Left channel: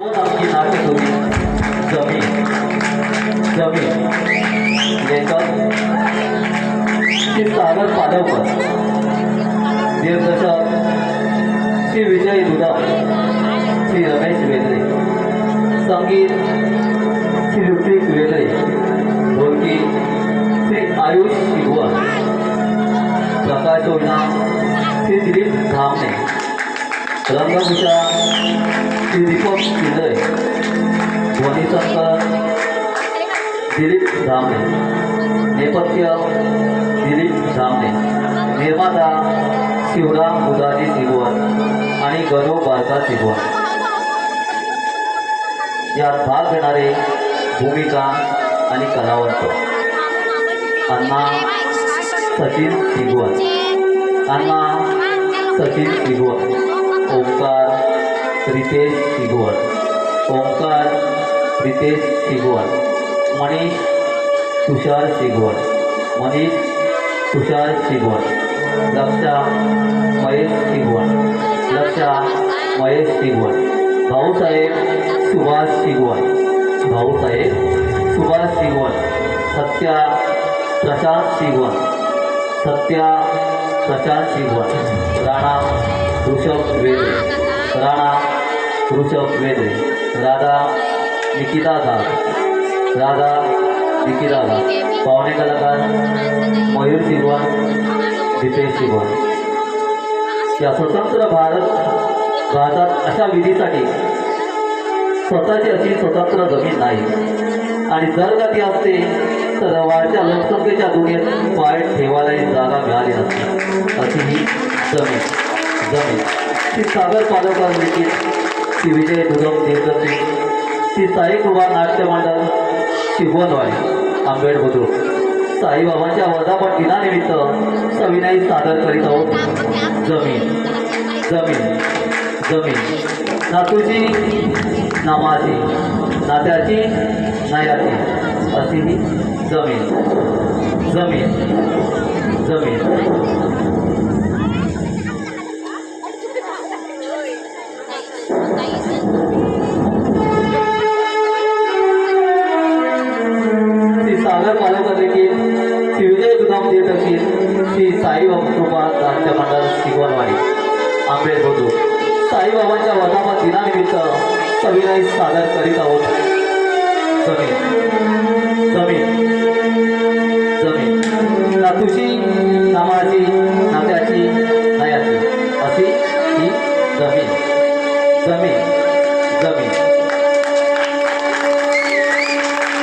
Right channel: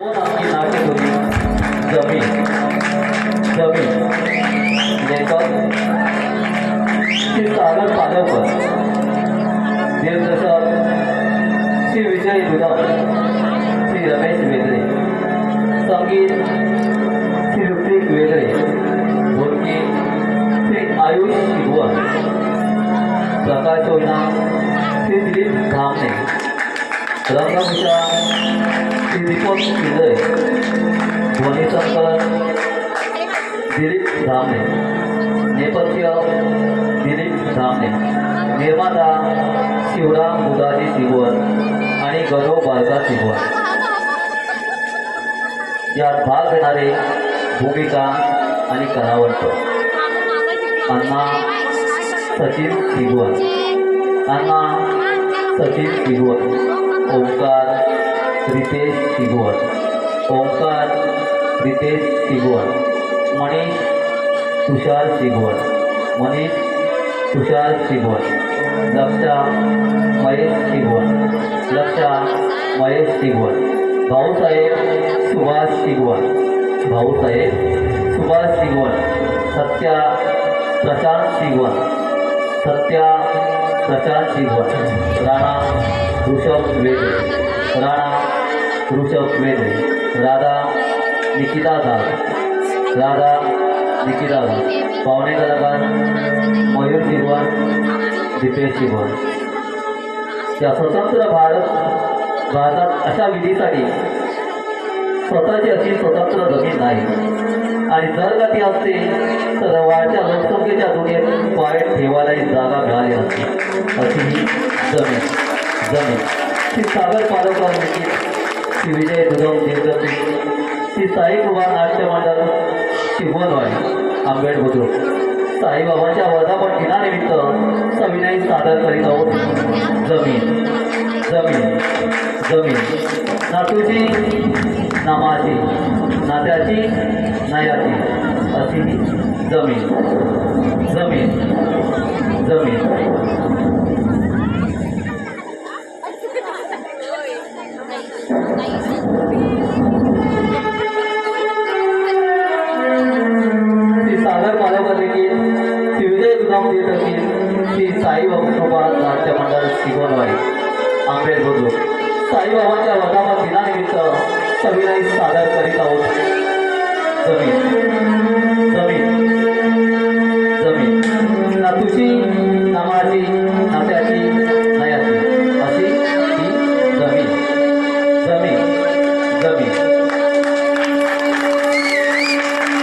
आमची नाट्य होती जमीन जमीन लेखक श्री सागर पाडवकर, दिग्दर्शक श्री विजय दुधाव, श्री रमेश वेदरे, संगीत श्री ऋत्विक वेदरे, ढोलकी श्री आयुष शिगवण, प्रकाशोजना श्री दिलीप धामणे, रंगभूषा श्री दीपक शिंदे, ध्वनिसंकलन दिलीप धामणे, नेपथ्य दिलीप धामणे, निर्माता शिवराम बुधाजी शिगवण आणि गौरव बालका शिगवण. यात भाग घेणारे भूमिका आणि कलावंत अण्णा सचिन शिगवण, अण्णा सचिन शिगवण, ओंकार रितेश शिगवण, ओंकार रितेश शिगवण, मनीष तुषार शिगवण, मनीष तुषार शिगवण, लक्षा महेश शिगवण, लक्षा महेश शिगवण, भाऊसाहेब सुभाष शिगवण, भाऊसाहेब सुभाष शिगवण, सत्या प्रशांत शिगवण, सत्या प्रशांत शिगवण, राणा ऋषभ वेदरे, राणा ऋषभ वेदरे, राधा निकिता दास, राधा निकिता दास, पाहुणे कलाकार मयूर शिगवण, दीपेश शिगवण. या स्वतंत्र भारतात अशा विधीसाठी स्वतःची अशी स्वतंत्र जमीन नाही आणि जर का ती असते तर वाढत्या लोकसंख्येच्या दुनियेत पाय ठेवायलाही जागा मिळाली नसते. अशी ही जमीन जमीन श्री सागर पाडवकर लिखित, श्री विजय दुधाव दिग्दर्शित, श्री साईकृपा नाट्य मंडळ शिगवणवाडी आंबेड बुद्रुक साईबाबांच्या वर्धापन दिनानिमित्त सविनय सादर करीत आहोत जमीन जमीन जमीन. नातूची नामाची, नात्याची नयाची, अशी ही जमीन जमीन जमीन. श्री सागर पाडवकर लिखित, श्री विजय दुधाव दिग्दर्शित, श्री साईबाबा नाट्य मंडळ शिगवणवाडी आंबेड बुद्रुक साईबाबांच्या वर्धापन दिनानिमित्त सविनय सादर करीत आहोत जमीन जमीन जमीन. नातूची नामाची, नात्याची नयाची, अशी ही जमीन जमीन जमीन.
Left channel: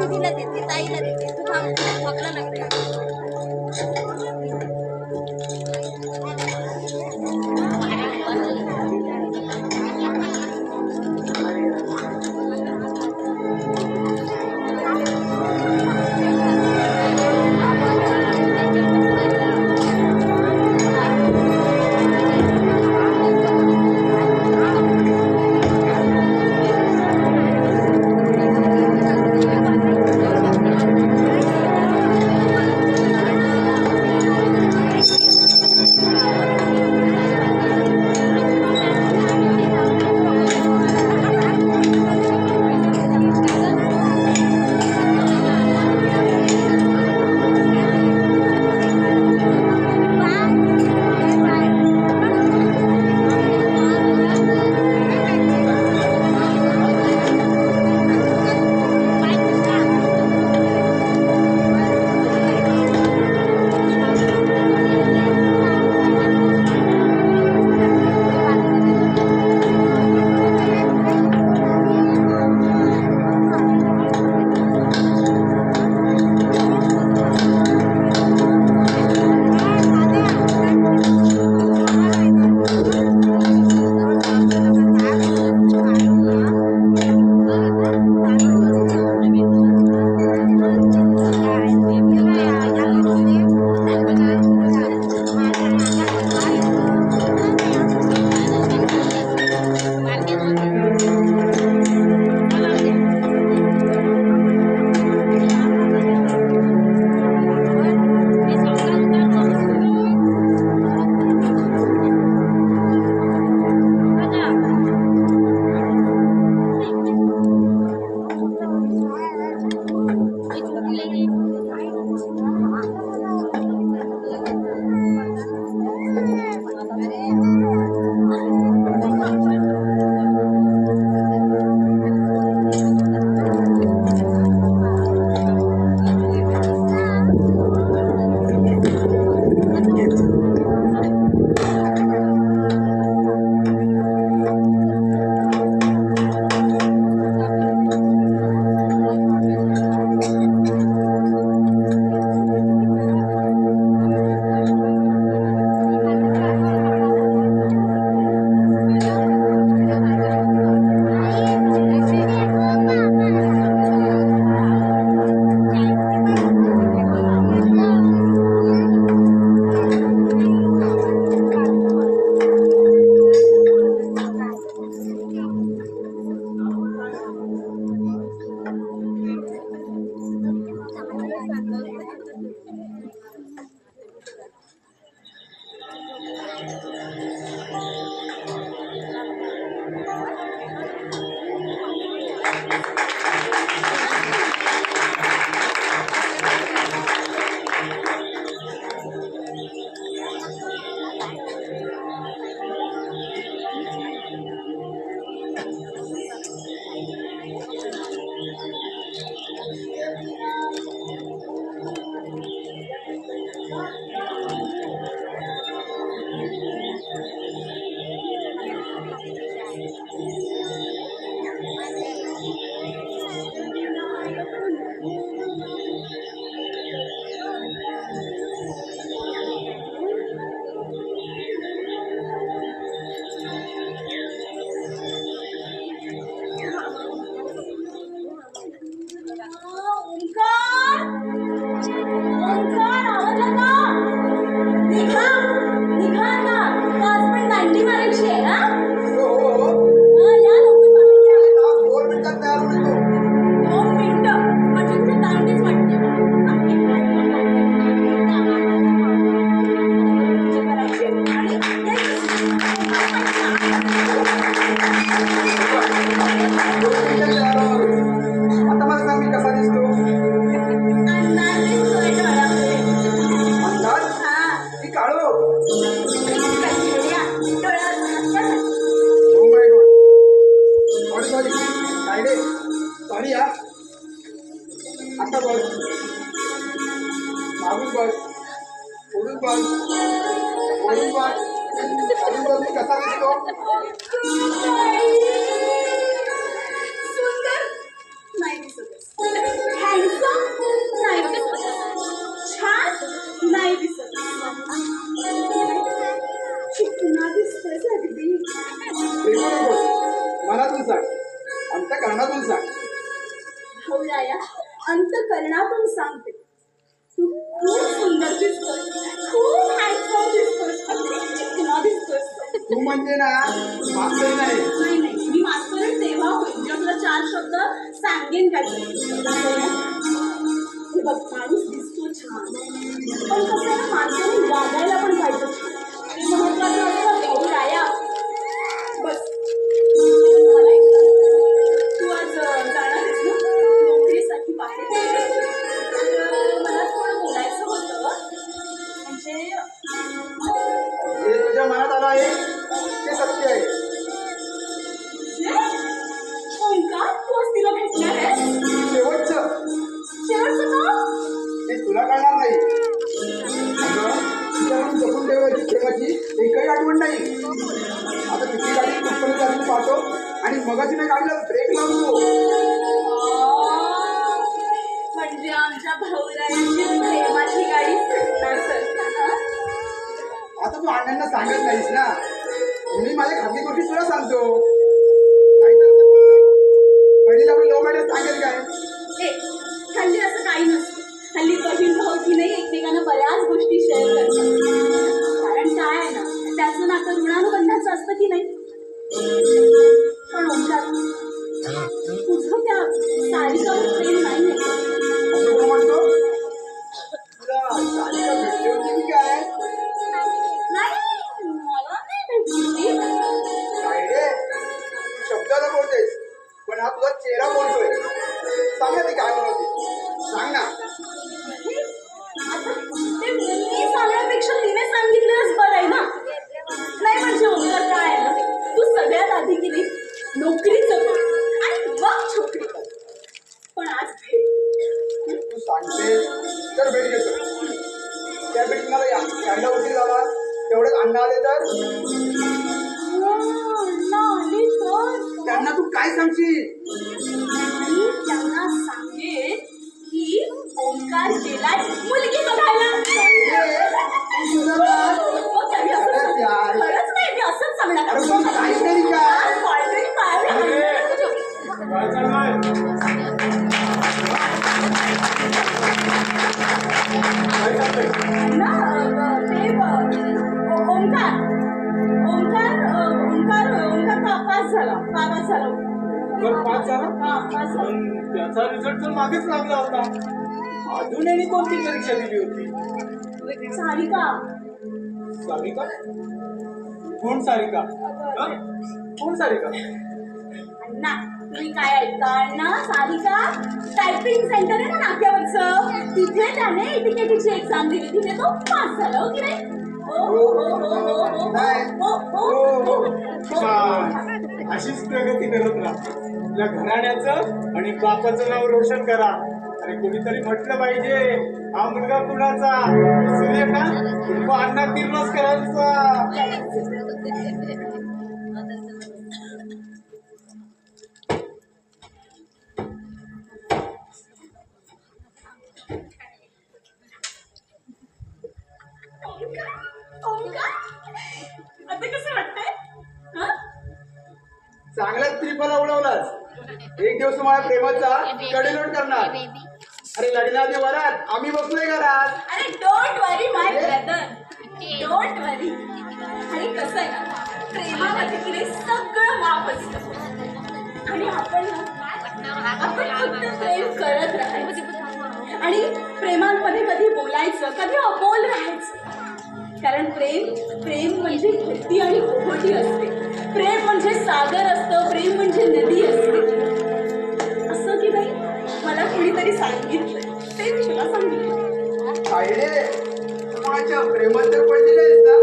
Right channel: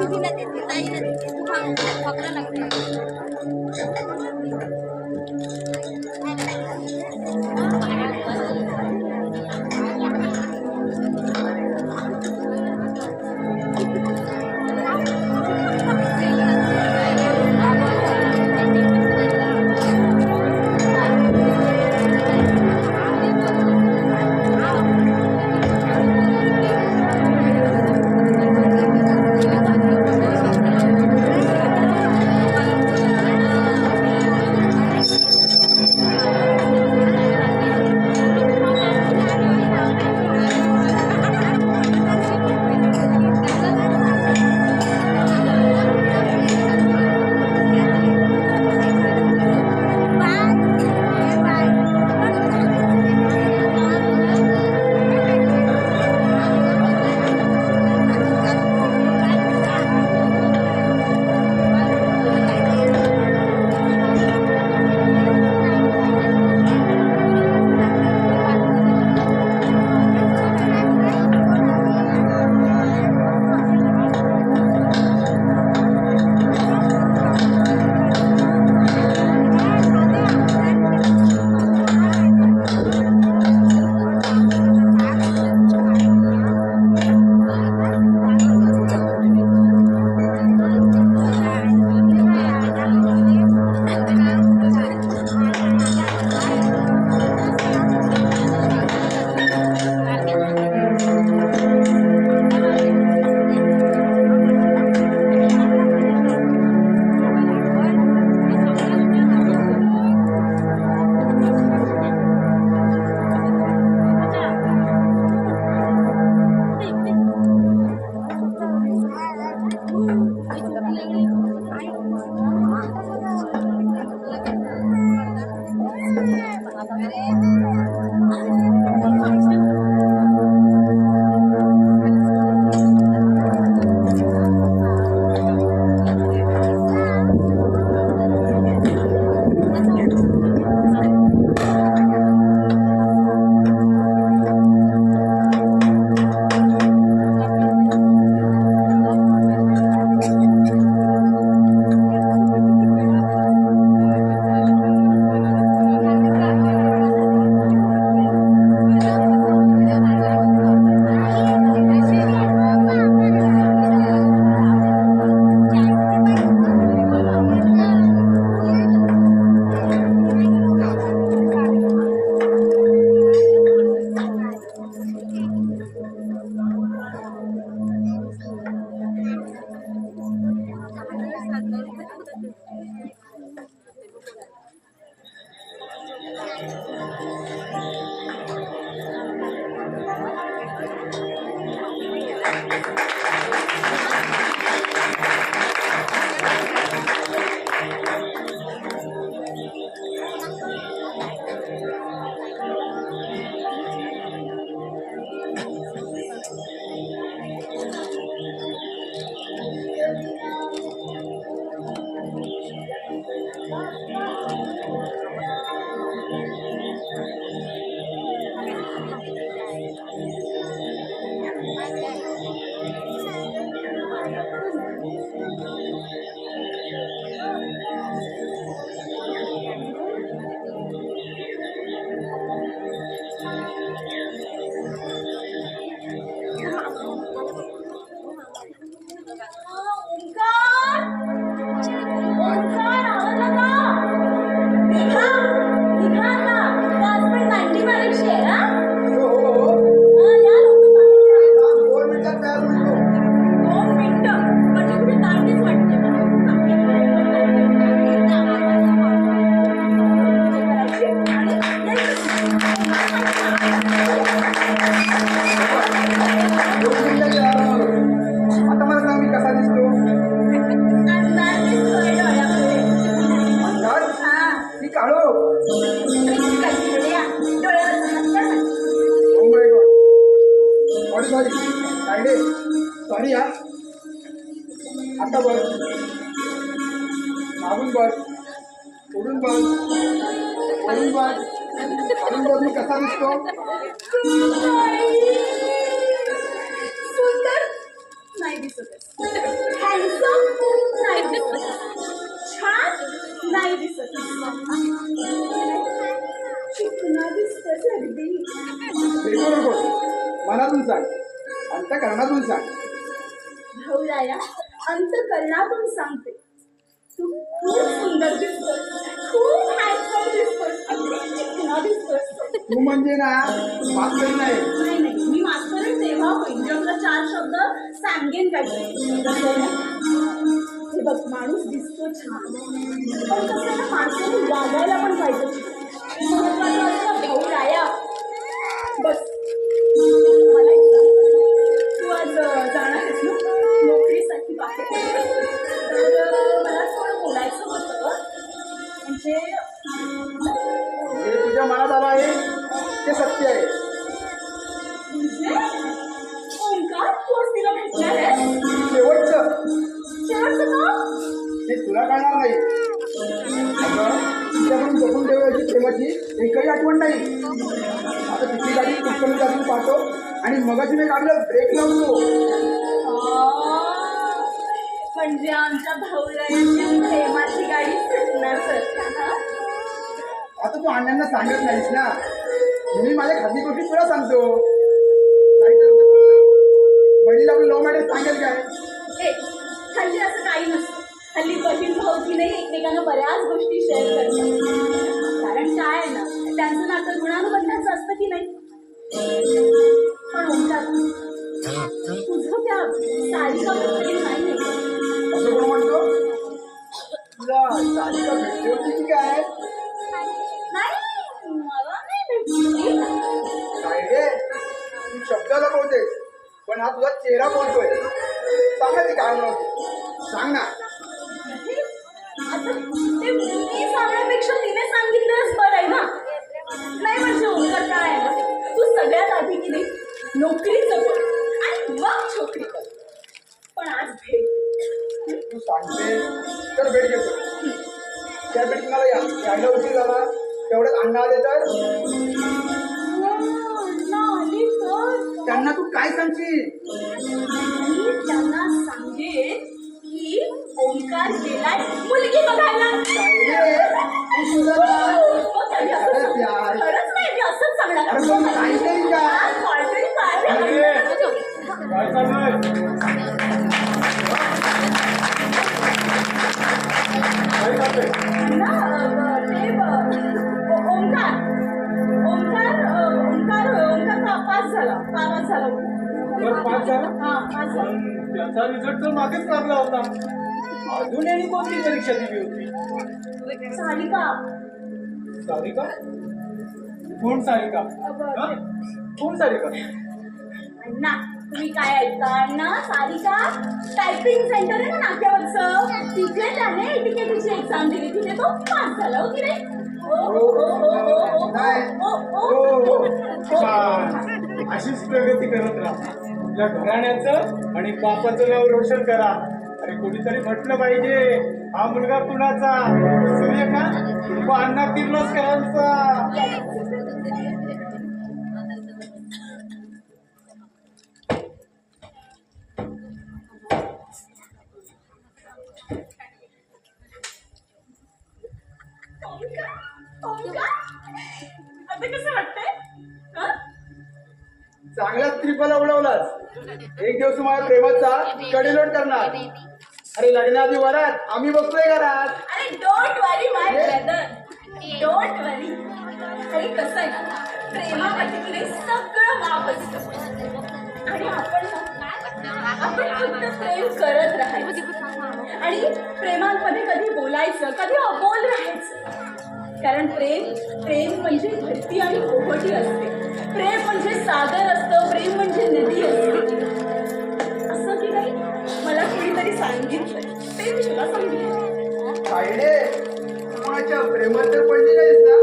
दीदीला देते, ताईला देते, तू खापला लागते. ओंकार ओंकार आवाज ना निघा निघा ना 5 मिनिट दांडी मारायची आहे ना या लवकर बाहेर या. 2 मिनिटं म्हणजे कुठे दांडीच वाटते आता मला सांग मी कसा दिसतो अंदाज दिसतोय डोळ्यामध्ये. अंदाज हा मी काळो कचड्या डोळ्यावर हात ओ माय गॉड सॉरी काय रे सॉरी या आता बघ मागून बघ पुढून बघ वरून बघ खालून बघ मी कसा दिसतो सुंदर नाही दिसत हँडसम नाही दिसत छान नाही दिसत चिकना दिसतोय अगदी पेपर नको मनातून सांग अंतःकरणातून सांग भाऊराया अंतकरणातून सांगते तू खूप सुंदर दिसतोय खूप हँडसम दिसतोय अगदी चिकना दिसतोय तू म्हणजे ना मास्तर नाही नाही नाही मी मास्तरीण तेव्हा होईल जेव्हा तुला 4 शब्द सांगेन काय हे बघ माणूस दिसतो छान पण कसं आहे ना माणसाने वागायला पण पाहिजे छान महत्वाचं असं भाऊराया बस मला एक सांग, तू आज जाणार आहेस ना नोकरीसाठी बाहेर तर मला थोडं बोलायचं होतं म्हणजे जे तुझ्या मनात आलं आहे ते सत्य आहे म्हणजे ओंकार तू आज तिला भेटणार आहेस शेवटचं शेवटचं का ते तुला कळणार नाही अगं, तुझ्याकडून जपून ठेवायची प्रेमाची एकही आठवण नाही आता तिची गाडी कुठपर्यंत जास्त पाहतो आणि मगाशी नाही गाडीला ब्रेक लावतो म्हणजे आमच्या भाऊरायांची प्रेमाची गाडी सुटणार तर आता तू अण्णांना सांगत नाहीस ना मी माझ्या खाजगी गोष्टी तुला सांगतो नाहीतर बहिणीला आपण लव्ह मॅरेज सांगेल काय ए हल्ली असं काही नसतं हल्ली बहीण भाऊ की नाही एकमेकांना बऱ्याच गोष्टी शेअर करतात कारण काय आहे ना त्यांचं नातं ऋणानुबंधाचं असतं की नाही पण ओंकार तुझं त्या सारिकावर प्रेम नाही असं कोण म्हणतो तुला सारिका भेटली होती की काय नाही मला नाही भेटली काय रे तू शब्दाला बोलतेस पण हा तुझा चेहरा बोलतोय सांग ना ती काय म्हणत होती सांग ना आता ते मी सांगण्यापेक्षा तिने सांगितलंच बरं आहे ना नाही म्हणजे ओंकार काय आहे ना तू सगळ्यात आधी की नाही नोकरीचं कर आणि मग छोकरी कर पण आज भेट तू सांगते तर भेट घेतो त्या भेट मला यायला उशीर झाला तेवढ्यात अण्णा आले तर आले तर त्यांना तू काय सांगशील मी त्यांना सांगेन की ओंकार गेलाय मुलगी बघायला काय रे? तू सुधारला? हो, त्याने असं खरंच सांग- यार. खरंच नाही मी असंच सांगणार अरे पण मी काहीच नाही का काहीतरी काय ना ते ओंकार ओंकार ओंकार ओंकार पास झाला पास झाला बरं, पास झाला? हा पास झाला पण त्याचा रिझल्ट तर मागेच लागला होता. अजून यांनी कोणती परीक्षा दिली होती? सारिका. सारिका? कोण सारिका? हा? कोण सारिका? अण्णा तुम्ही काय ऐकता अण्णा? सारिका टायपिंग सेंटर आहे ना नाक्यावरचं, तिथे त्याने एटीकेटीची एक्झाम दिली, तिथे तो पास झाला. हो की नाही? छान. अशीच प्रगती करत राहा. आपल्या घराण्याचं आणि बापाचं नाव रोशन करा. अरे कोणीतरी म्हटलं पाहिजे, हा मुलगा कुणाचा? सूर्यकांत व अण्णा किर्लोस्करांचा. आता कसं वाटतंय? हं? चांगलाच त्रिपला उडवलास. एक दिवस तुम्हाला प्रेमाचा कडेलोट करणार. अरे लग्नाआधी वरात आम्ही बसलोय घरात. अरे don't worry my brother, don't worry. आणि कसं आहे ना, प्रेमामध्ये की सगळं माप असतं आणि आपण फक्त प्रेम करत राहायचं आणि प्रेमामध्ये कधी बोलायचं, कधी अबोल राहायचं. कारण प्रेम म्हणजे भक्ती आणि ओहोटी असते. प्रेम म्हणजे सागर असतं, प्रेम म्हणजे नदी असते. असं की नाही मला कुणीतरी सांगितलंय, ते मी तुला सांगितलं. आयडे माझ्या प्रेमात जर पडली नाहीस ना,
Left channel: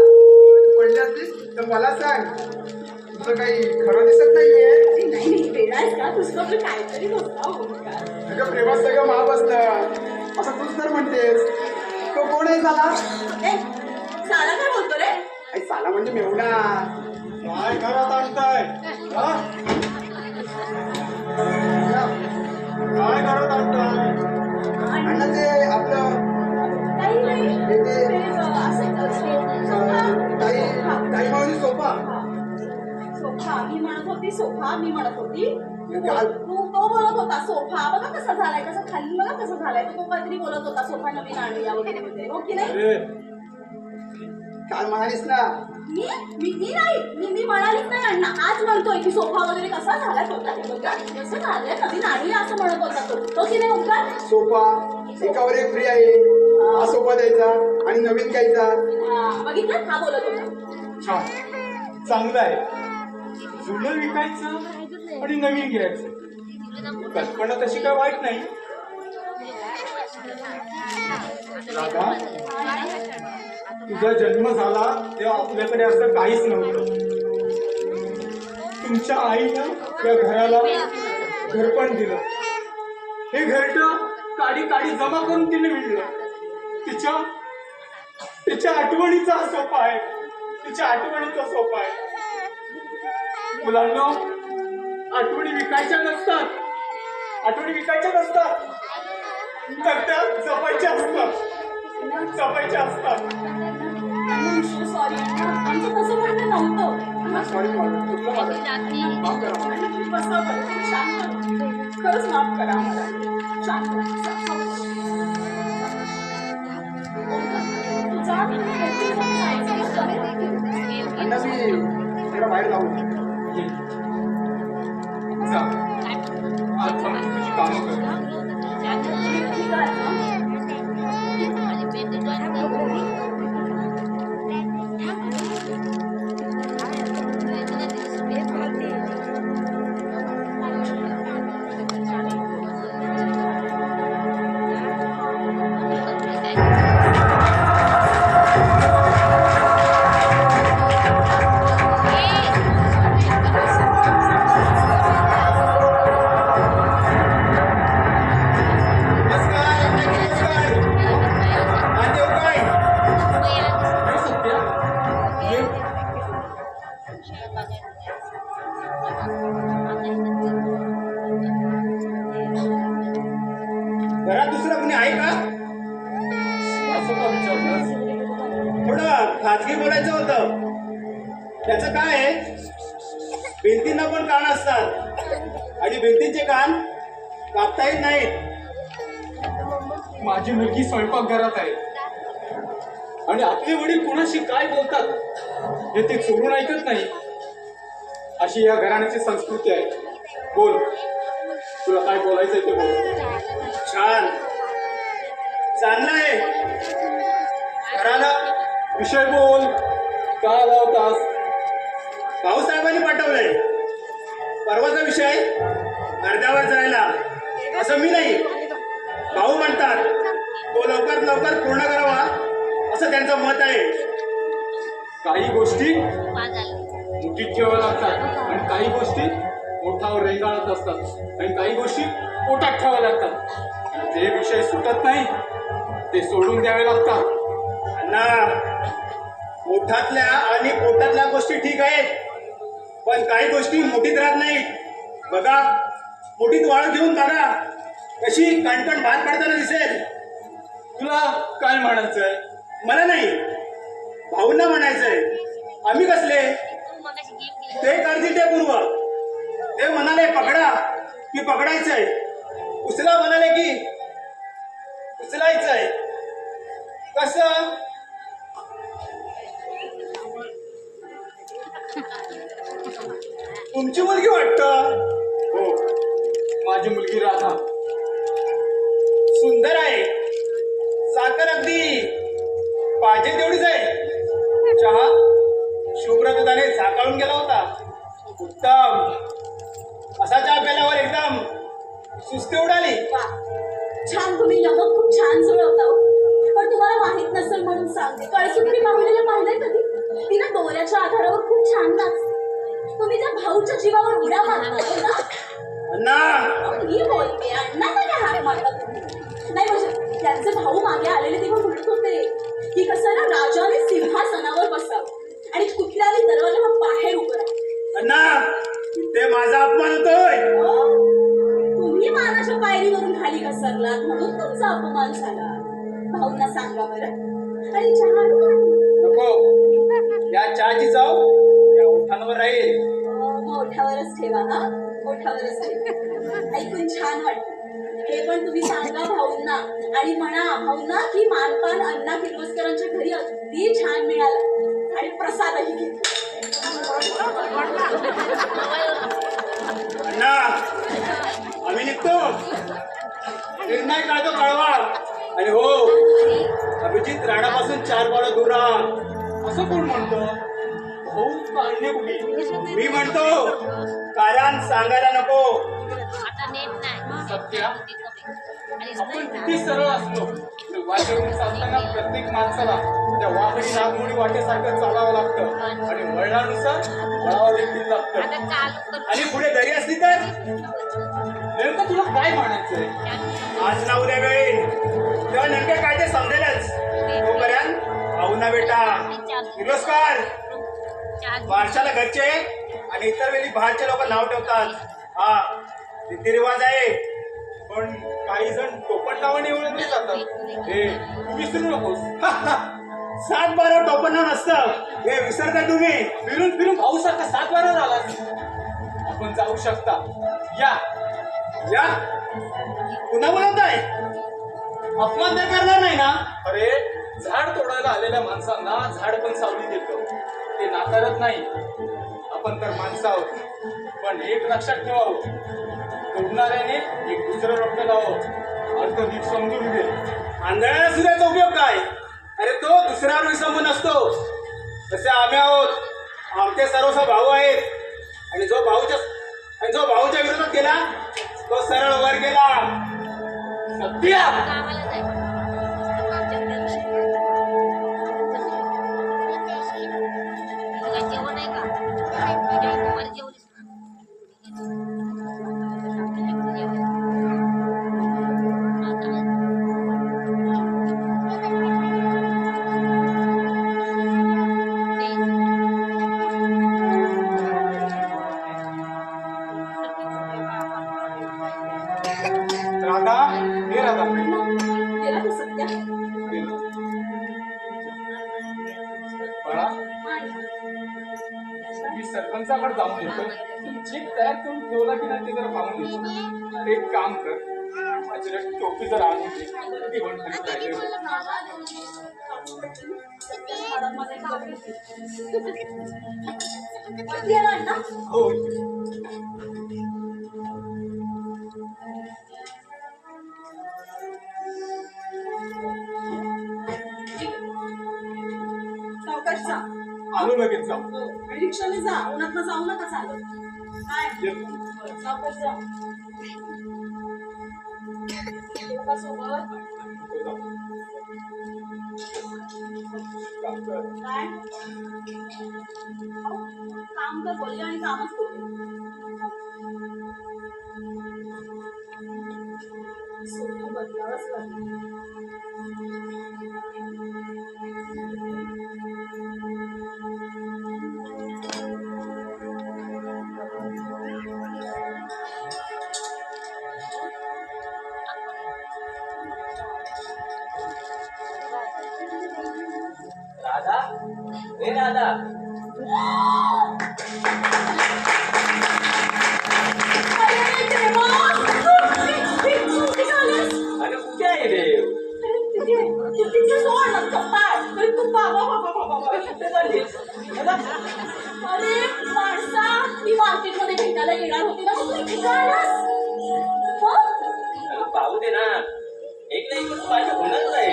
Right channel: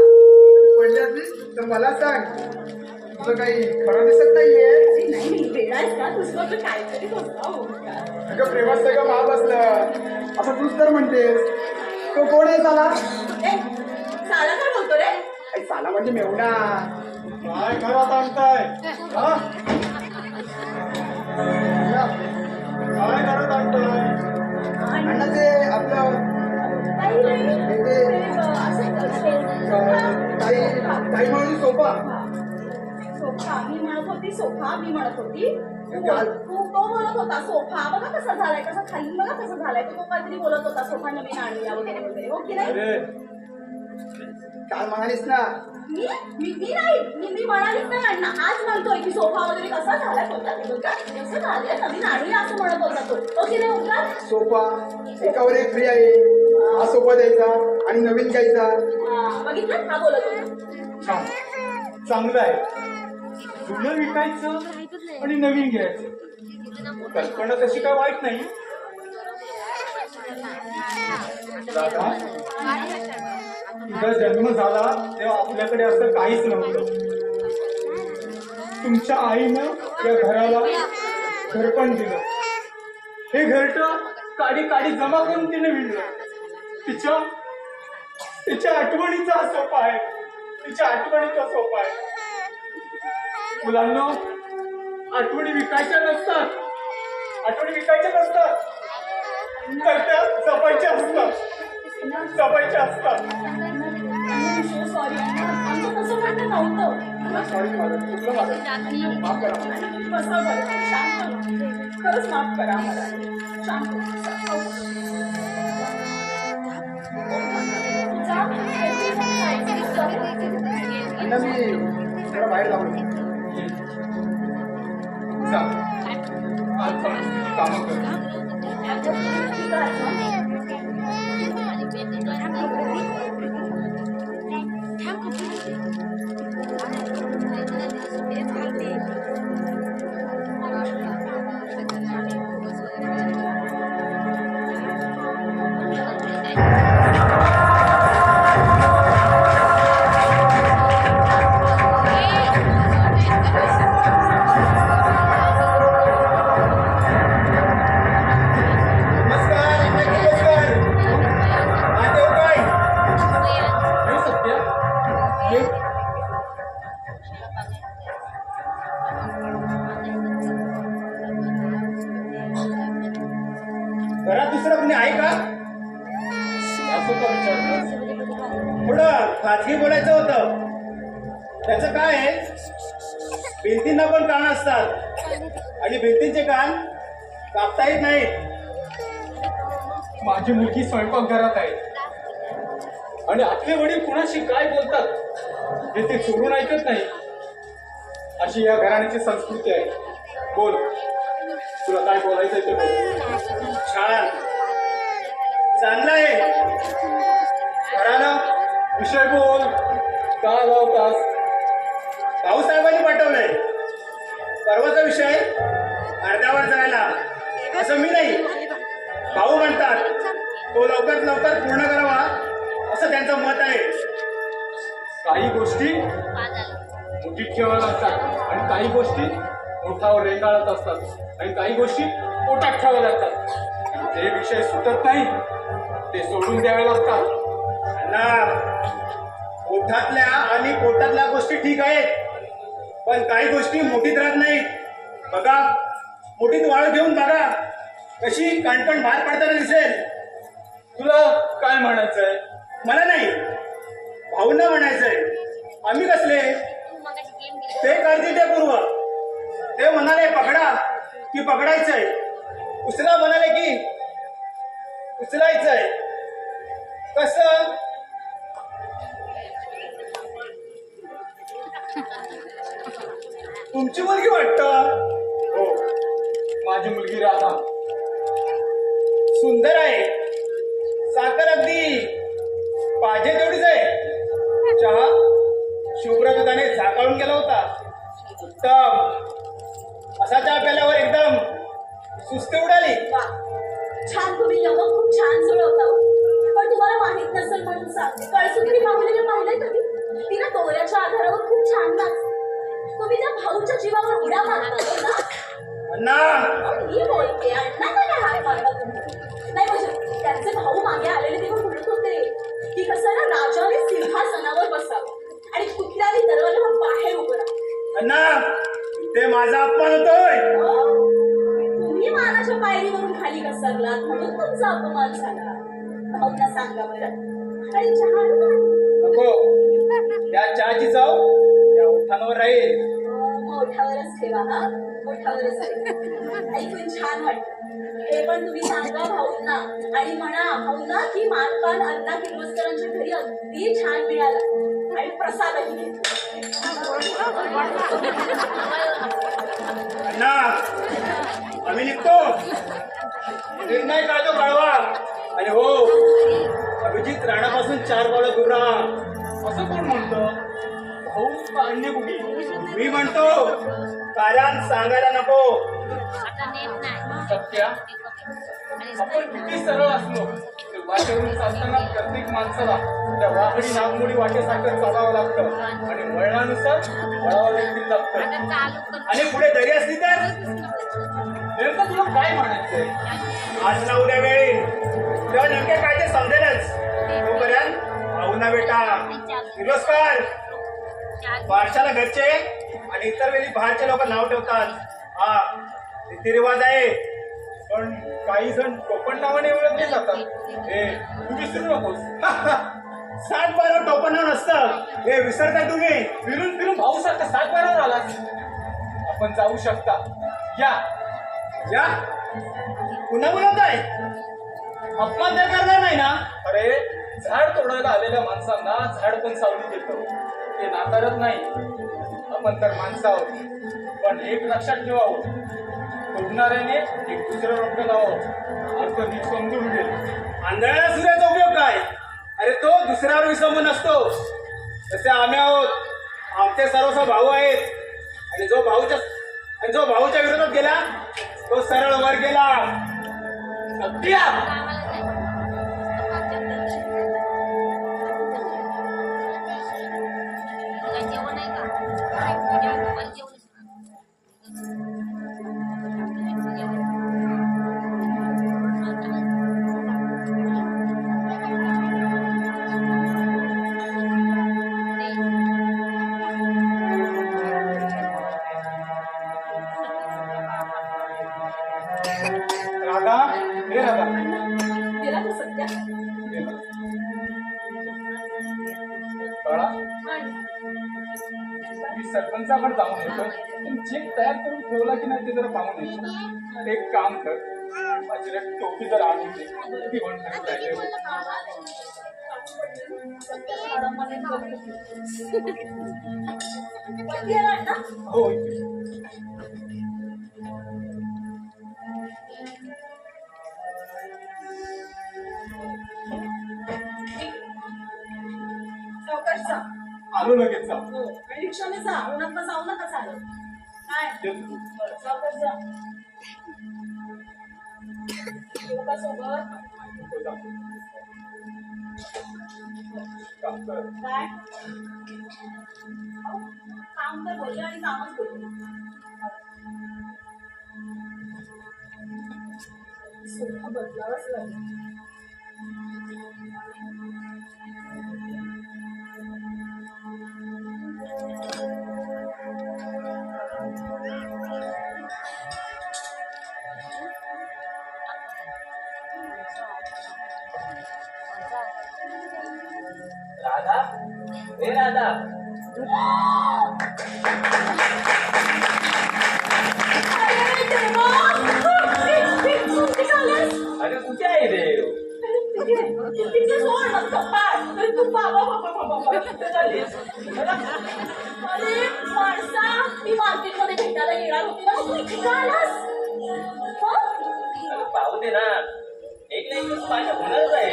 पडली असलीस तर मला सांग. तुझं काही खरं दिसत नाहीये. नाही वेळाच का तुझं आपलं काहीतरी होता हो का? अगं प्रेमात सगळं माप असतं असं तूच तर म्हणतेस. तो कोण आहे साला? साला काय बोलतो रे? आई साला म्हणजे मेवणा. काय घरात आणताय? काय घरात आणताय? आणि ते आपलं काही नाही. ते असं ताई मावली सोपा. सोफा मी म्हणत होती तो बोलत होता सोफा बघा कसा झालाय, कसा खाली बघा कसं झालाय. तो काहीतरी बोलत होता सोफा नवीन आणला वगैरे वगैरे. हो की नाही? काल म्हणालीस ना मी म्हणालीच नाही अण्णा. आज म्हणतोय की सोफा वगैरे कसा झालाय होता बघा कसं झालंय नवीन आणली असं म्हणत होता तो. हो की नाही ओंकार? सोफा एकावर एक फ्री आहे. हा सोफा द्यायचा आणि नवीन घ्यायचा. बघितलं हा बोलत होता. छान, चांगलं आहे. जुनं विकायचं आणि नवीन घ्यायचं, कल्पना तशी काय वाईट नाही. दादा, तुझा जन्म झाला तेव्हा आपल्याकडे असं काहीच नव्हतं. तुमच्या आईनं या घराला घरपण दिलं. हे घरटं काडी काडी जमा करून तिने विणलं. तिच्या आठवणीचा हा सोपा आहे. तिच्या आठवणीचा सोपा आहे. मुलांना आठवणी विकायच्या नसतात. तर त्या जपायच्या असतात. सॉरी आमचं तसं म्हणणं नव्हतं. सॉरी माफ करा. खरंच माफ करा बाहेर जाऊ. जा, आज जाऊन तुझी कामं कर. घरात दुसरं कोणी आहे का? असं का विचारलंस? थोडं खाजगी बोलायचं होतं. त्याचं काय आहे, भिंतींना पण कान असतात आणि भिंतींचे कान कापता येत नाहीत. माझी मुलगी स्वयंपाकघरात आहे आणि आपले वडील कुणाशी काय बोलतात हे ते चोरून ऐकत नाही. अशी या घराण्याची संस्कृती आहे. बोल, तुला काय बोलायचंय ते बोल. छान. चांगलं आहे. घरानं विषय बोल. का लावतास? भाऊसाहेबांनी पाठवलंय. परवाचा विषय अर्ध्यावर जायला असं मी नाही. भाऊ म्हणतात तो लवकर लवकर पूर्ण करावा असं त्यांचं मत आहे. काही गोष्टी मुठीत ठेवाव्या लागतात आणि काही गोष्टी ओठावर रेंगाळत असतात आणि काही गोष्टी पोटात ठेवाव्या लागतात. जे विषय सुटत नाही ते सोडून द्यावे लागतात. अण्णा, ओठातल्या आणि पोटातल्या गोष्टी ठीक आहेत, पण काही गोष्टी मुठीत राहत नाहीत. बघा, मुठीत वाळू घेऊन बघा कशी कणकण भात पडताना दिसेल. तुला काय म्हणायचंय? मला नाही, भाऊंना म्हणायचंय. आम्ही कसले? ते करतील ते पूर्व. ते म्हणाले पकडा की पकडायचंय, उचला म्हणाले की उचलायचंय. कसं? तुमची मुलगी वाटतं. हो, माझी मुलगी राधा सुंदर आहे. साखर अगदी पाहिजे तेवढीच आहे. चहा शुभ्र दुधाने झाकळून गेला होता. उत्तम. असा चहा प्याल्यावर एकदम सुस्ती उडाली. वा, छान. तुम्ही यमक खूप छान जुळवता हो. पण तुम्हाला माहित नसेल म्हणून सांगते, कळसुगिरी मामीला पाहिलंय कधी? तिला डोळ्याच्या आधारावर खूप छान नाचते. तुम्ही त्या भाऊच्या जीवावर उड्या मारता हो ना? अण्णा, मी बोलते, अण्णांना काय हात मारता तुम्ही? नाही म्हणजे त्यांचे भाऊ मागे आलेले तेव्हा म्हणत होते की कसं ना, राजाने सिंहासनावर बसावं आणि कुठल्याही दरवाजावर बाहेर उभं राहावं. अण्णा, इथे माझा अपमान होतोय. तुम्ही मानाच्या पायरीवरून खाली घसरलात म्हणून तुमचा अपमान झाला. भाऊंना सांगा बरं. आणि चहा आणू का? नको, या चहाची चव या उठाणावर राहील. मोठावरच ठेवा हा, मोठावरच ठेवा. ऐकून छान वाटतं. हे पण तुम्ही सांगा भाऊंना आणि म्हणा भाऊंना की मानपान अण्णा किर्लोस्करांच्या घरी अगदी छान मिळालं आणि प्रसादही घेतला. अण्णा, आम्ही निघतो. निर्णय काढतो कळवा. आणि हो, अभिजित राणापासून 4 पावलं दूर राहा. असं कोण म्हणतं? भाऊ अंडे कुठे? मी म्हणतो कारण सांगायला नको. सत्या, आपण किती सरळ असलो तरी वाटेवरून चालताना प्रत्येक माणसाला त्या वाघडी नागमोडी वाटेसारखं चालावं लागतं आणि वळणानुसार वळावं देखील लागतं. आणि पुढे दरी असली तर नेमकं तुला काय म्हणायचंय? आज ना उद्या वेळी तेव्हा नेमके काय ते समजेलच. तोपर्यंत भाऊ ना बेटा किर्लोस्कर बारशाला घरचे आणि इतर वेळी बाहेरचे लोक नाव ठेवतात. हा रीतिरिवाज आहे. पण काही जण टोपण नावाने ओळखले जातात. हे तू विसरू नकोस. 7-12 टोपण नाव नसतं, हे विसरता तुम्ही. फिरून फिरून भाऊ सारखा 7 वाऱ्यावर आलास. आपण जाऊ शकता. या. या पुन्हा बोलत आहे. अपमान तर करणार नाही ना? अरे, झाड तोडायला आलेल्या माणसांना झाड पण सावली देतं. ते नाकारत नाही. आपण तर माणसं आहोत. पण एक लक्षात ठेवावं, तोडणाऱ्याने एक दुसरं रोटे लावावं. अर्थ नीट समजून घे. आंधळ्याला सूर्याचा उपयोग काय? अरे तो दुसऱ्यावर विसंबून असतो. तसे आम्ही आहोत. आमचे सर्वस्व भाऊ आहेत आणि जो भाऊच्या विरोधात गेला तो सरळ वर गेला. सत्या, राधा, हे राधा, गेला तो सत्या. गेला. बाळा, आणि मी सरपंचाकडे जाऊन येतो. तुम्ही चेक तयार करून ठेवला की नाही ते जरा पाहून येतो. एक काम कर, माझी टोपी जर आणून दे. ती म्हणते काय वरती आला अण्णा? हो. आलो लगेच जाऊ आणि रिक्षाने जा, उन्हात जाऊ नका चालत. काय येतो. बरं, सावकाश जा. येऊ का सोबत? येतो, जाऊ. काम कर. काय अहो, काम कर बोलले आणि कामच बोलले. स्वतः बदलावंच लागलं. राधा ए राधा अरे देवा! तू कुठे आलास? अरे कुठे आहे देव तिथे सोड ना कपाट. अरे तू बाबा. अरे माणसा, मी मार्केटमध्ये भेटायला येणार होती ना, तू इथे का आलास? हं? अरे पाहू दे ना एक ना एक दिवस माझ्या होणारच आहे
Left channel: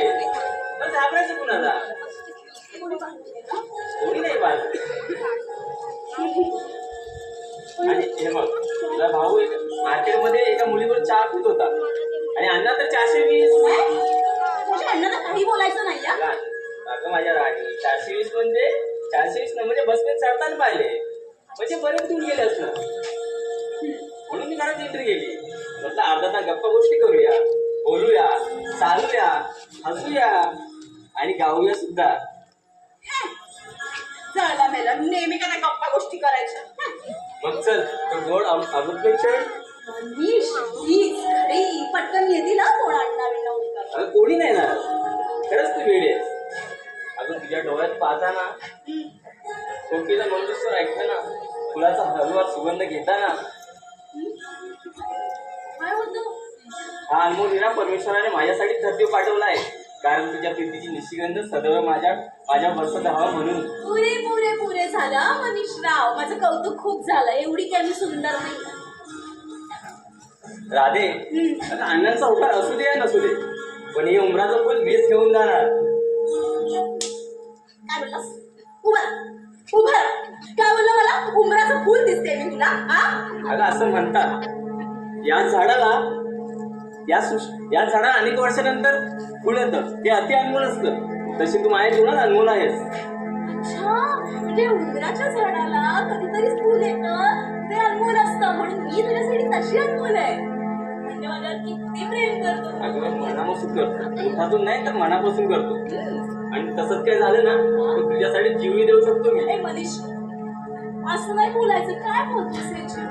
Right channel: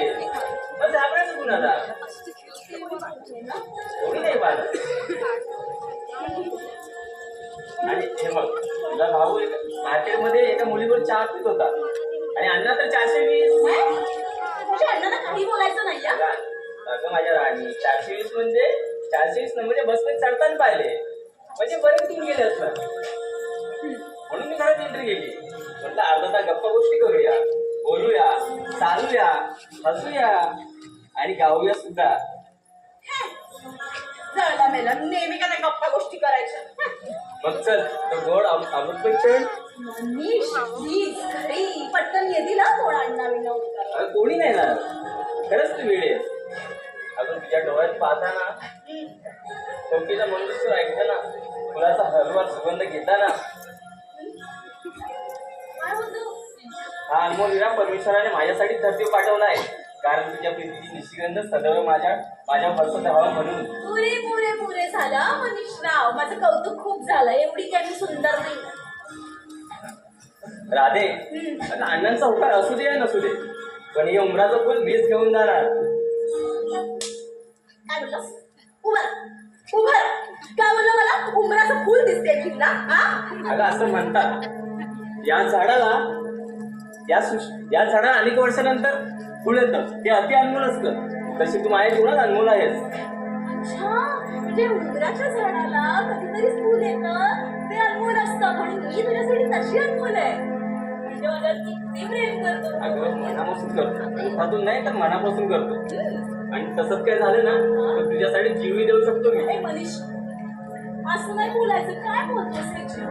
मग घाबरायचं कुणाला कोणी नाही पाहिलं आणि हे बघ तुझा भाऊ मार्केटमध्ये एका मुलीवर चहा पित होता आणि अण्णा तर 420 तुझ्या अण्णाला काही बोलायचं नाही हा? अगं माझ्या राणी 420 म्हणजे 420 म्हणजे बसमध्ये चढताना पाहिले म्हणजे बरेच दूर गेले असणार म्हणून मी घरात एंट्री केली म्हटलं अर्धा तास गप्पा गोष्टी करूया बोलूया चालूया हसूया आणि गाऊया सुद्धा झालं मेला नेहमी का त्या गप्पा गोष्टी करायच्या. मग चल तर गोड अमृत चढ मनीष प्लीज घरी पटकन येते ना कोण अण्णा विण्णा उडतात. अगं कोणी नाही ना खरंच तू वेळ आहेस अगं तुझ्या डोळ्यात पाहताना शोकीचा मंगळसूत्र ऐकताना फुलाचा हलवा सुगंध घेताना काय होतं? हा अनमोल विरा परमेश्वराने माझ्यासाठी धरतीवर पाठवला आहे कारण तुझ्या प्रीतीची निशिगंध सदैव माझ्या बसत राहावं म्हणून पुरे झालं मनीषराव. माझं कौतुक खूप झालं. एवढी काय मी सुंदर नाही. राधे आता अण्णांचा होकार असू दे या नसू दे पण हे उमराचं फुल मीच घेऊन जाणार काय बोललास? उभा काय बोलला मला? उमराचं फुल दिसते मी तुला हा? अगं असं म्हणतात या झाडाला अनेक वर्षानंतर फुल येतं ते अति अनमोल असतं तशी तू माझ्या जीवनात अनमोल आहेस. अच्छा म्हणजे उंबराच्या झाडाला कधीतरी फुल येतं ते अनमोल असतं म्हणून मी तुझ्यासाठी तशी अनमोल आहे. म्हणजे माझ्यावर किती प्रेम करतो. अगं मनापासून करतो हातून नाही तर मनापासून करतो आणि तसंच काय झालं ना तर तुझ्यासाठी जीवही देऊ शकतो मी. ए मनीष असं नाही बोलायचं. काय बोलतोस हे जीव?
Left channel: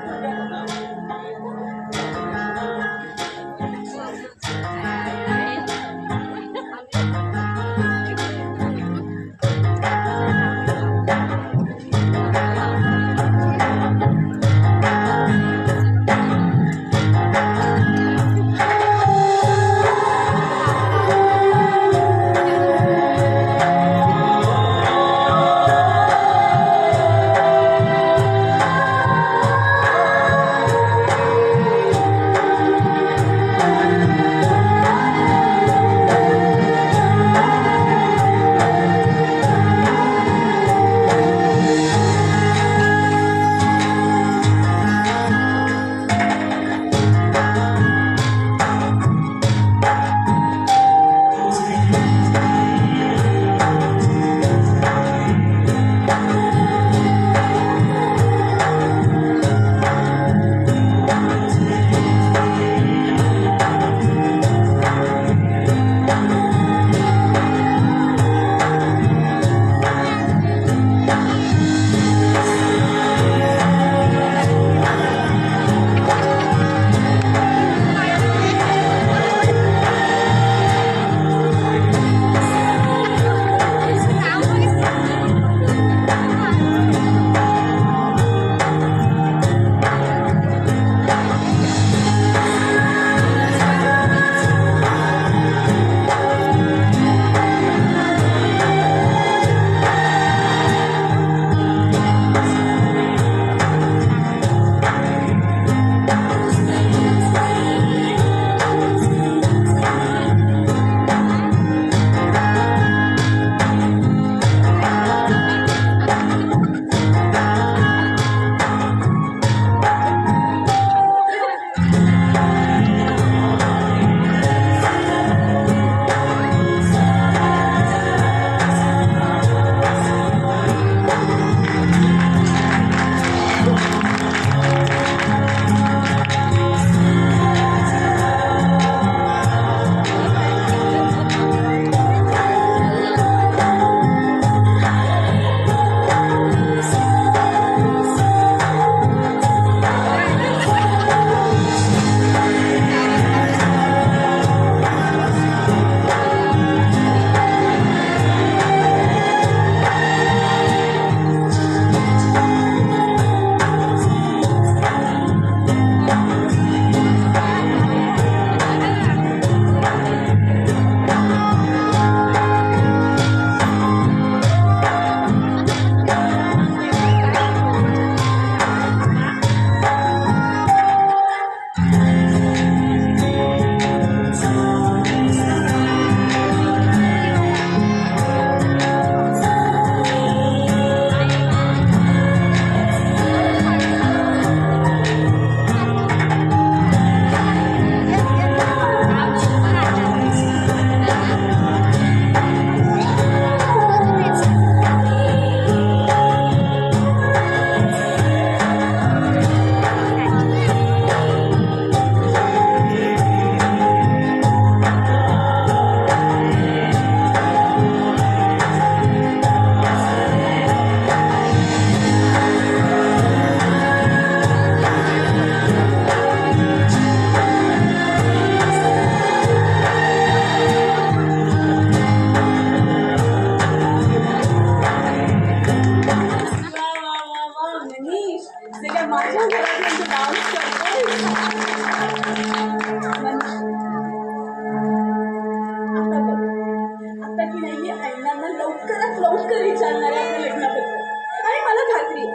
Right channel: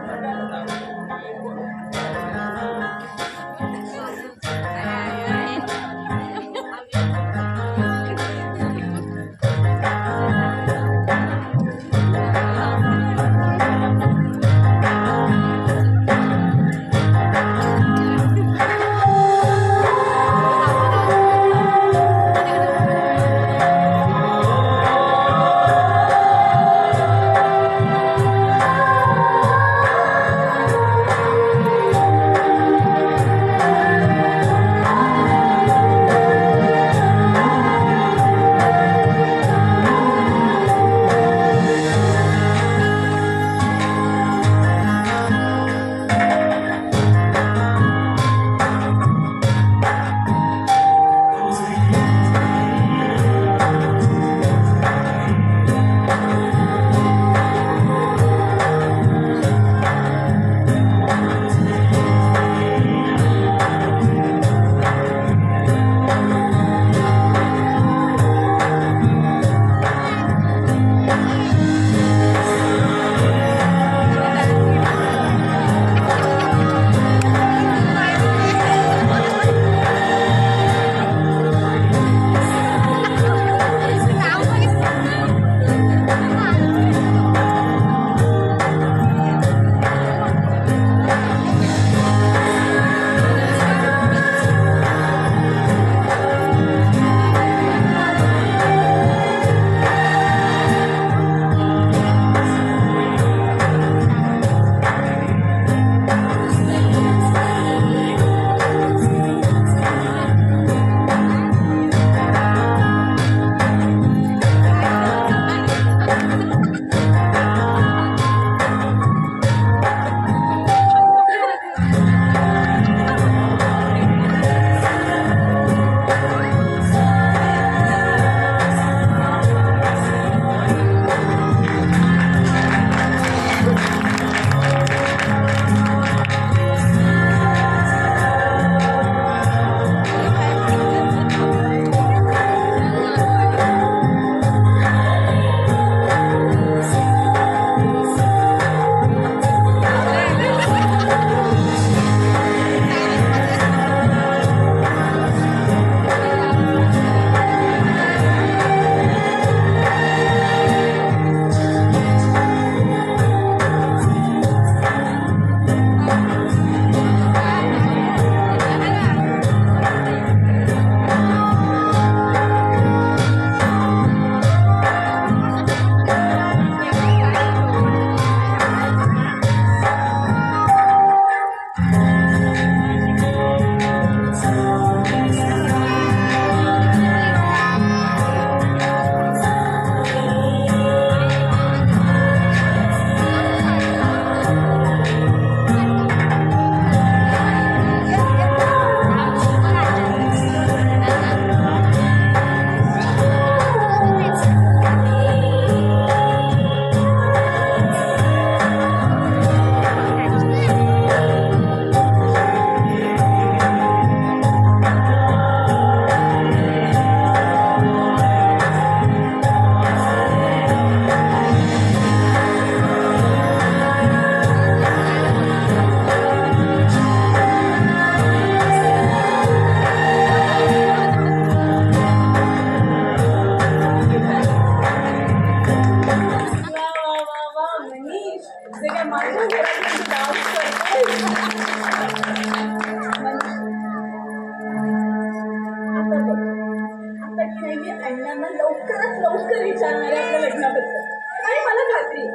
मला लवकरात लवकर विचारणार आहे आपल्या लग्नाबद्दल. आणि मला खात्री आहे,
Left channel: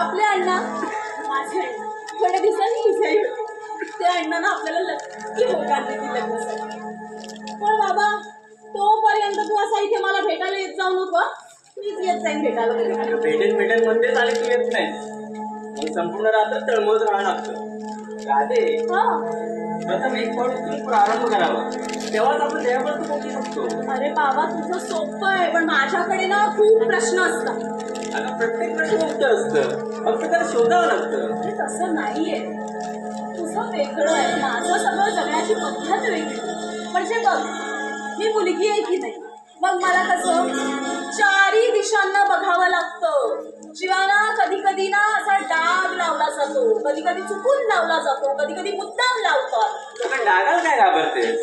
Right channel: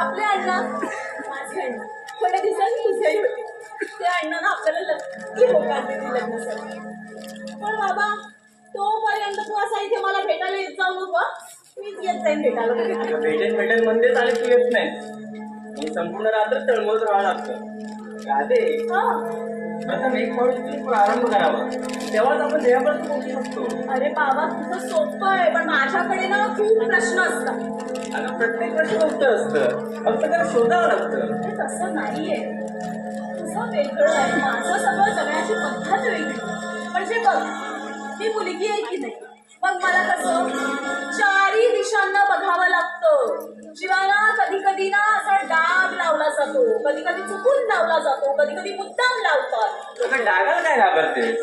आपले अण्णा, माझे अण्णा थोड्या दिवसांनी तुझेही होते. ते अण्णांना आपल्याला नक्की होकार देतील लग्नासाठी. पण बाबा, तोपर्यंत तू असा इथे मला भेटायला येत जाऊ नको. मीच येत जाईन भेटायला वगैरे. भेटेल म्हणतेच आणि तू येत नाही. संपूर्ण रात्र तळमळत राहावं लागतं. राधे, प्रथम एक पाऊल उचलून प्रारंभ करावा, तेव्हाच आपण ध्येयापर्यंत पोहोचू शकतो. अरे बाबा, तुझं सोपं आहे, पण माझ्याकडे ना खूप प्रश्न असतात. अगं प्रत्येक प्रश्न उत्तर असतं, फक्त त्याला शोधावं लागतं. म्हणजे तसं नाहीये. तुझं वेगळं आहे, माझं सगळं जगण्याची पद्धत वेगळी. म्हणजे बघ, मी मुलगी आहे की नाही, मग मला कसं चारी दिशांना बघावं लागतं. जीवाना कधी कधी ना असा डाग लावला जातो, कधी कधी चुकून लावला जातो, कधी कधी मुद्दाम लावतात. अगं डागाला काय घाबरतेस?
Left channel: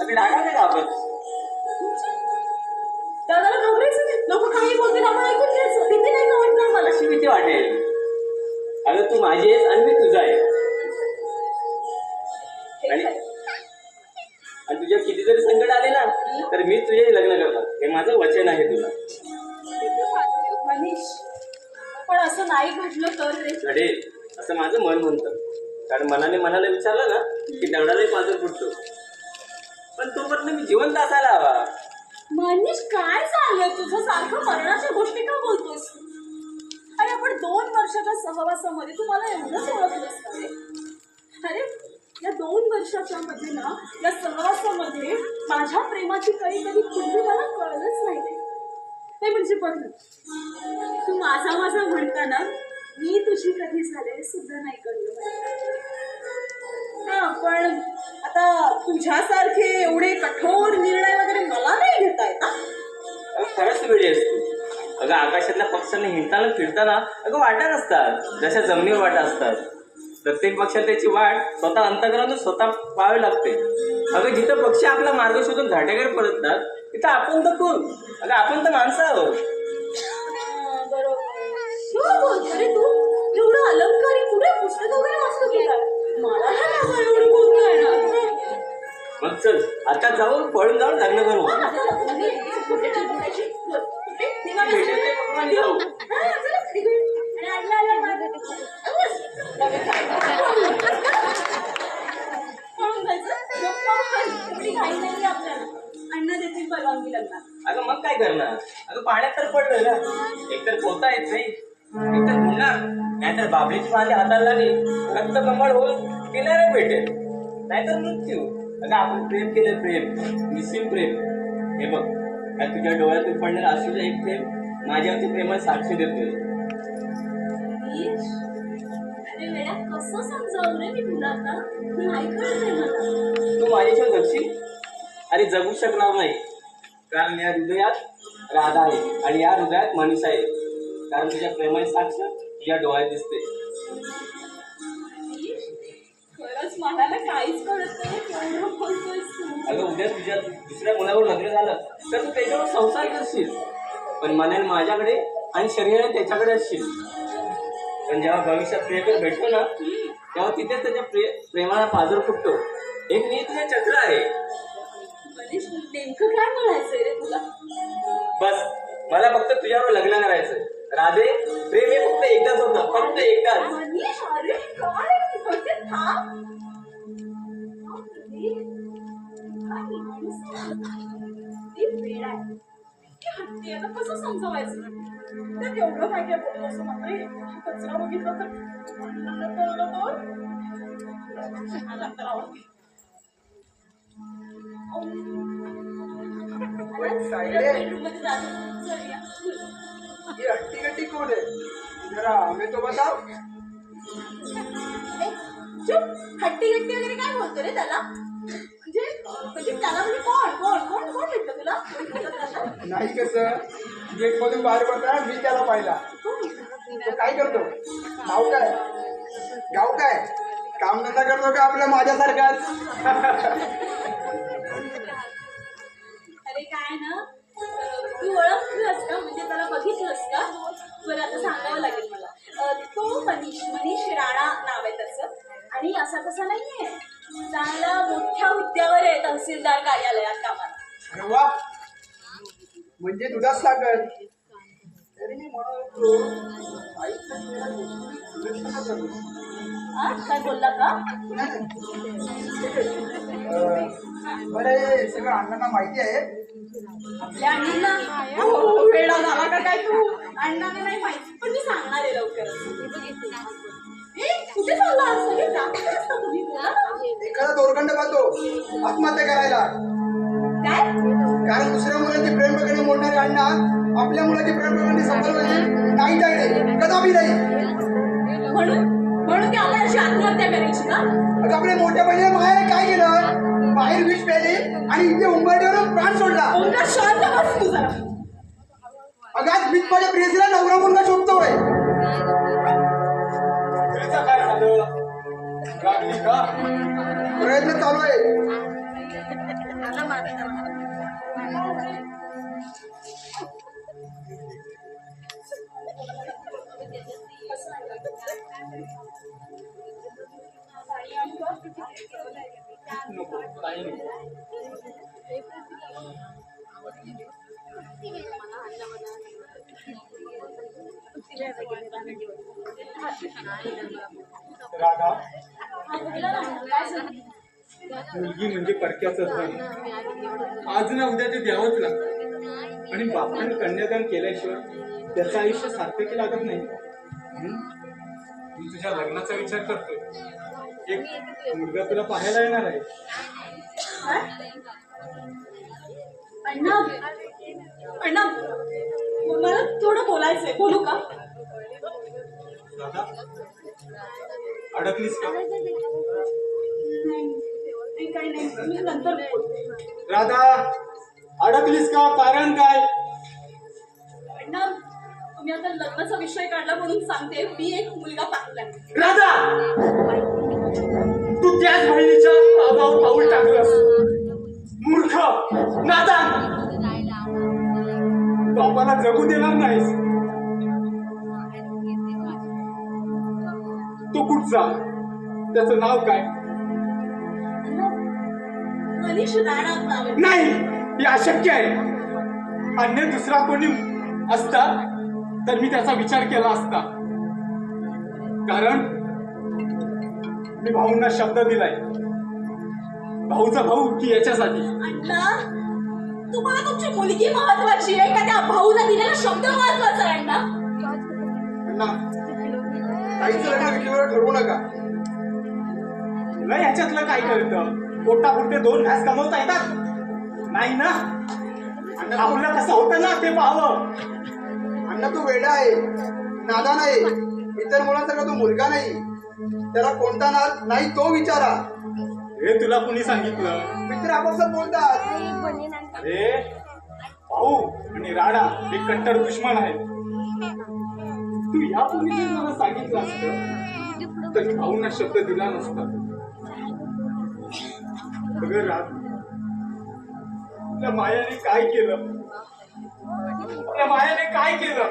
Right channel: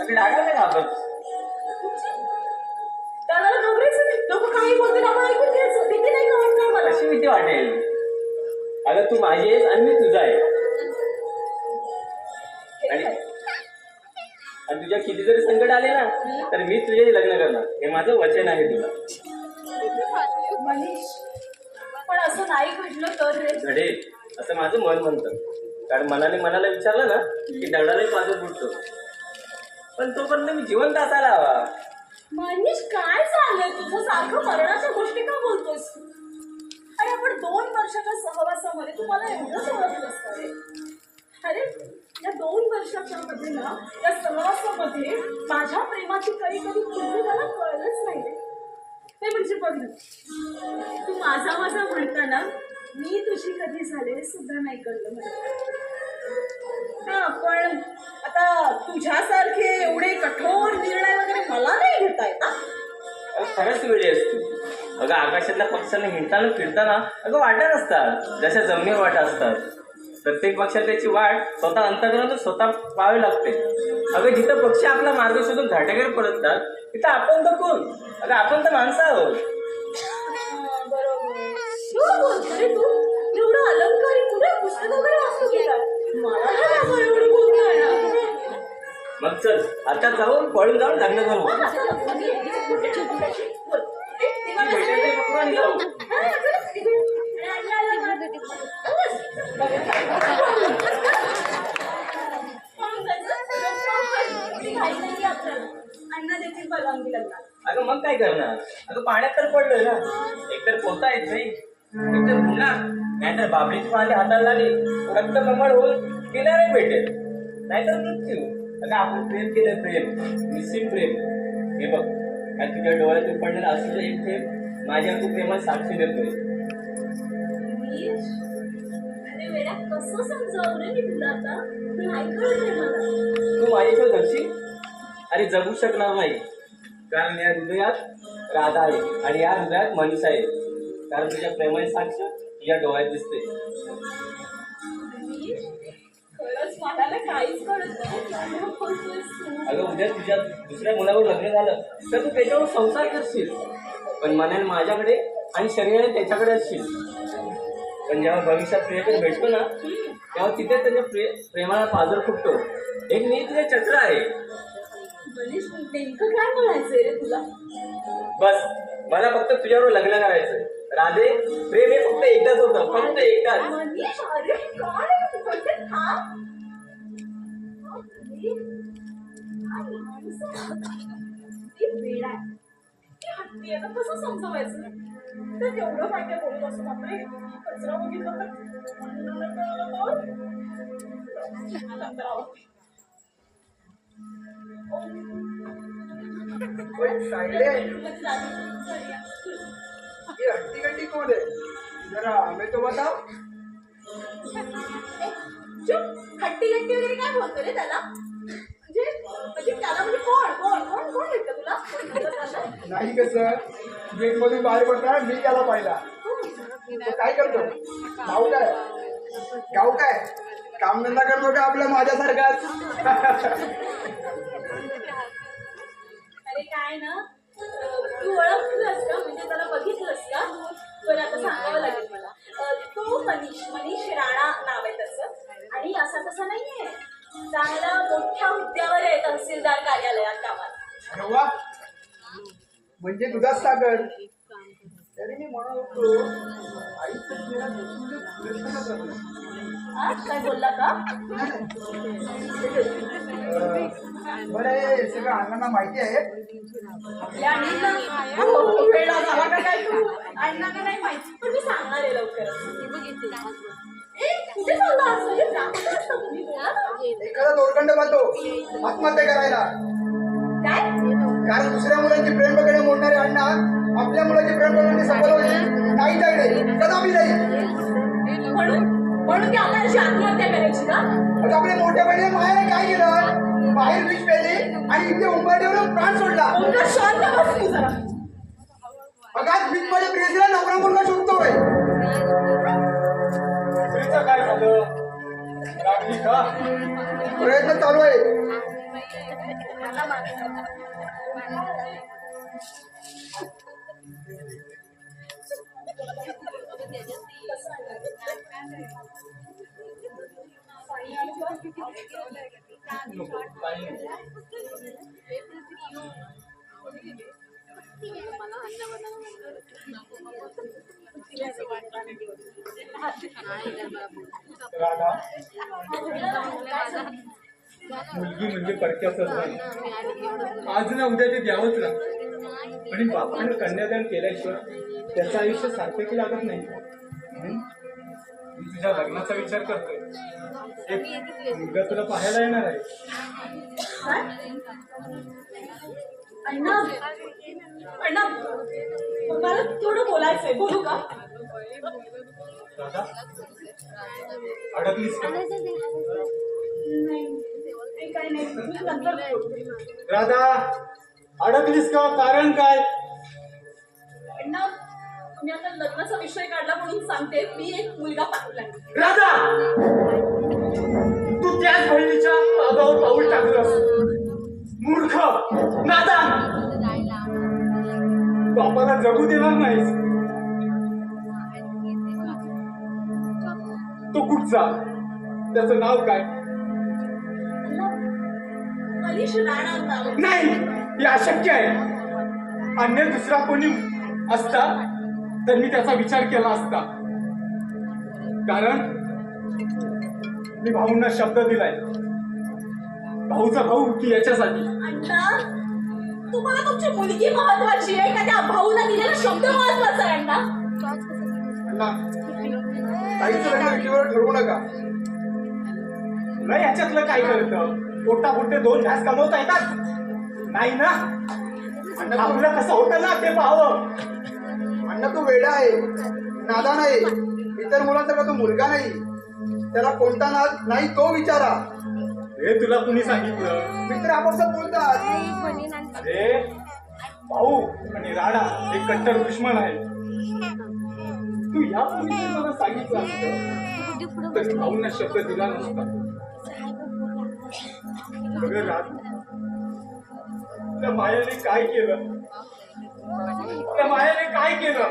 अगं डागाला काय घाबरतेस? त्याला घाबरायचं नाही. लोक काही बोलतील आपण ऐकून घ्यायचं. भीती नाही का वाटणार मला? अशी भीती वाटेल? अगं तू माझी आहेस आणि मी तुझा आहे. आणि तुझ्या किती जरी संकट आले ना, तर मी तुझ्याशी लग्न करणार, हे माझं वचन आहे तुला. मनीष, पण असं नाही घडलं तर रे. घडेल असं माझं मन म्हणतं. कारण मनाने मनाला विचारलं ना की दगडालाही पाजर फुटतो. पण तोपर्यंत मी जिवंत असायला हवा. मनीष, काय झालं तुझं? सारखं मरणाच्या गोष्टी का बोलतोस? आणि आपण 2 वर्षाच्या सहवासामध्ये तू मला एवढंच ओळखलंस का रे? अरे, या 2 वर्षाच्या मध्ये ना, या सहवासामध्ये माझ्या प्रेमाची काही कधी कुठे मला कळलंच नाही रे. ते म्हणजे बघ ना, तू माझा म्हणताना मी तुझी कधी झाले सुद्धा नाही कळलं मला. हा, पण आता तुझ्यासारखे एवढे कठोर निर्णय वगैरे मला नाही घेता येत. खरंच वेळी असतो. अगं आकाशातल्या पक्ष्यांना हिंडताना फिरताना अगं वाटा असतात, जशा जमिनीवर वाटा असतात. प्रत्येक पक्षात त्याची वाट स्वतः अंतर्गत स्वतः पाहावी लागते. अगं जिथं पक्षी आपला मार्ग शोधून घाटेवर पडतात, तिथं आपण तर कोण? अगं आपण तर माणसं आहोत. बरोबर बोलतो रे तू. एवढं अलंकारी तुला पुस्तक वगैरे वाचतो की काय? मला नाही बाबा एवढं बोलता येणार. मग चल आता जाऊन पळून जाऊन लग्न करू. अण्णा देखील परवानगी लागणार. अगं मग काय करणार? अगं पाण्यात तर पडलोय ना, एकतर पोहता येत नाही, एकतर बुडणार, नाहीतर बाबळीची माझ्या हाताला लागली रक्त कमळ होऊन किनारे भेटेल, नाहीतर मृत्यू. अगं आपण प्रेम केलं, प्रेम निस्सीम प्रेम. हे बघ, या तुझ्या डोळ्यातून पडलेला असूचा एक थेंब माझ्यावरती प्रेमात साक्षी देतोय. अरे वेड्या, कसं समजावून रे मी तुला आता? नाही कळतंय मला. तू माझ्याशिवाय जगशील? अरे जगू शकणार नाही, कारण या हृदयात राधा आहे आणि या हृदयात मनीषा आहे. कारण तुझ्या प्रेमाची साक्ष तुझ्या डोळ्यात दिसते. खरंच मला काहीच कळत नाही. काय बोलतोयस तू? अगं उद्या तुझ्या दुसऱ्या मुलावर लग्न झालं तर तू त्याच्यावर संसार करशील, पण मनाने माझ्याकडे आणि शरीराने त्याच्याकडे असशील. पण जेव्हा भविष्यात प्रेम भेटतो ना, तेव्हा तिथे त्याच्या प्रेमाला पाजर फुटतो. एक नियतीचे चक्र आहे. मनीष, नेमकं काय म्हणायचंय रे तुला? बस मला फक्त तुझ्यावर लग्न करायचंय. राधे, प्रेम हे फक्त एकदाच होतं, फक्त एकदाच. मनीष, अरे काय म्हणजे थांब. हट्टी आता कसं समजवायचं? तर एवढं काय काय बोलत असं मात्र कचरा बघितला तर सायडे ये हट्टी गट्टी कोण आहे? जरा हमें तो बताओ. हट्टी गट्टी वगैरे काय बोलतो रे त्याला? म्हणजे त्याला म्हणजे कोण कोण कोण कोण भेटतं तुला? नाही कसं गेट मधून बाहेर पडताना मी त्याला पाहिला. तो काय करतो? गाव काय कामधंदा करतो का आपल्या माझ्यासारखाच? अरे काय ना, तू ओळखलंस का? म्हणजे त्याला बघितलंस का? बरं आता सांगावं लागेल मला. तो मनीष राणा नाव आहे त्याचं. आणि असा तसा नाहीये, चांगला मोठ्या हुद्द्यावर आहे तहसीलदार कार्यालयात कामाला. अरे वा, म्हणजे दुधात साखर. तरी मी म्हणत होतो आईचं चेहरा दुसरं का झालं? हा? काय बोलला का? बरं, हे सगळं अण्णांना माहिती आहे. आपल्या अण्णांना वेळा झाला का काय तू? अण्णांना नाही माहिती, पण मी सांगणार आहे लवकर. कुठे चालला आज? म्हणजे जास्त असतं तुम्ही, बोला ना. एखादा दोरखंड बांधतो आत्महत्या करायला. काय? कारण दुसऱ्या मुलाची प्रेम प्रकरणे मोडणारे अण्णा आपल्या मुलाची प्रेम प्रकरणे सफल व्हायची नाही टाळले, कदापि नाही. म्हणून ती आपल्याशी आत्महत्या करायची का? अगं आपल्या मोठ्या बहिणीने मायाने काय केलं? बाहेर विष प्यायली आणि इथे उंबरठ्यावरून प्राण सोडला. ओंकार, शांत बस तू जरा. अगं आज मी माझ्या प्रियसीला नवरा मुलगा शोधतोय. तुझं काय झालं? रागली का? प्रयत्न चालू आहे. नको, काही नाही. राधा, मुलगी म्हणजे परक्याचंच नाही. आज ना उद्या ते द्यावंच लागतं. आणि बापाने कन्यादान केल्याशिवाय त्याचं आयुष्य सार्थकी लागत नाही. मी तुझ्या लग्नाचा विचार करतोय. एक मुलगा तुला पाहायला येणार आहे. अण्णा, अण्णा, मला थोडं बोलायचंय, बोलू का? राधा, अडकलीस का? नाही, काही नाही, मी नंतर बोलते. राधा, अडकलीस का? कारण काय? अण्णा, तुम्ही आता लग्नाचा विषय काढला म्हणून सांगते, मी एक मुलगा पाहिलाय. राधा, तू त्याच बहिणीच्या मागावर पाऊल टाकलंस. मूर्ख, नादान, बापाला जगू देणार नाहीस. तो कुठचा? त्याचं नाव काय? मनीष राणा नाव आहे. नाही, हे अशक्य आहे. अन्य दुसरा कोणी असता तर मी त्याचा विचार केला असता. कारण मी भाऊंना शब्द दिलाय. भाऊचा भाऊ की याच्यासाठी. अण्णा, तुम्हाला तुमची मुलगी महत्वाची आहे का त्या भाऊला दिलेला शब्द महत्वाचा आहे? अण्णा, अण्णा, आईचं लग्न विषयावर ठरवू नका. तुला याच्यातलं काय कळतं? पोटापुरते 2 घास कमवता येतात नाही ना? अण्णा, आपलं कसं होतं ना ते पाहावं. अण्णा तो वेडा आहे, नादान आहे. इतर मुलांसारखा तो मुलगा नाही. त्याला कोणता नाद नाही तो विचारा. हे तुला कुणी सांगितलं? मित्र आपापसात बोलतात. अरे भाऊ आणि राणा हे कट्टर दुश्मन आहे. तू यापूर्वी जर मला सांगितलं असतं तर भाऊंना शब्द दिला नसता. अगं राधा, त्या मायाने काय केलं? त्या मायाने काय केलं?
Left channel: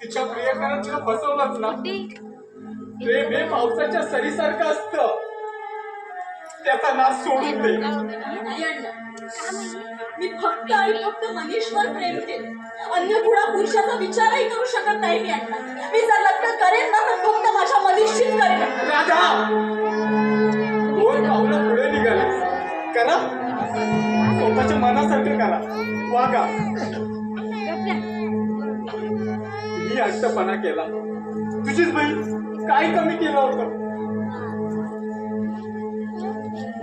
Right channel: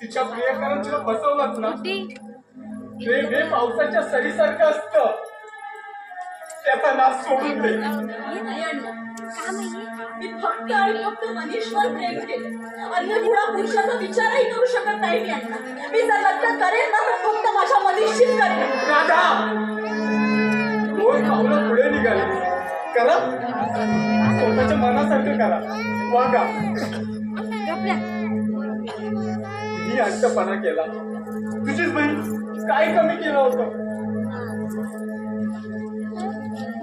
तिच्या प्रियकरानं तिला बसवलंच ना. प्रेम हे पावसाच्या सरीसारखं असतं. त्याचा नाश सोडून दे. नाही अण्णा, मी फक्त आणि फक्त मनीषवर प्रेम केलं. अन्य कुणा पुरुषाचा विचारही करू शकत नाही मी. अण्णा, मी जर लग्न करेन ना तर फक्त माझ्या मनीषशीच करेन. राधा, 2 पावलं पुढे निघाले. करा, स्वतःच्या मनासारखं करा, वागा. मी हट्टपणा केला. तुझीच बहीण काय कमी केलं होतं?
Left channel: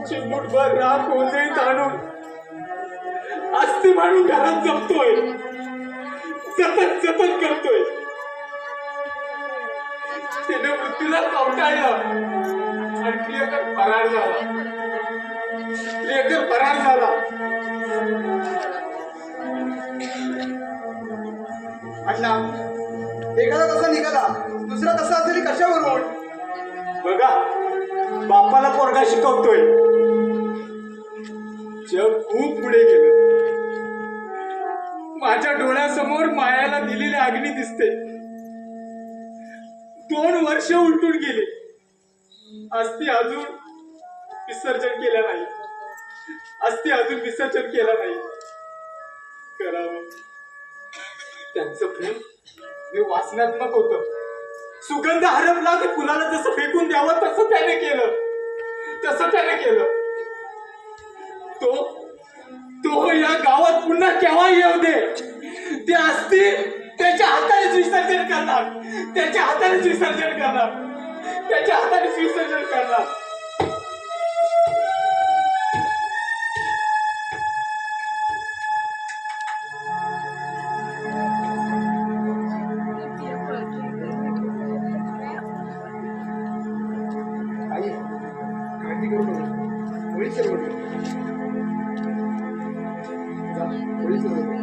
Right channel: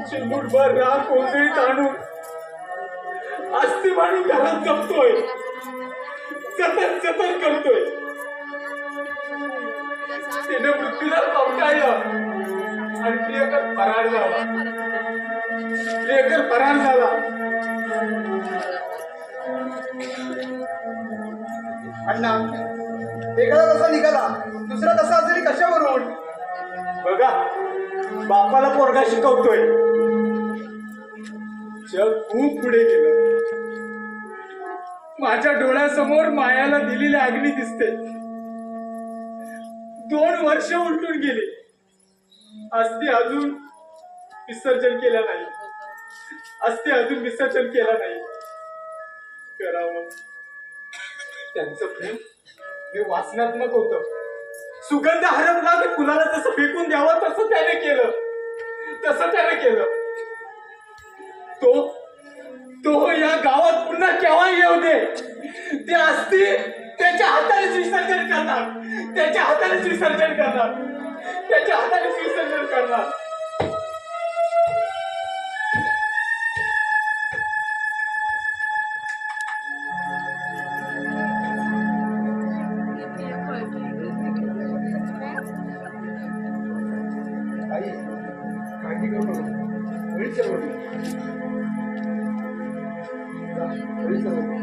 चिमूटभर राग कोंबडीत आणून अस्ती म्हणून घरात जपतोय. सतत सतत करतोय. तिने मृत्यूला कवटाळलं आणि प्रियकर फरार झाला. प्रियकर फरार झाला. अण्णा, एखादा तसा निघाला, दुसरा तसा असेल कशावरून? बघा, बापाला पोरगा शिकवतोय. जग खूप पुढे गेलं. माझ्या डोळ्यासमोर मायाला दिलेली अग्नी दिसते. 2 वर्ष उलटून गेली. आज ती अजून विसर्जन केलं नाही. अस्थि अजून विसर्जन केलं नाही. करावं त्यांचं प्रेम हे वासनात्मक होतं. सुगंध हरवला की फुलाला जसं फेकून द्यावं तसं त्याने केलं. तो या गावात पुन्हा केव्हा येऊ दे. ते अस्थि त्याच्या हातानेच विसर्जन करणार. आई काळजी करू नको. होईल सर्व ठीक. जा, होईल सर्व ठीक.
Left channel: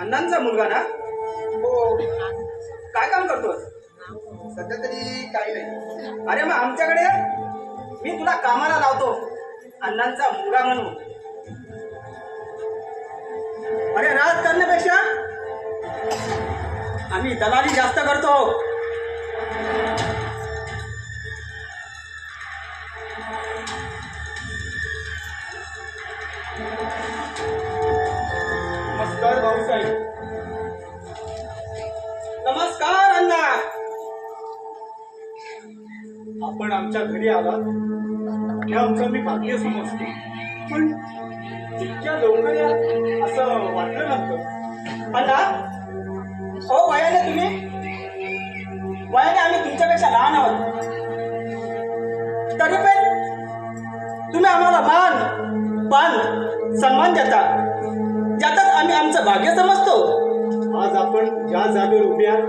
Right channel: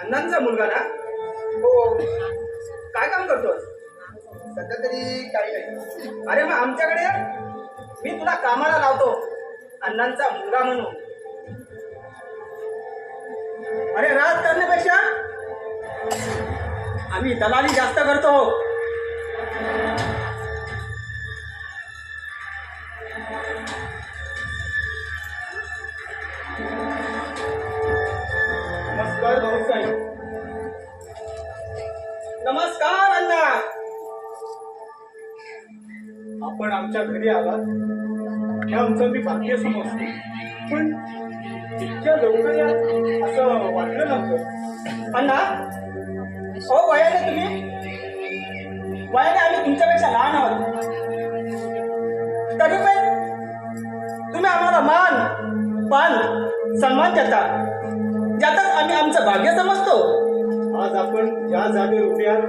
अण्णांचा मुलगा ना? हो. काय काम करतोस? सध्या तरी काही नाही. अरे मग आमच्याकडे ये. मी तुला कामाला लावतो. अण्णांचा मुलगा म्हणून. अरे राज करण्यापेक्षा आम्ही दलाली जास्त करतो. नमस्कार भाऊसाहेब. नमस्कार अण्णा. आपण आमच्या घरी आलात हे आमचं मी भाग्य समजतो, पण इतक्या लवकर या असं वाटलं नव्हतं. अण्णा, हो वयाने तुम्ही? वयाने आम्ही तुमच्यापेक्षा लहान आहोत. तरी पण तुम्ही आम्हाला मान सन्मान देता, ज्यातच आम्ही आमचं भाग्य समजतो. आज आपण ज्या जागेवर उभे आहात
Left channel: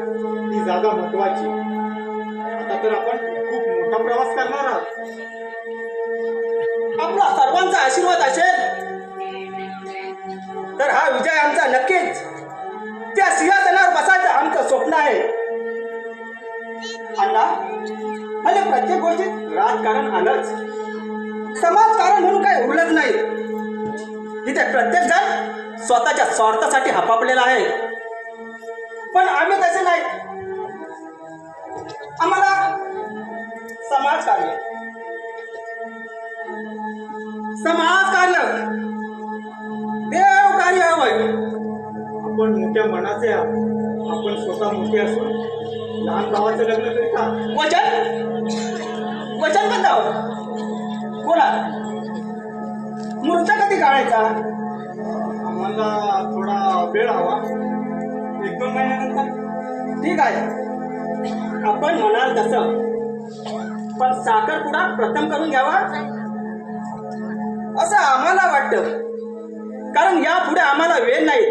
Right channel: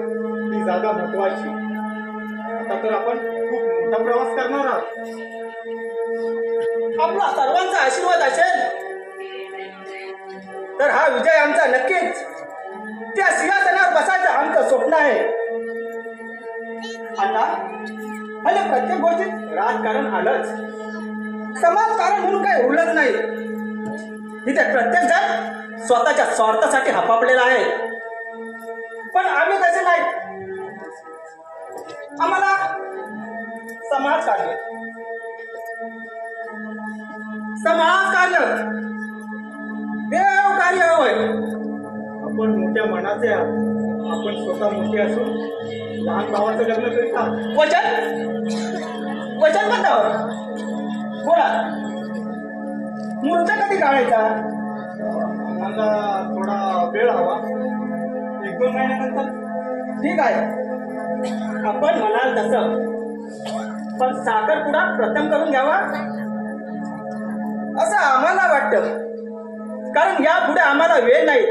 ती जागा महत्वाची. आता तर आपण खूप मोठा प्रवास करणार आहात. आपला सर्वांचा आशीर्वाद असेल तर हा विजय आमचा नक्कीच. त्या सिंहासनावर बसायचं आमचं स्वप्न आहे. अण्णा, म्हणजे प्रत्येक गोष्टीत राजकारण आलंच, समाजकारण म्हणून काही उरलंच नाही. तिथे प्रत्येक जण स्वतःच्या स्वार्थासाठी हपापलेला आहे. पण आम्ही तसे नाही. आम्हाला समाजकार्य देवकार्य हवंय. आपण मोठ्या मनाचे आहात. आपण स्वतः मोठे असून लहान भावाचं लग्न करीत आहात. वचन बद्दल बोला. मूर्त कधी काढायचा? आम्हाला थोडा वेळ हवा. 1-2 महिन्यानंतर. ठीक आहे, आपण म्हणाल तसं. पण साखरपुडा प्रथम करून घ्यावा असं आम्हाला वाटतं. कारण यापुढे आम्हाला वेळ नाही.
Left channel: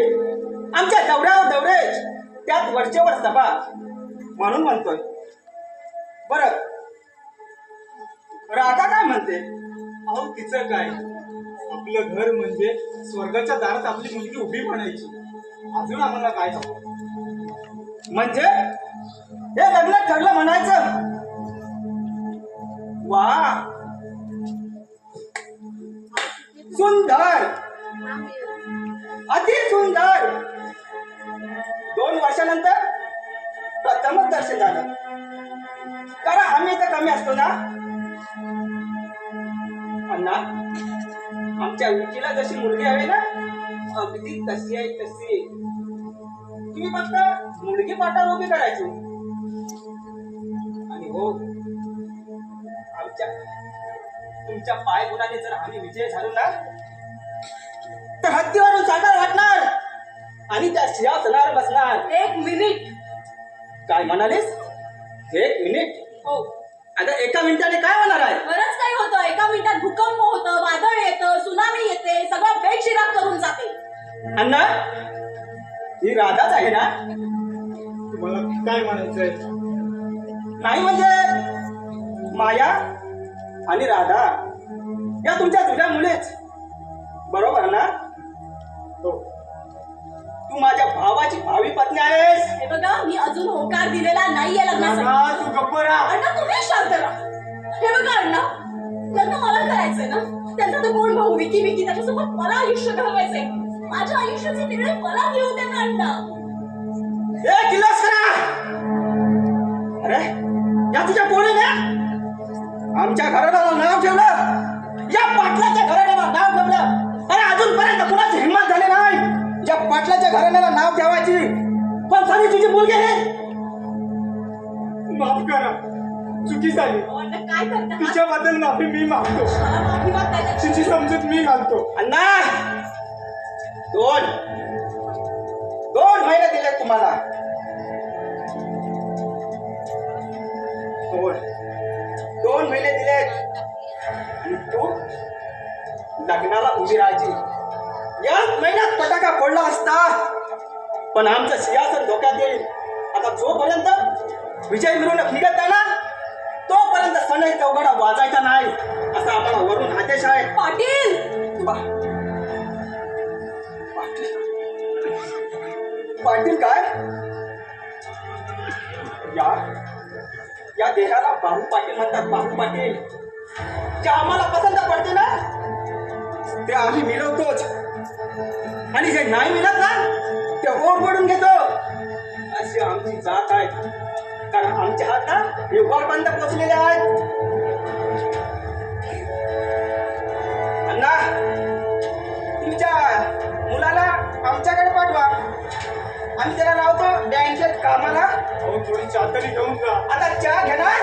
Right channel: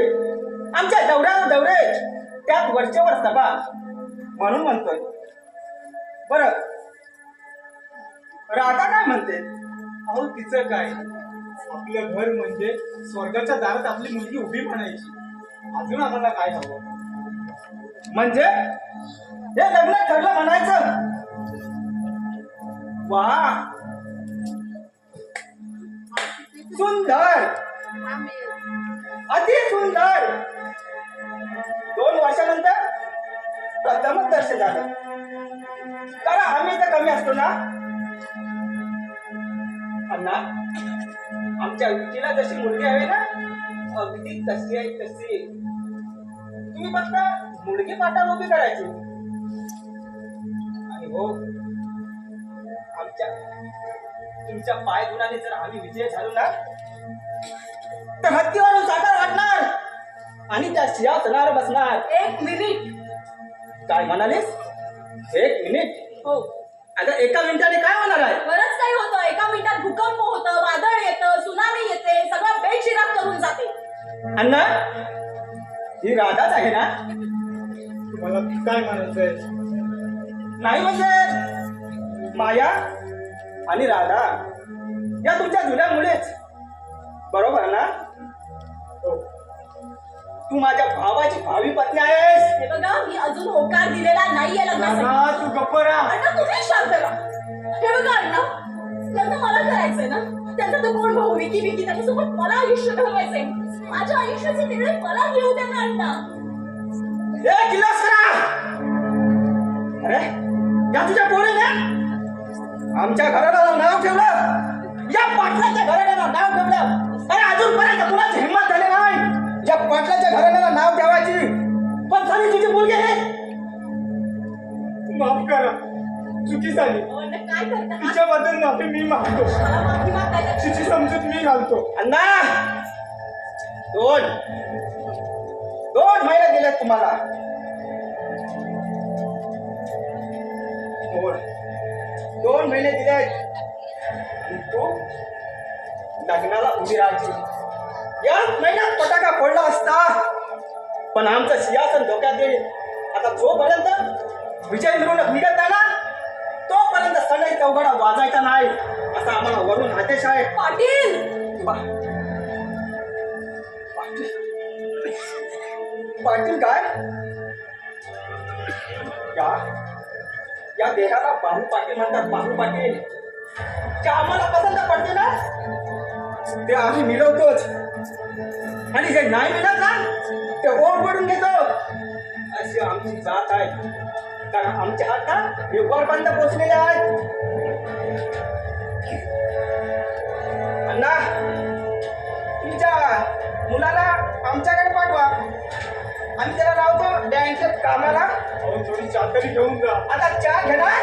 आमच्या दौरे त्यात वरचेवर सभा म्हणून म्हणतोय. बरं, राधा काय म्हणते? अहो तिचं काय, आपलं घर म्हणजे स्वर्गाच्या दारात आपली मुलगी उभी म्हणायची. अजून आम्हाला काय हवं? म्हणजे हे लग्न ठरलं म्हणायचं. वा, सुंदर, अति सुंदर. 2 वर्षानंतर प्रथमच दर्शन झालं. कारण आम्ही तर कमी असतो ना अण्णा. आमच्या विकीला जशी मुलगी हवी ना, अगदी तशी आहे तशी. तुम्ही फक्त मुलगी पाठावर उभी करायची. आणि हो, आमच्या तुमच्या पाय गुणाने जर आम्ही विजय झालो ना, तर हत्तीवरून साकार वाटणार आणि त्या सिंहासनावर बसणार. 1 मिनिट. काय म्हणालीस? 1 मिनिट? हो, अगं 1 मिनिटाने काय होणार आहे? बरंच काही होतं. 1 मिनिटात भूकंप होतं, वादळ येतं, सुनामी येते, सगळं बेचिराग करून जाते. अण्णा, ही राधाच आहे ना? तुम्हाला काय म्हणायचंय? नाही म्हणजे माया आणि राधा या तुमच्या जुन्या मुलीच बरोबर ना? हो. तू माझ्या भावाची भावी पत्नी आहेस. हे बघा, मी अजून होकार दिलेला नाहीये लग्नासाठी. अण्णा, तू गप्प राहा. अण्णा, तुम्ही शांत राहा. हे बघा अण्णा, लग्न मला करायचंय ना. त्यांचा तो कोण भाऊ विकी, त्याच्यासोबत मला आयुष्य घडवायचंय. माझ्या आयुष्याचे निर्णय मला घेऊ द्या ना अण्णा. ए किर्लोस्करा, अरे या तुझ्या पोरीने आमच्या घराला नाव ठेवलं. या पाटलाच्या घराण्याला नाव ठेवलं. अरे अजूनपर्यंत कुणाची हिंमत झाली नाही या पाटलाच्या घराण्याला नाव ठेवायची. पण कधी तुझी मुलगी नाही. माफ करा, चुकी झाली. अहो, अण्णा काय करता? तिच्याबद्दल माफी मी मागतो. मला माफी मागताय. तिची समजूत मी घालतो. अण्णा, 2 महिने दिले तुम्हाला. 2 महिने दिले आणि तू लग्नाला उभी राहायची. या महिन्यात फटाका फोडला असता, पण आमचं सिंहासन धोक्यात येईल. आता जोपर्यंत विजय मिरवणूक निघत नाही ना, तोपर्यंत सनई चौघडा वाजायचा नाही असा आम्हाला वरून आदेश आहे. पाटील, पाटील काय? या देशाला बाहू पाटील म्हणतात. बाहू पाटील जे आम्हाला पसंत पडते ना, ते आम्ही मिळवतोच. आणि जे नाही मिळत ना, ते ओढ पडून घेतो. अशी आमची जात आहे. कारण आमचे हात ना हे वरपर्यंत पोहोचलेले आहेत. अण्णा, तुमच्या मुलाला आमच्याकडे पाठवा आणि त्याला लावतो बँकेत कामाला. अहो, थोडी चातरी घेऊन जा. आता चहा घेणार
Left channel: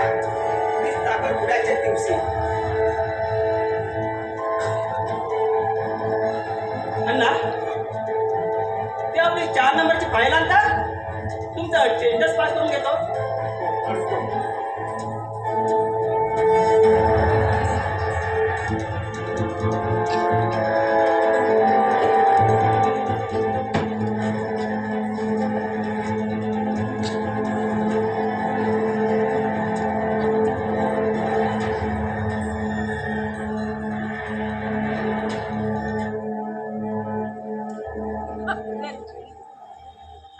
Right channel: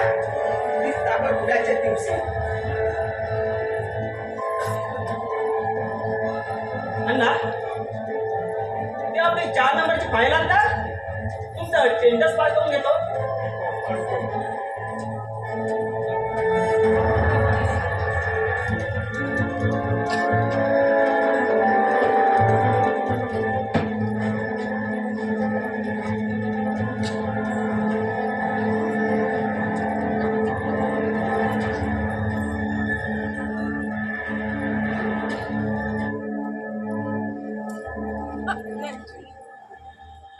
30 साखरपुड्याच्या दिवशी. अण्णा, ते आपली 4 नंबरची फाईल आणता. तुमचं टेंडर्स पास करून घेतो.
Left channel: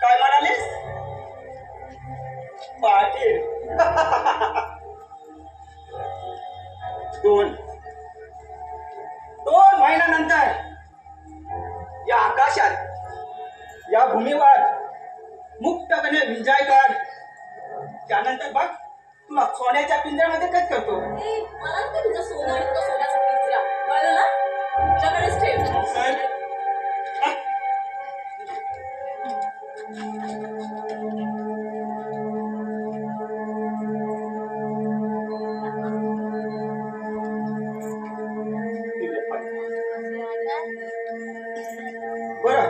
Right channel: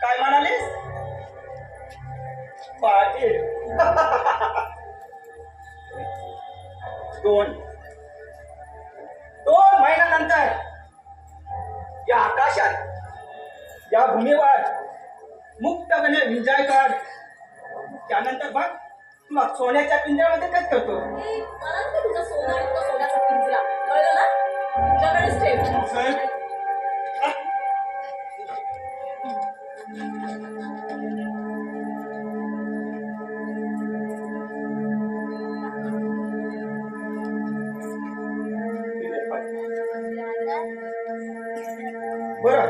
काय म्हणालीस? पाटील. 2 महिन्यानंतर या आकाशात, या भूमीवर मुक्तपणे विजय कर. त्यानंतर बघ तुला सोन्याच्या पिंजऱ्यामध्ये काय करतो. ए, मला नको तुझं सोनं आणि तुझा सोन्याचा पिंजरा. कळलं ना? तुझ्याकडेच ठेव. साहेब, बरं,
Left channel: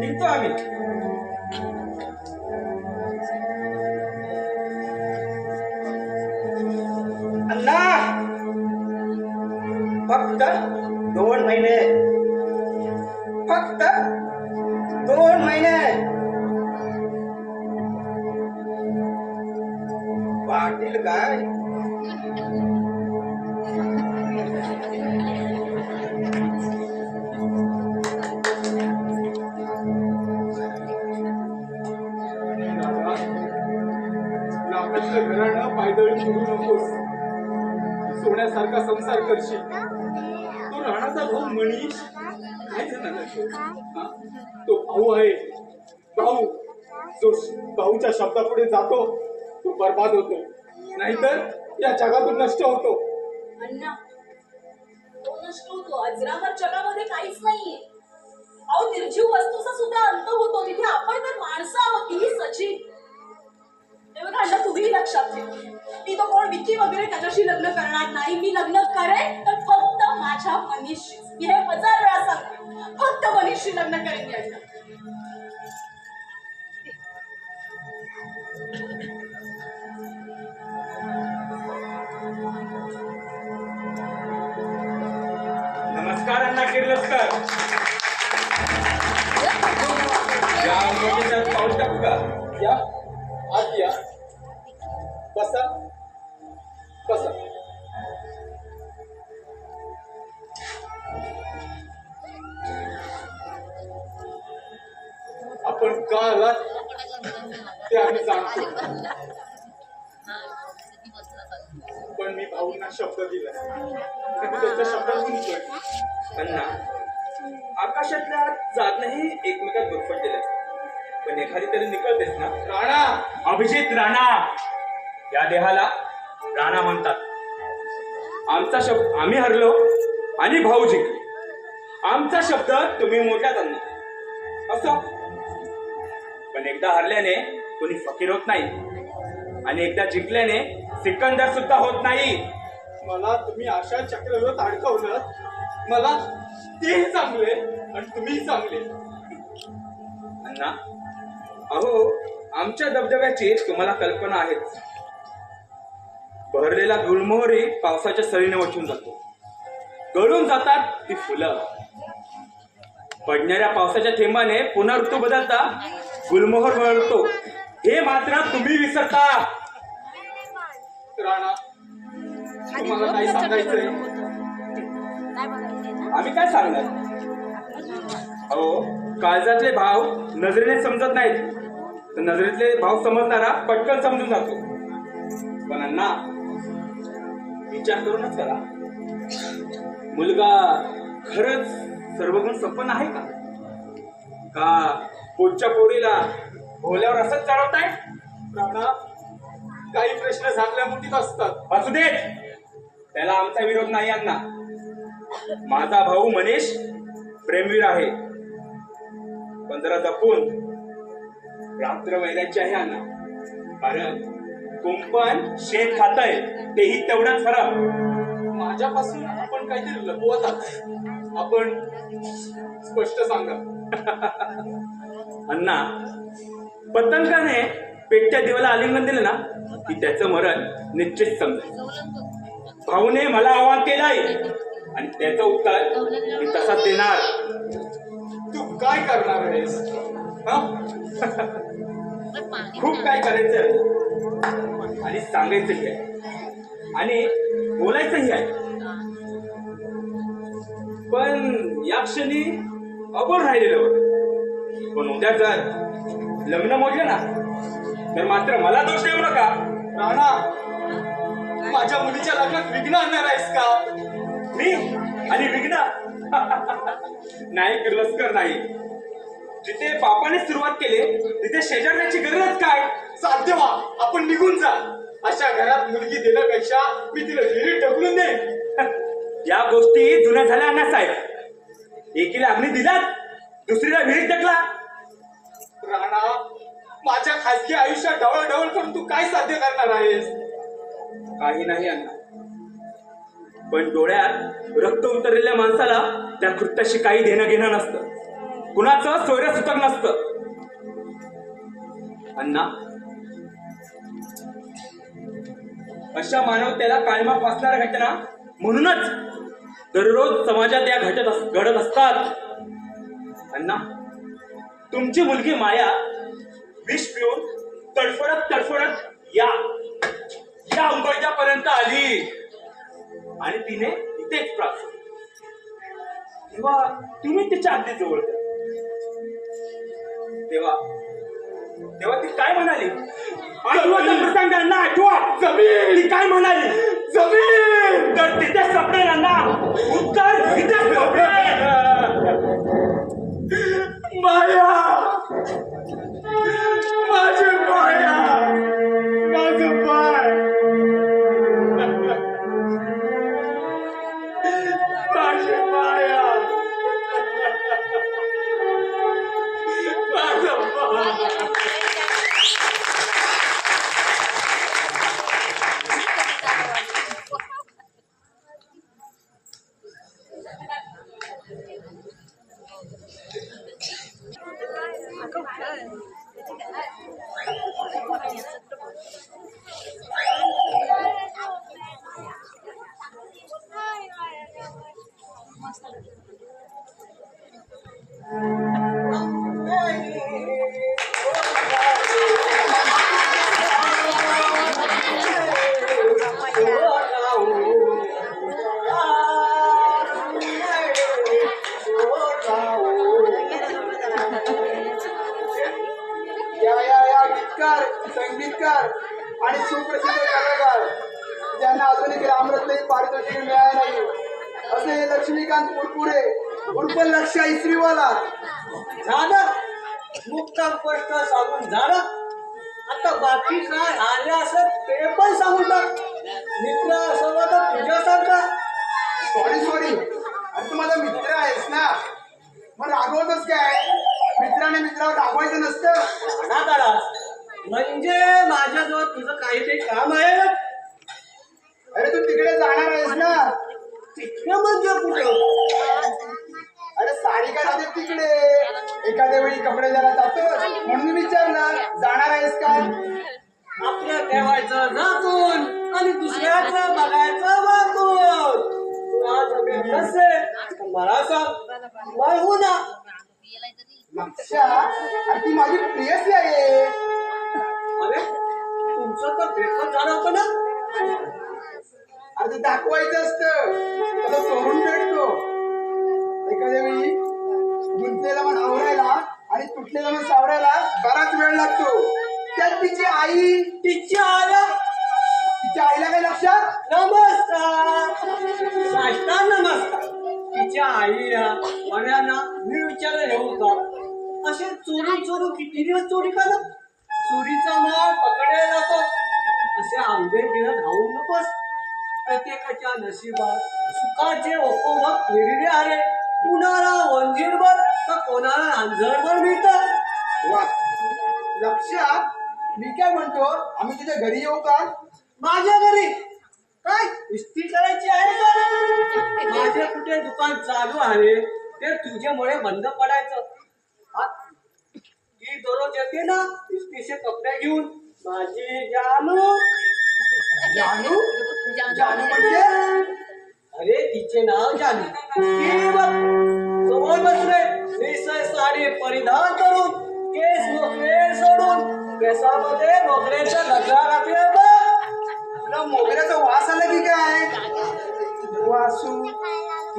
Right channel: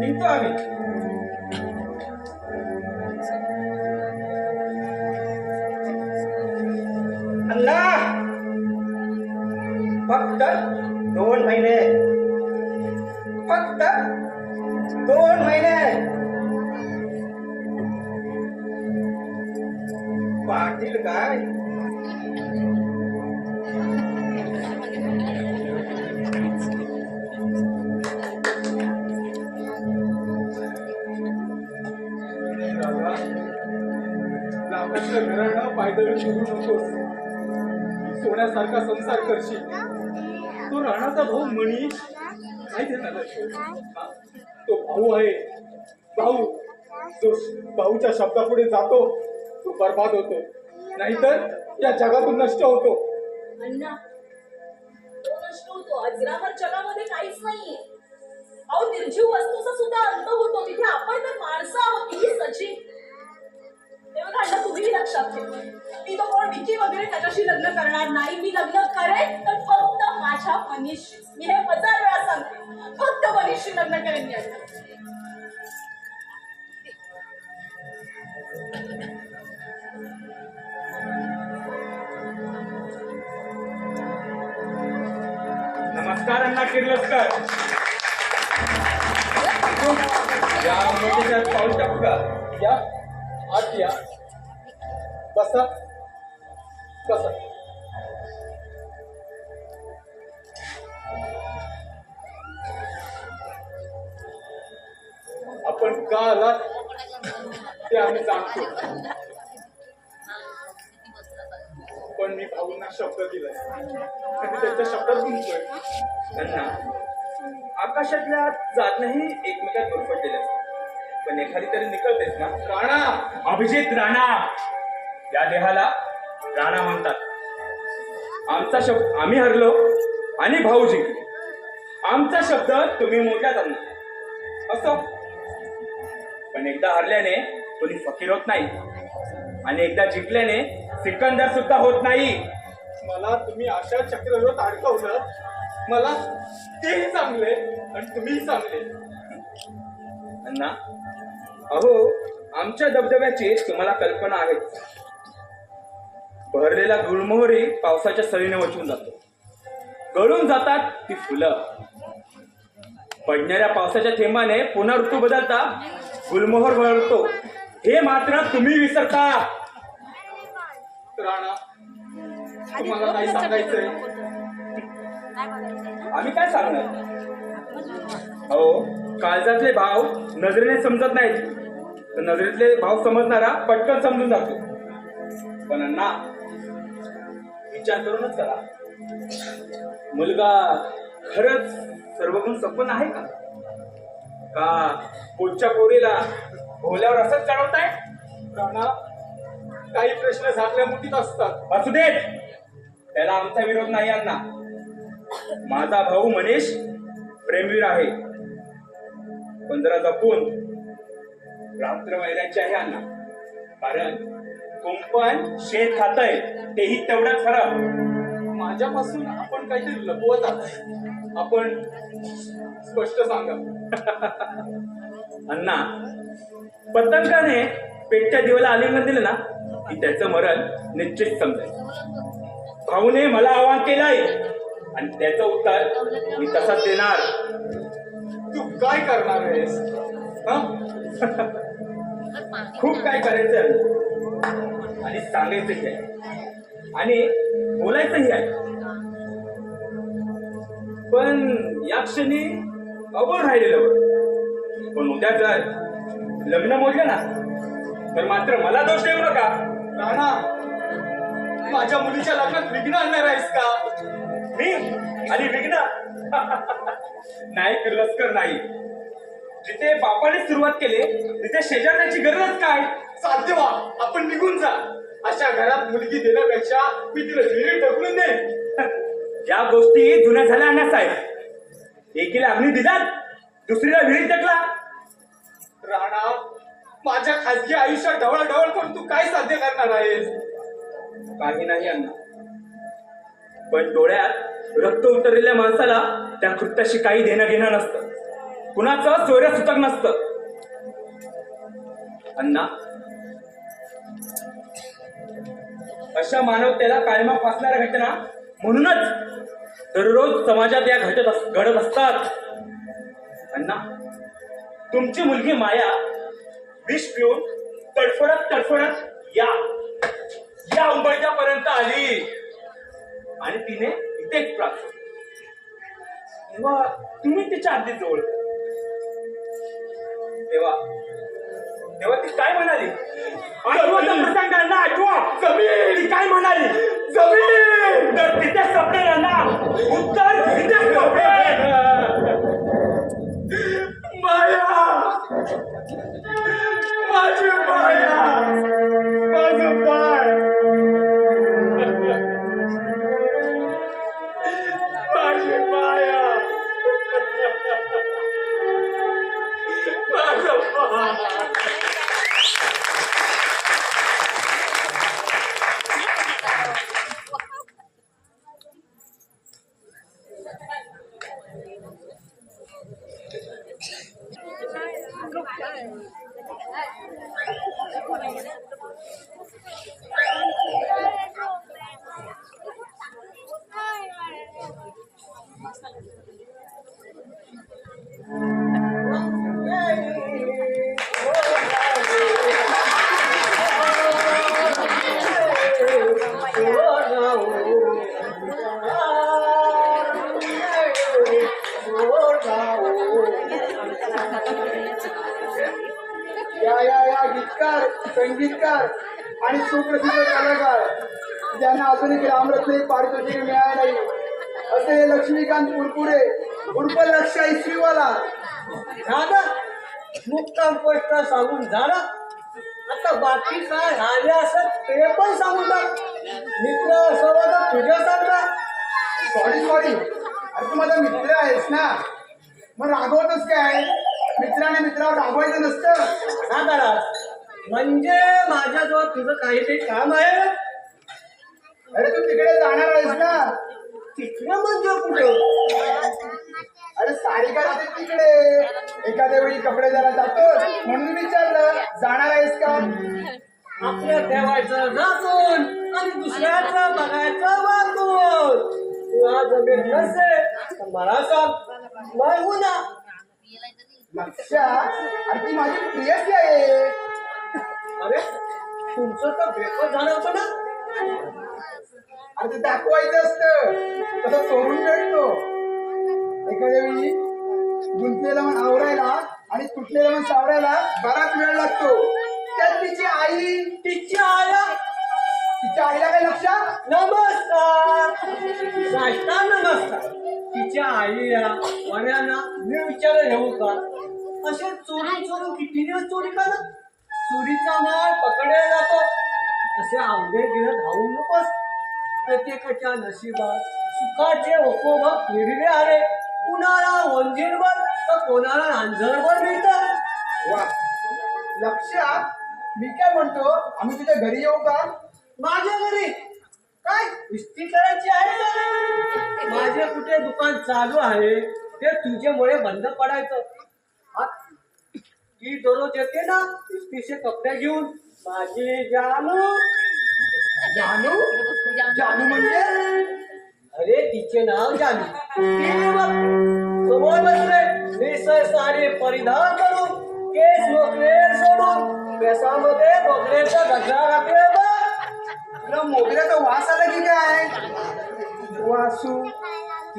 निघतो आम्ही. अण्णा, फक्त 2 महिने. फक्त 2 महिने. पाटील काय? संसार करशील. तो राणाचा भाऊ मनीष काय झाला हा? तो भाऊ आहे. भाऊ जो भाऊच्या शब्दापुढे जातो तो बर्बाद होतो, नाहीतर या जगातून नष्ट होतो. अण्णा तो नष्ट होतो. अजरामर जगामध्ये काहीच नाहीये. अहो निर्जीव वस्तूचा सुद्धा अंत होतो. तिथे आपण तर माणसं आहोत, ही सजीव. हे बघा अण्णा, तुम्ही लक्षात ठेवा, मी तो कोण विकी वगैरे त्याच्याशी लग्न करणार नाही. मी लग्न करेन तर फक्त माझ्या मनीषशी. मी हे 1000 वेळा सांगते, फक्त मनीषशी लग्न करेन मी अण्णा. नमस्कार अण्णा किर्लोस्कर. या मोठ्याच्यात पाऊल टाकू का? या आत या, बसा बसा. आपण का आलात ते आम्ही जाणतो, पण मी भाऊंना शब्द दिला, मी त्यांच्या शब्दात गुंतलोय. अण्णा, आकाशातल्या चांदण्याही एकमेकात गुरफटलेल्या, पण एखादी तरी निकळतेच ना. राणा, अभिजित राणा, या देहाला राणा म्हणतात. आमचा शब्द आम्ही हरलो आणि भाऊ जिंकले. आमचा शब्द तुम्ही मोठ्यात आणला असो, पण एकदा हरल्याने कोणी फकीर होत नाही आणि एकदा जिंकल्याने सिकंदर सुद्धा होत नाही. मला तुम्ही अशा चक्रव्यूहात अडकवलं. मला तेही चांगले आणि तुम्हीही चांगले. अण्णा, अहो आमच्या दबदब्याची तुम्हाला कल्पना आहेच. भरलेला गुलमोहरी पावसाच्या सरीने वाचून जातो. गळून जातात ती फुलं. पडणाऱ्या पावसाच्या थेंबाने पुन्हा ऋतू बदलता गुलमोहर वळतो. हे मात्र तुम्ही विसरता. राणा, तुम्हाला काही सांगायचंय? आम्ही काय सांगणार? अहो काळजातले भाव नजरेने समजत नाहीत, तर नजरेतले भाव समजणारा पटकन समजून जातो. पण अण्णा, विचार करूनच करा. मुलगा खरंच सर्वगुण संपन्न आहे का? का पोटच्या पोरीला भोवल्यावर असंच चढवताय? राणा, काही प्रश्न झाकल्या मुठीत असतात. असू देत, त्याला आमचा विरोध नाही अण्णा. माझा भाऊ मनीष प्रेमवीर आहे, पण जरा जपून. रात्र मैदानची आहे अण्णा, कारण कुंपण शेत खातंय तेही तेवढंच खरं. माझ्यापासून आपण काहीतरी लपवत आहात. आपण स्पष्ट सांगा. अण्णा, पतंगाने पेटच्या दिवाला आलिंगन दिलं ना की त्याचं मरण निश्चित समजायचं. भाऊने मला आव्हान केलंय आणि त्याचं उत्तर मी तसंच देणार. तू काय करणार आहेस? हा? खूप काय करायचं आणि सांगायचंही आहे आणि बोलायचंही आहे. पण या क्षणी अबोल राहिलेलं बरं. पण उद्या जर लग्न मोडलं ना तर मात्र मला दोष देऊ नका. राणा, माझ्या मुलीच्या लग्नात विघ्न आणणार आहेस का? मी आणि विघ्न? नाही किर्लोस्कर, नाही. जिथे बापाने सुरुवात केली तिथे शेजारण्याची गरजच काय? साध्य व्हा, आपण निघून जा. अशा घरात मुलगी देण्यापेक्षा मी तिला विहिरीत ढकलून दे. या गोष्टी जुन्या झाल्या अण्णा साहेब. एकीला अग्नी दिलात, दुसरीला विहिरीत टाकला. राणा, माझ्या खासगी आयुष्यात ढवळाढवळ करून तू काय साध्य करणार आहेस? काही नाही अण्णा, पण डोळ्यात रक्त उतरलेल्या माणसाला त्या कृत्याशी काही देणं घेणं नसतं. कुणाचं सोयरं सुतक नसतं. अण्णा, अशा मानवतेला काळीमा फासणाऱ्या घटना म्हणूनच दररोज समाजात या घडत असतात. अण्णा, तुमची मुलगी माया विष पिऊन तडफडत या उंबरठ्यापर्यंत आली आणि तिने इथेच प्राप्त. तेव्हा तुम्ही तिच्या अगदी जवळ होता. तेव्हा ती काय म्हणाली? आठवा प्रसंगांना आठवा. ती काय म्हणाली? जमीन. तर तिथे शब्द उत्तर माया, माझी माया, माझं पाय, माझी माया, माझं पाय. या गीतकार, संगीतकार आणि सुप्रसिद्ध कलाकार ज्यांना अजूनही ग्रामरत्न पारितोषिक मिळाले नाही असे लक्ष्मीकांत पुरपुरे उर्फ लक्ष इसरीवाला. झालं मुक्काम स्पष्ट सांगून झालं. आता बाकी काय आले असं ते पण सांगून टाक. मित्र सर्व तर तुझ्यासारखा. सॉरी अरे तू माझा मित्र आहेस ना, मग रागवतच काय? मित्राने मित्रावर रागवायचं नसतं ना करा म्हणजे माझ्याजवळ तुझं काहीतरी काम आहे ना. अरे तू तिकडे जाणार आहेस ना? तिकडं म्हणजे कुठं? अरे सारिका राहते तिकडे. एखाद्या वेळी कपडे जरा जातो म्हणून विचारलं जाणार आहेस का. आपलं ठेवायचं झाकून आणि दुसऱ्याचं बघायचं वाकून. तुला जमेल नसे तर मला सांग, मला हो ना. लक्षा अरे ती माझी प्रियसी आहे. अरे तुमचं तर ब्रेकअप झालं होतं ना. अरे ते दाखवायचं असतं तसं चोरून भेटतो. एखाद्या वेळी गुंतलेला मन आवरायला आणि तुटलेला मन सावरायला बराच वेळ लागतो. त्यात तिची आई, तिच्या आया तिच्या आईला काय लक्षात? नमस्कार साष्टांग नमस्कार. तिच्या आईला वड्यांना मी विचार येऊ का असे चोरून किती दिवस चोरी करत. चोरीचा माल पकडायला जातो असे आंबे घेऊन धावून नकोस. प्रत्येकाच्या नशिबात सुखाचे उपभोग फिरले आले. कुणाला वंजीरभर तर कोणाला अंजरभर मिळतात. वा लक्षा मी काय म्हणतो आम्ही तुझ्या घरी येऊ का? माझ्या घरी काय इस्त्री करायची आहे का? माझे कुठे दुकान चालू आहे ते तुझ्यामुळे बंद पडायचं. हा? ती दररोज येते ना इस्त्रीचे कपडे घेऊन. माझी जानू. जानू? जानू म्हणजे? अरे तिचे नाव जानू. ती बघ समोर बसले निसय साडी परिधान करून केस मोकळे सोडून केसामध्ये मोकळ्याच्या गजरा घातल्या बघ. तुला मोगऱ्याचा वास आला की काय? वासू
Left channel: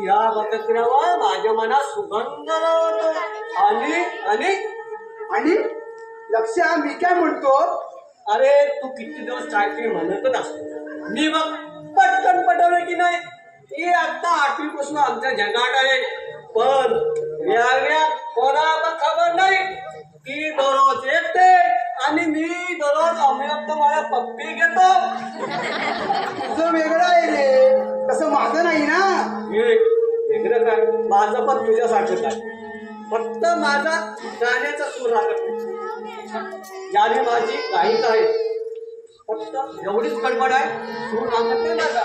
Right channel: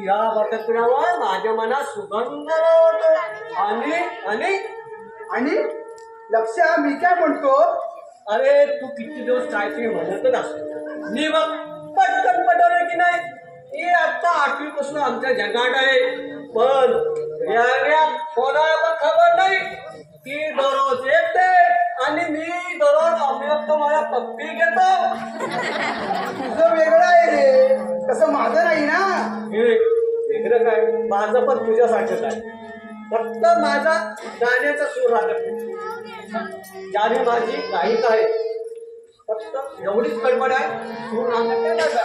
या बकत्रावर माझ्या मनात सुगंध आवडतो. आणि आणि आणि लक्षा मी काय म्हणतो अरे तू किती दिवस काहीतरी म्हणतच असतो. मी बघ पटकन पटवलं की नाही. ही आता 8वी पासून आमच्या जगात आहे. पण या कोणाला खबर नाही. ती दररोज येते आणि मी दररोज अभिव्यक्त माझ्या पप्पी घेतो. तुझं वेगळं आहे रे, तसं माझं नाही ना. वेगळं काय माझं पण तुझ्यासाठीच आहे. फक्त माझा गाण्याचा सूर लागत नाही. ज्याने माझी गायिक आहे फक्त एवढीच गडबड आहे. सूर लागत नाही माझा.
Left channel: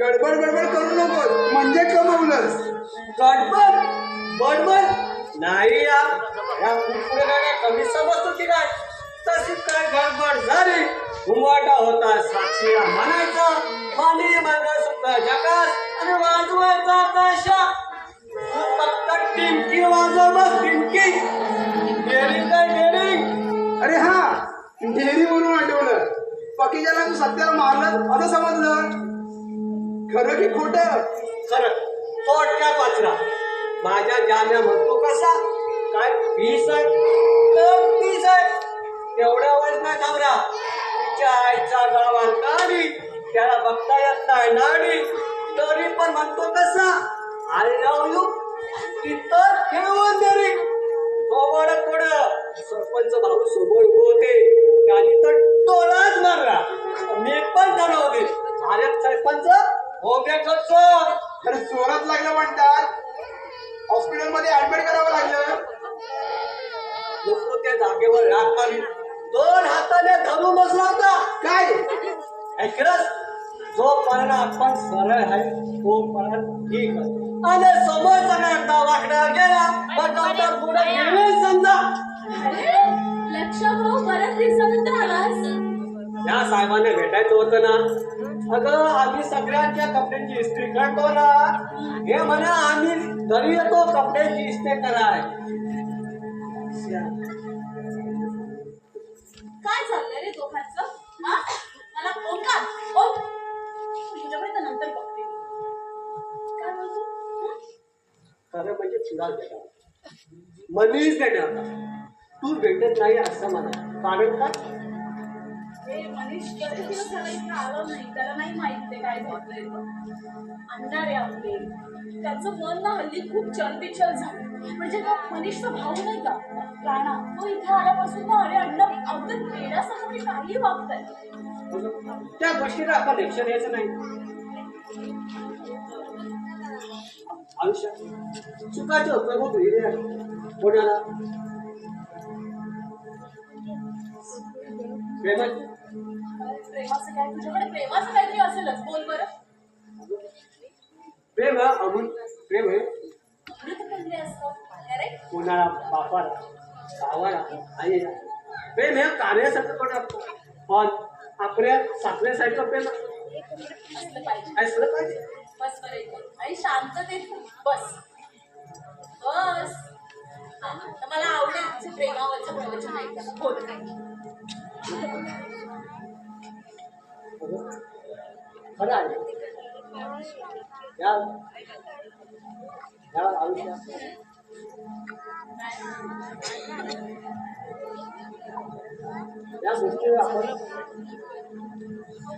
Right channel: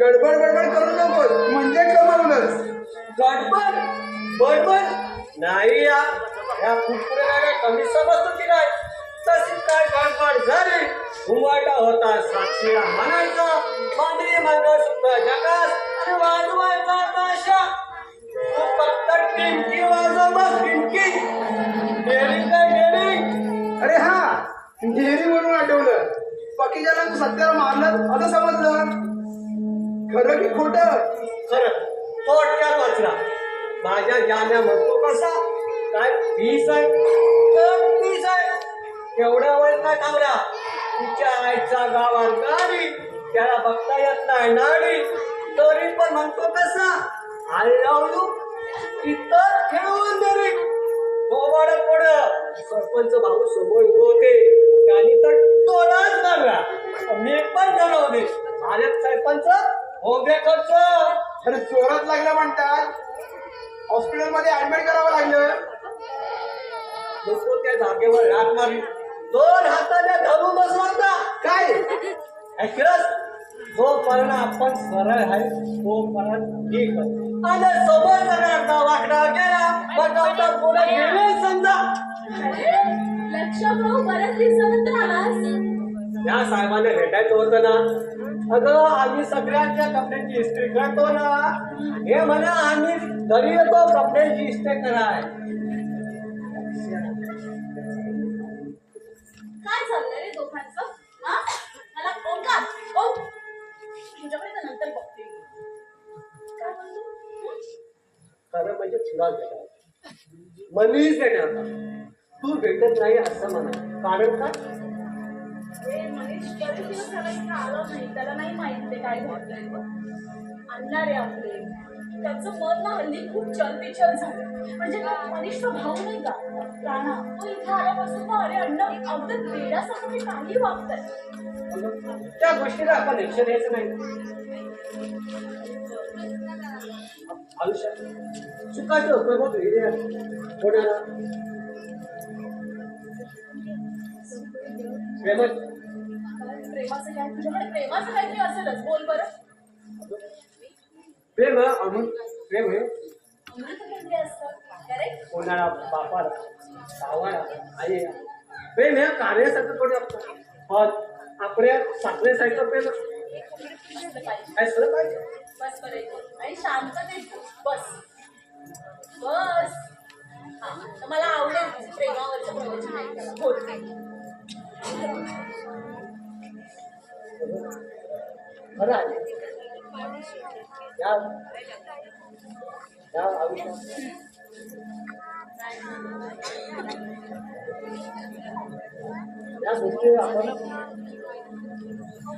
गडबड करू नको म्हणजे कमवलंस. गडबड नाही या कुरकुरे काय कमी समजतो की नाही. तशी काय गडबड झाली. उमाटा होता साक्षीला म्हणायचा पाणी मंगळसूत्र जगात आणि वाजवायचा ताशा. तू फक्त टिमकी वाजव मग टिमकी. डेरिंग काय डेरिंग. अरे हा इंजिनिअरिंग म्हणून आठवलं. पकीजाला तू सत्याला मारलं असं समजलं. खरं की खोटं? खरं थोडक्यात वाचला. माझ्या जाण्या म्हणतो कसा काय फीस आहे तर फीस आहे. तेवढ्या वेळ काय थांबला. तिच्या आईचा गावात गाडी त्याला बघता येत नाही नाडी. तरी पण म्हणतो तसा आय लव्ह यू इतर ठेवून दे थोड सरपंच भाऊ समोर उभे होते त्यांनी तर टोलाच मारला मी पण ठरवले अरे सरपंच हो गे खर्च अरे जोरात लागलं म्हणतात हॉस्पिटलमध्ये ऍडमिट करावं लागलं. नको त्या जागेवर रात मारी 2 हाताने धरून बसला होता काय ऐकलंस जोपर्यंत आपण सरळ आहे तोपर्यंत ठीक आणि समोरचा वाकडा गेला तर पुढे गेले समजा अरे लक्ष भाऊ बऱ्याच दिवसानंतर आलास. या साहेबांना भेटायचं होतं ना अगं आम्ही सगळ्यांच्या कपड्यांची इस्त्री करतो ना हे म्हणा आम्ही घरी येतो कपड्यांची इस्त्री कराय काय चाललंय रे दोघांचं? हा? मला ओंकार तुझ्याकडे तर नंतर बघते मी. काय बोलतो? खरं म्हणजे तुला भेटा मनीच देणार तू भेटत नाही असं म्हणा कारण काय हे मनीष कधी दिवस झाला इथे आला नाही त्याला नाही माहित ते काय घडलंय आणणार आहे आपले त्याचं मन ना हल्ली खूप चलतेचल झालं म्हणजे तो मनीषचा भाऊ नाही का राणा तो इथे आल्यापासून ना अरे अण्णा अगदी वेड्यासारखं ते काही वागताय. त्या गोष्टीला आपण लक्ष द्यायचं नाही आयुष्यात चुकाचे उपयोग कोणाला प्रेमाचं काय तुझ्याकडे प्रेमाचं काहीतरी असेलच बोल बरं. प्रेम अमूल प्रेम हे अमृत कोणते असतं अरे कोणाला बापाला भावाला आईला प्रेम हे कार्यासारखं थोडं असतं पण आपल्या साखरेसारखं प्रेम असलं पाहिजे असलं पाहिजे बस बरं आणि शांततेत बस बस हा तर मला आवडेल प्रेमावरचं प्रवचन ऐकायला बोल. खरं आहे या आयुष्यात या गोष्टी आपण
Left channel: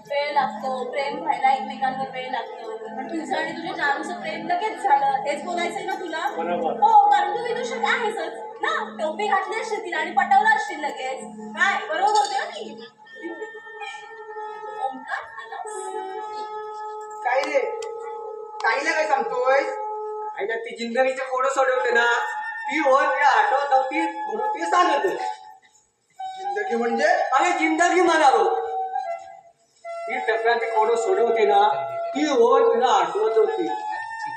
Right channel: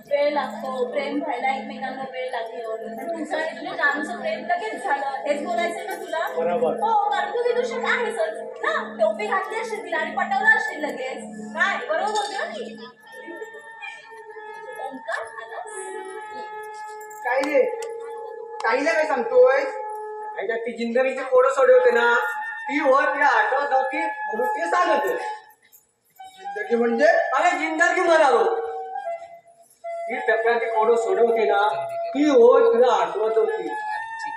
वेळ लागतो प्रेम व्हायला एकमेकांवर वेळ लागतो पण तुझं आणि तुझ्या जानूचं प्रेम लगेच झालं हेच बोलायचंय ना तुला. बरोबर. हो कारण तू विदूषक आहेसच ना टोपी घातली असशील तिला आणि पटवलं असशील लगेच काय बरोबर बोलते ना मी. ओंकार आलास? काय रे काहीला काय सांगतोय. आईला ती जिंदगीचे कोडं सोडवते ना ती होत या आठवत होती म्हणून ते सांगत जिंदगी म्हणजे अरे जिंदगी म्हणावं ती टप्प्याची कोडं सोडवते ना ती होत तिला आठवत होती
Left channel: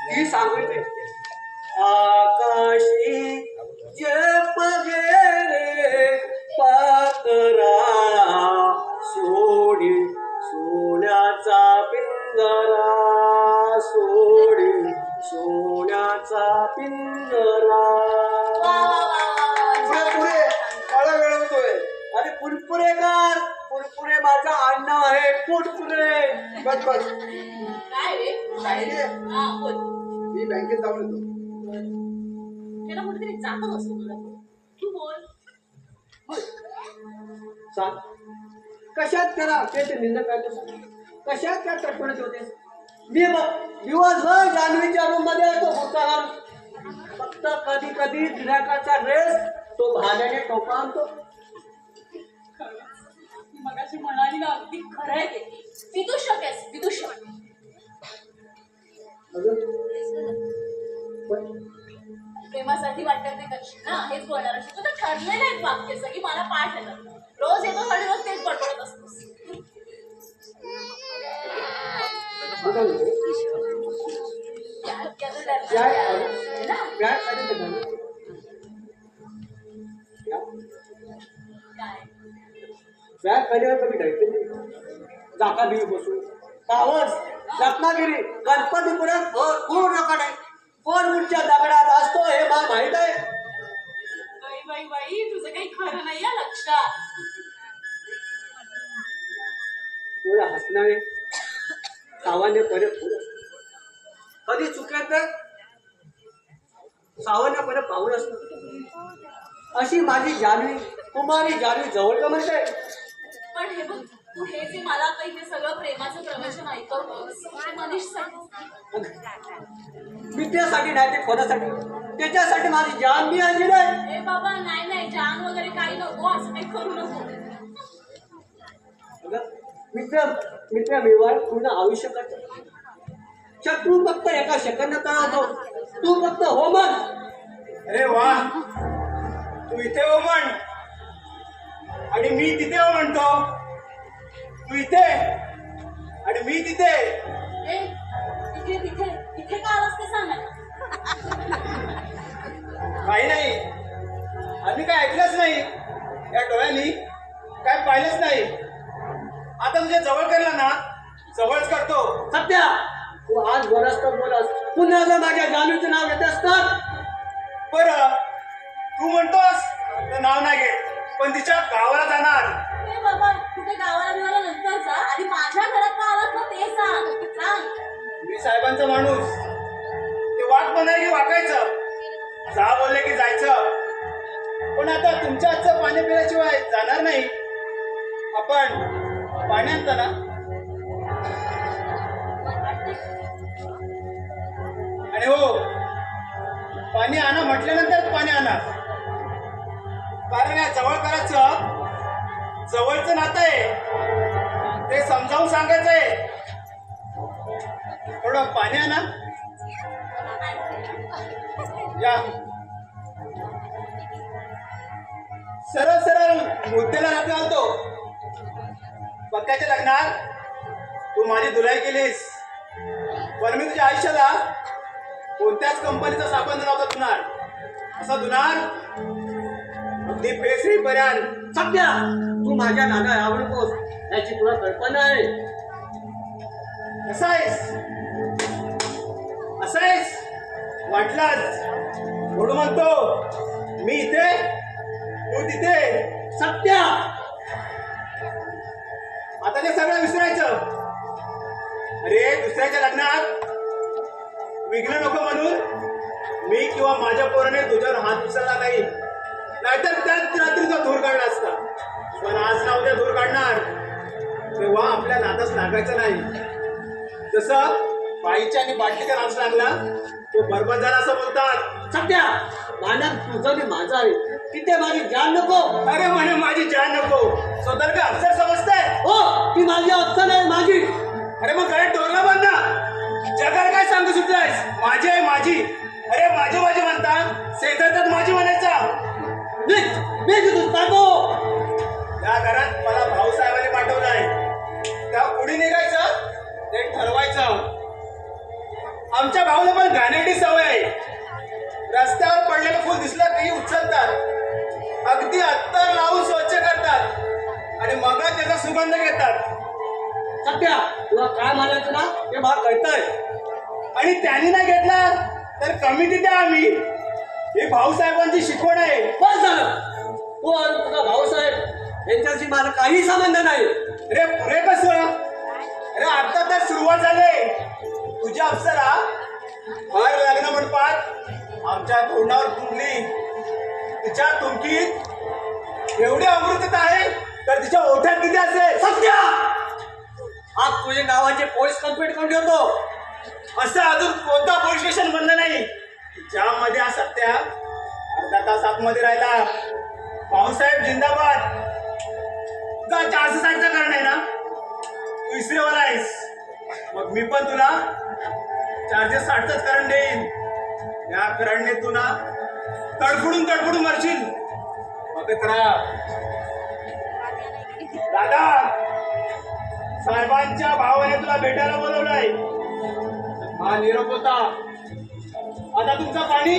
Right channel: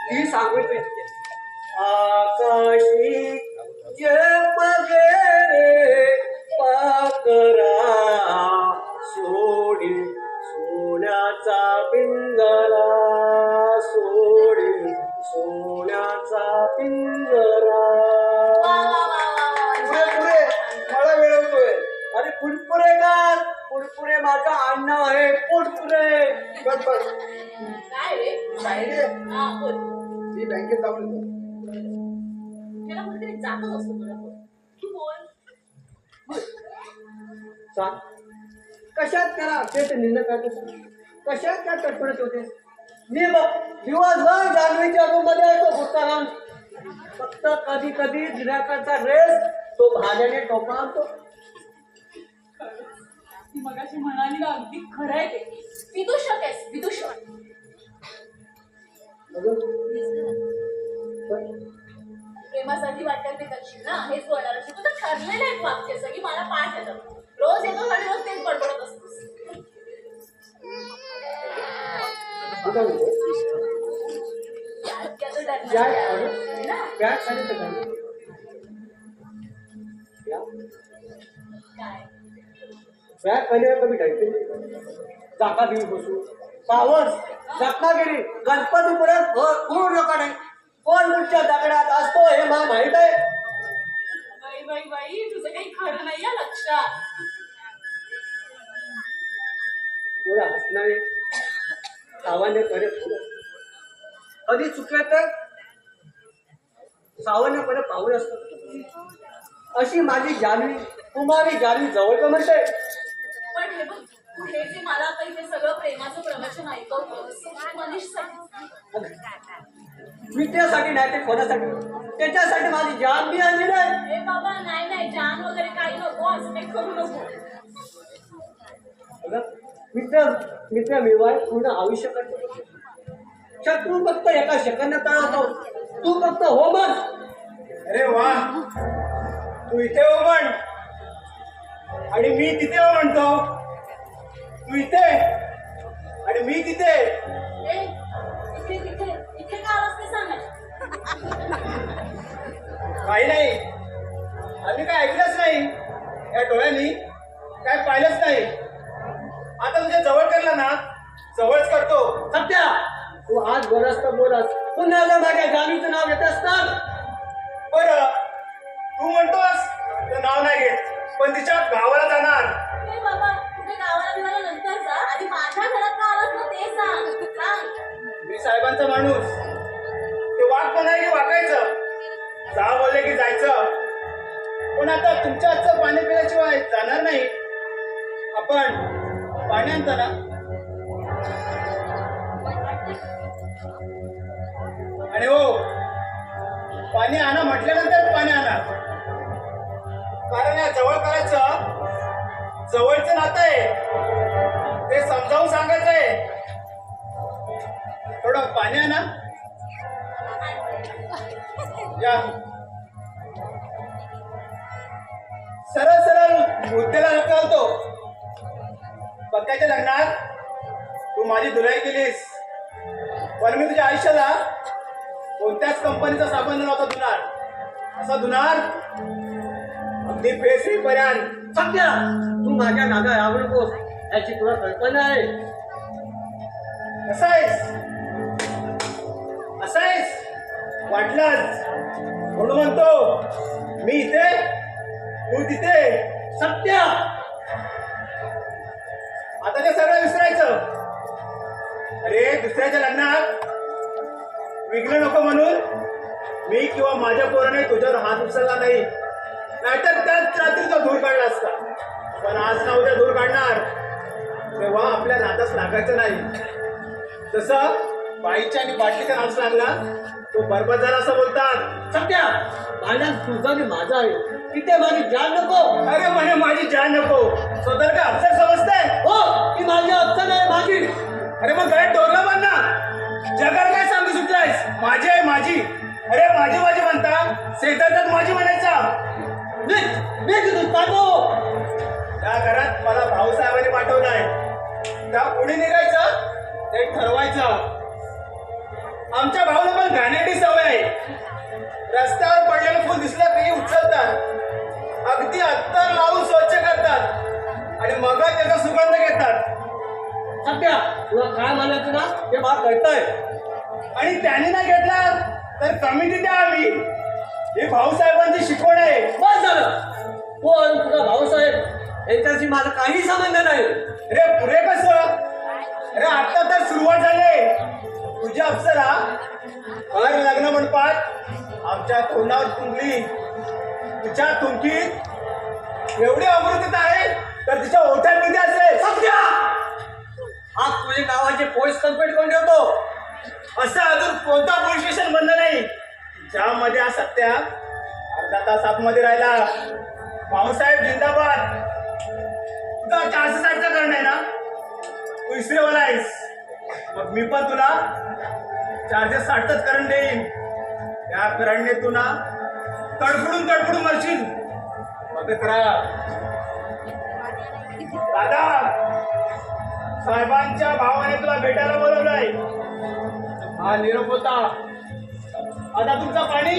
ती सांगते आकाशी जप गेले पाकरा सोडी सोन्याचा पिंजरा सोडी सोन्याचा पिंजरा वा वा वा वा पुढे वा पुढे मला वेळ होतोय. अरे पुरपुरे माझा अण्णा आहे पुरपुरे बस बस काय रे काय रे हा बोल मी बँकेत जाऊन येतो. त्याला कुठेतरी जातच असतो तुला बोल तू बोल. सांग कशात त्याला ते निंदा करतो कशात काय तडफडत होते मी बघ दिवसभर जान्हवीच्या रूम मध्ये येतो होता फक्त कधी कधी गिराकाचा ड्रेस तो भाज्याने टोपा आणतो ती मगाशी म्हणाली ना अगदी खरं आहे ते विदूषक आहेस विदूषक. प्रेमासाठी वाटतं ते करशील ना हेच बोलणार असतो तुझं ठरलेलं आहे वाक्य सगळी मला पाठ येतं रोज येतो आणि रोज तेच बडबडत असतोस. त्याचं डरणार आहे ना काय बॅग पहिल्यावर कमी ढायचे जाका देवी बसू पावस रत्नागिरी गणपतीपुरात पूर्ण नका कोण मुठच्या दगडात असतो हे मला माहित आहे. बाई बाई बाई तुझं काही खरं नाही या लक्षात. थोडं हसणारे सावन्यपणे पुढं कधी चुकलं तर सावन्यपणे पाहून असतो अशी माझी जान्हवी तुम्हाला जान्हवी जवळ का म्हणते पण हे बघ हे जे मला आता इथे सगळं प्रेमाचं प्रवचन ऐकवतोस ते मनीषसाठी. मित्रासाठी नाही ते कोणासाठी, त्याच्यासाठी माझी जान मी आणली नाही. ए बाबा नाही नाही जान वगैरे काही नको, असं काही करू नको. अगं, मित्र मिळवाय पूर्ण आयुष्य करतो. शत्रू फक्त एका सेकंदात तळावतो, तू फक्त हो म्हण. अरे वा, तू इथे हो म्हण आणि मी तिथे हो म्हणतो. तू इथे आणि मी तिथे. ए इथे तिथे इथे का आलास ते सांग. काही नाही, आम्ही काय ऐकलंच नाही, या डोळ्यांनी काय पाहिलंच नाही. आता तुझ्या जवळ करला ना, जवळच करतो. सत्या, तू आज बोलास तर बोलास, पुन्हा जर माझ्या जानूचं नाव घेत असतात. बरं, तू म्हणतोस तर नाव नाही घेत, पण तिच्या गावाला जाणार. ए बाबा कुठे गावाला बिवाला नंतर जा, आधी माझ्या घरात का आलास ना ते सांग सांग. मी साहेबांचा माणूस, ते वाट म्हणाय की वाकायचं, जा बोलले की जायचं. पण आता तुमच्या हातचं पाणी पिल्याशिवाय जाणार नाही. आपण पाणी आणता ना? आणि हो, पाणी आणा म्हटल्यानंतर पाणी आणा, कारण या जवळ करायचं जवळचं नातं आहे, ते समजावून सांगायचंय. थोडं पाणी आणा. या सरळ सरळ मुद्द्याला हात घालतो. पक्क्याच्या लग्नात तू माझी धुलाई केलीस, पण मी तुझ्या आयुष्याला कोणत्याच कंपनीचा साबण नव्हता धुणार. असं धुणार अगदी फेसरीपर्यंत. सत्या, तू माझ्या नादा आवडतोस याची तुला कल्पना आहे. कसं आहेस असं आहेस वाटलंच म्हणून म्हणतो, मी इथे तू तिथे. सत्या, आता ते सगळं विसरायचं. अरे दुसऱ्याच्या लग्नात विघ्न नको म्हणून मी किंवा माझ्या पोराने तुझ्यावर हात उचलला नाही, नाहीतर त्याच रात्रीचा धूर काढला असता. पण आज ना उद्या धूर काढणार, तेव्हा आपल्या नादास लागायचं नाही. जसं बाईच्या आणि बाटलीचा नाच लागला तो बरबाद झाला असं बोलतात. सत्या, माझ्या तुझं आणि माझं आहे, तिथे माझी जान नको. अरे म्हणे माझी जान नको, स्वतः का अक्षर समजते. हो, ती माझी अफसन आहे, माझी. अरे मग गळ्यात डोरला बांध ना. जगाला काय सांगू सुटलायस, माझी आहे माझी. अरे माझी माझी म्हणता, शेजारचाच माझी म्हणायचा. त्या घरात मला भाऊसाहेबांनी पाठवलाय, त्या पुढे निघायचं ते ठरवायचं. आमच्या भाऊला पण घाणेरडी सवय आहे. रस्त्यावर पडलेलं फुल दिसलं तरी उचलतात, अगदी अत्तर लावून स्वच्छ करतात आणि मग त्याचा सुगंध घेतात. सत्या, तुला काय म्हणायचं ना ते मला कळतंय. आणि त्यांनी नाही घेतला तर कमी तिथे आम्ही. हे भाऊसाहेबांची शिकवण आहे. बस झालं. हो, आणि तुझा भाऊसाहेब यांच्याशी माझा काही संबंध नाही. अरे पुरे कसं? अरे आता तर सुरुवात झाली. तुझ्या अप्सरा हर लग्न मंडपात आमच्या तोंडावर तुंबली. तिच्या तुमकीत एवढी अमृतता आहे तर तिच्या ओठात किती असेल? सत्या, आज तुझे गावाचे पोलीस कंप्लेंट कोण ठेवतो? असं अजून कोणता पोलीस स्टेशन बंद नाही ज्यामध्ये हा सत्या अर्धा तास आतमध्ये राहिला. भाऊसाहेब जिंदाबाद. तुझा 460चा करण आहे ना, तू इसरेवाला आहेस, मग मी पण तुला 460च करण देईन. या करणने तुला तडफडून तडफडून मरशील. मग दादा, साहेबांच्या भावाने तुला भेटायला बोलवलंय. हा निरोप होता. आता तुमचं पाणी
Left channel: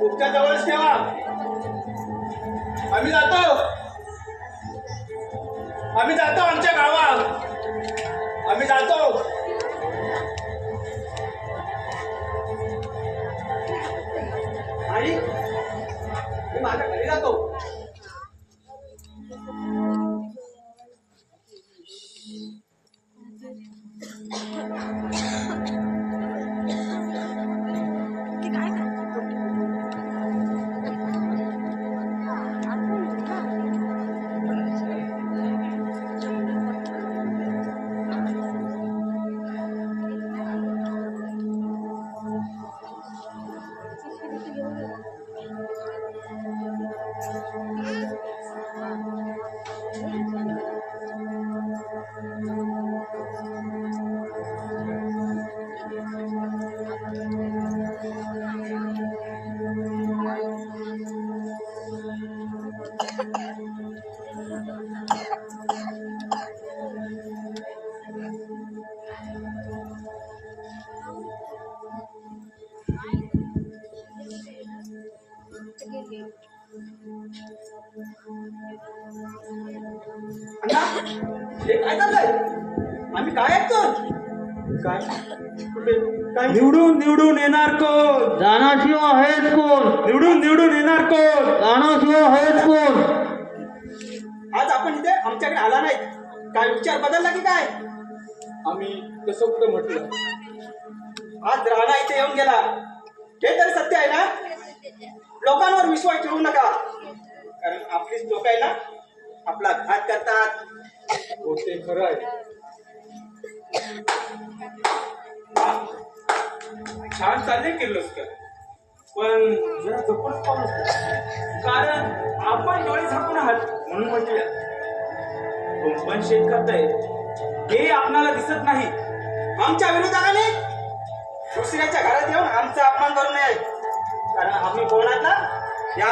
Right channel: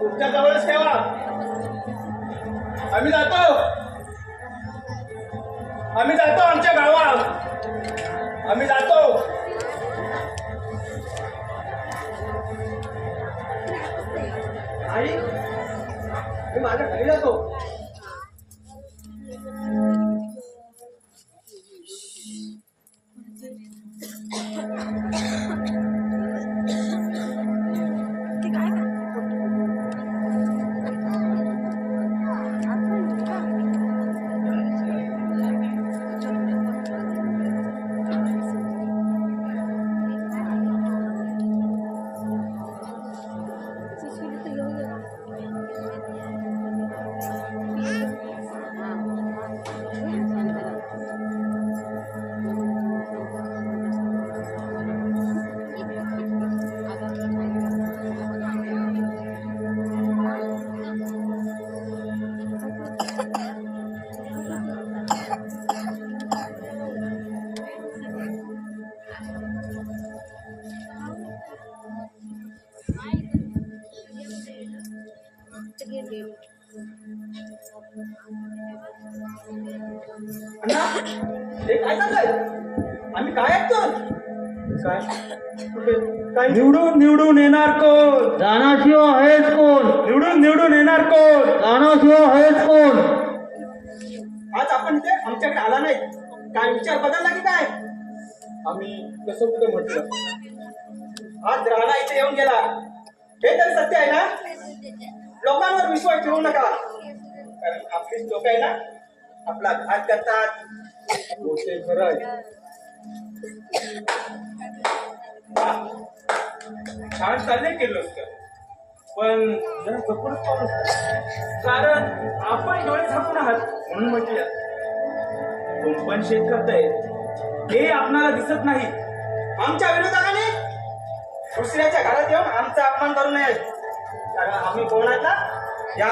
तुमच्या जवळच ठेवा. आम्ही जातो आमच्या गावात. आम्ही जातो. आई, मी माझ्या घरी जातो. हे काय चाललंय? आम्ही काय ऐकतो? काय कुठे काय निवडून येणार कोण? जाण्याशिवाय आहेच कोण? निवडून येणार कोण? जाण्याशिवाय आहेच कोण? आज आपण इथे आमच्याकडे आला नाही, काय विचार बदलला की काय? आम्ही तसं कुठं म्हटलं? आज राणा इथे येऊन गेला, हे तर सत्य आहे ना? लोकांवर विश्वास ठेवू नका, कारण आपलीच लोक आहे ना, आपला घात करतात. हो ते खरं आहे. छान चालले किर्लोस्कर, पण जरा जपूनच पाहू नका. कारण आपण डोळे झाकून आहात म्हणून म्हटलं. कुंपण शेत करताय हे आपणाला दिसत नाही. आमच्या विरोधाने दुसऱ्याच्या घरात येऊन आमचा अपमान करू नये, कारण आम्ही कोण आहात ना हे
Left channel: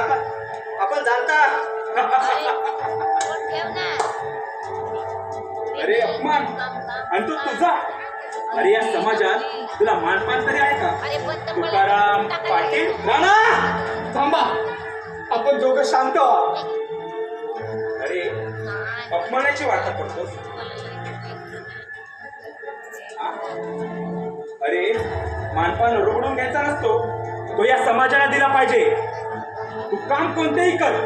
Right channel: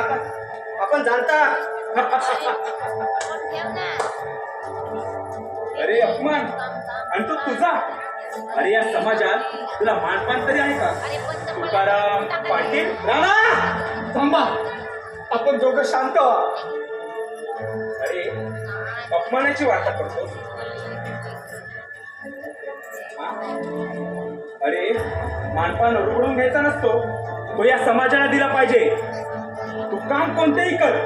आपण जाणता. अरे अपमान आणि तू तुझा. अरे या समाजात तुला मानपान तरी आहे का? तुकाराम पाटील राणा थांबा, आपण दोघं शांत व्हा. अरे अपमानाची वार्ता करतोस. हा? अरे मानपान रुगडून घ्यायचा नसतो, तो या समाजाला दिला पाहिजे. तू काम कोणतेही कर,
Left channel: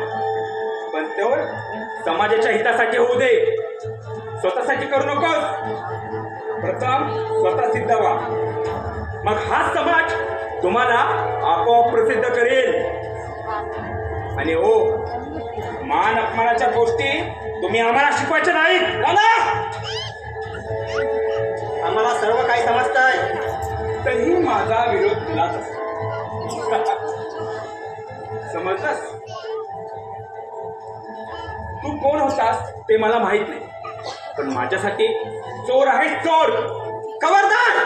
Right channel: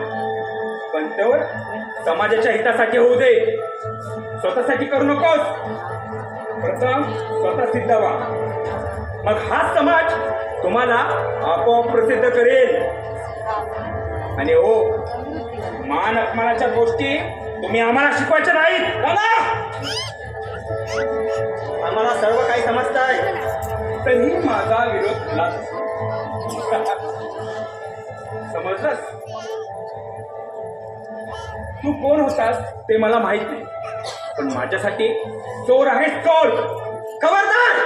पण तेवढ समाजाच्या हितासाठी होऊ दे. स्वतःसाठी करू नकोस. प्रथम स्वतः सिद्ध व्हा, मग हा समाज तुम्हाला आपोआप प्रसिद्ध करेल. आणि हो, मान अपमानाच्या गोष्टी तुम्ही आम्हाला शिकवायच्या नाहीत. आम्हाला सर्व काही समजताय. तरीही माझा विरोध तुलाच असतो. समजलंस? तू कोण होतास ते मला माहित नाही, पण माझ्यासाठी चोर आहेस चोर. खबरदार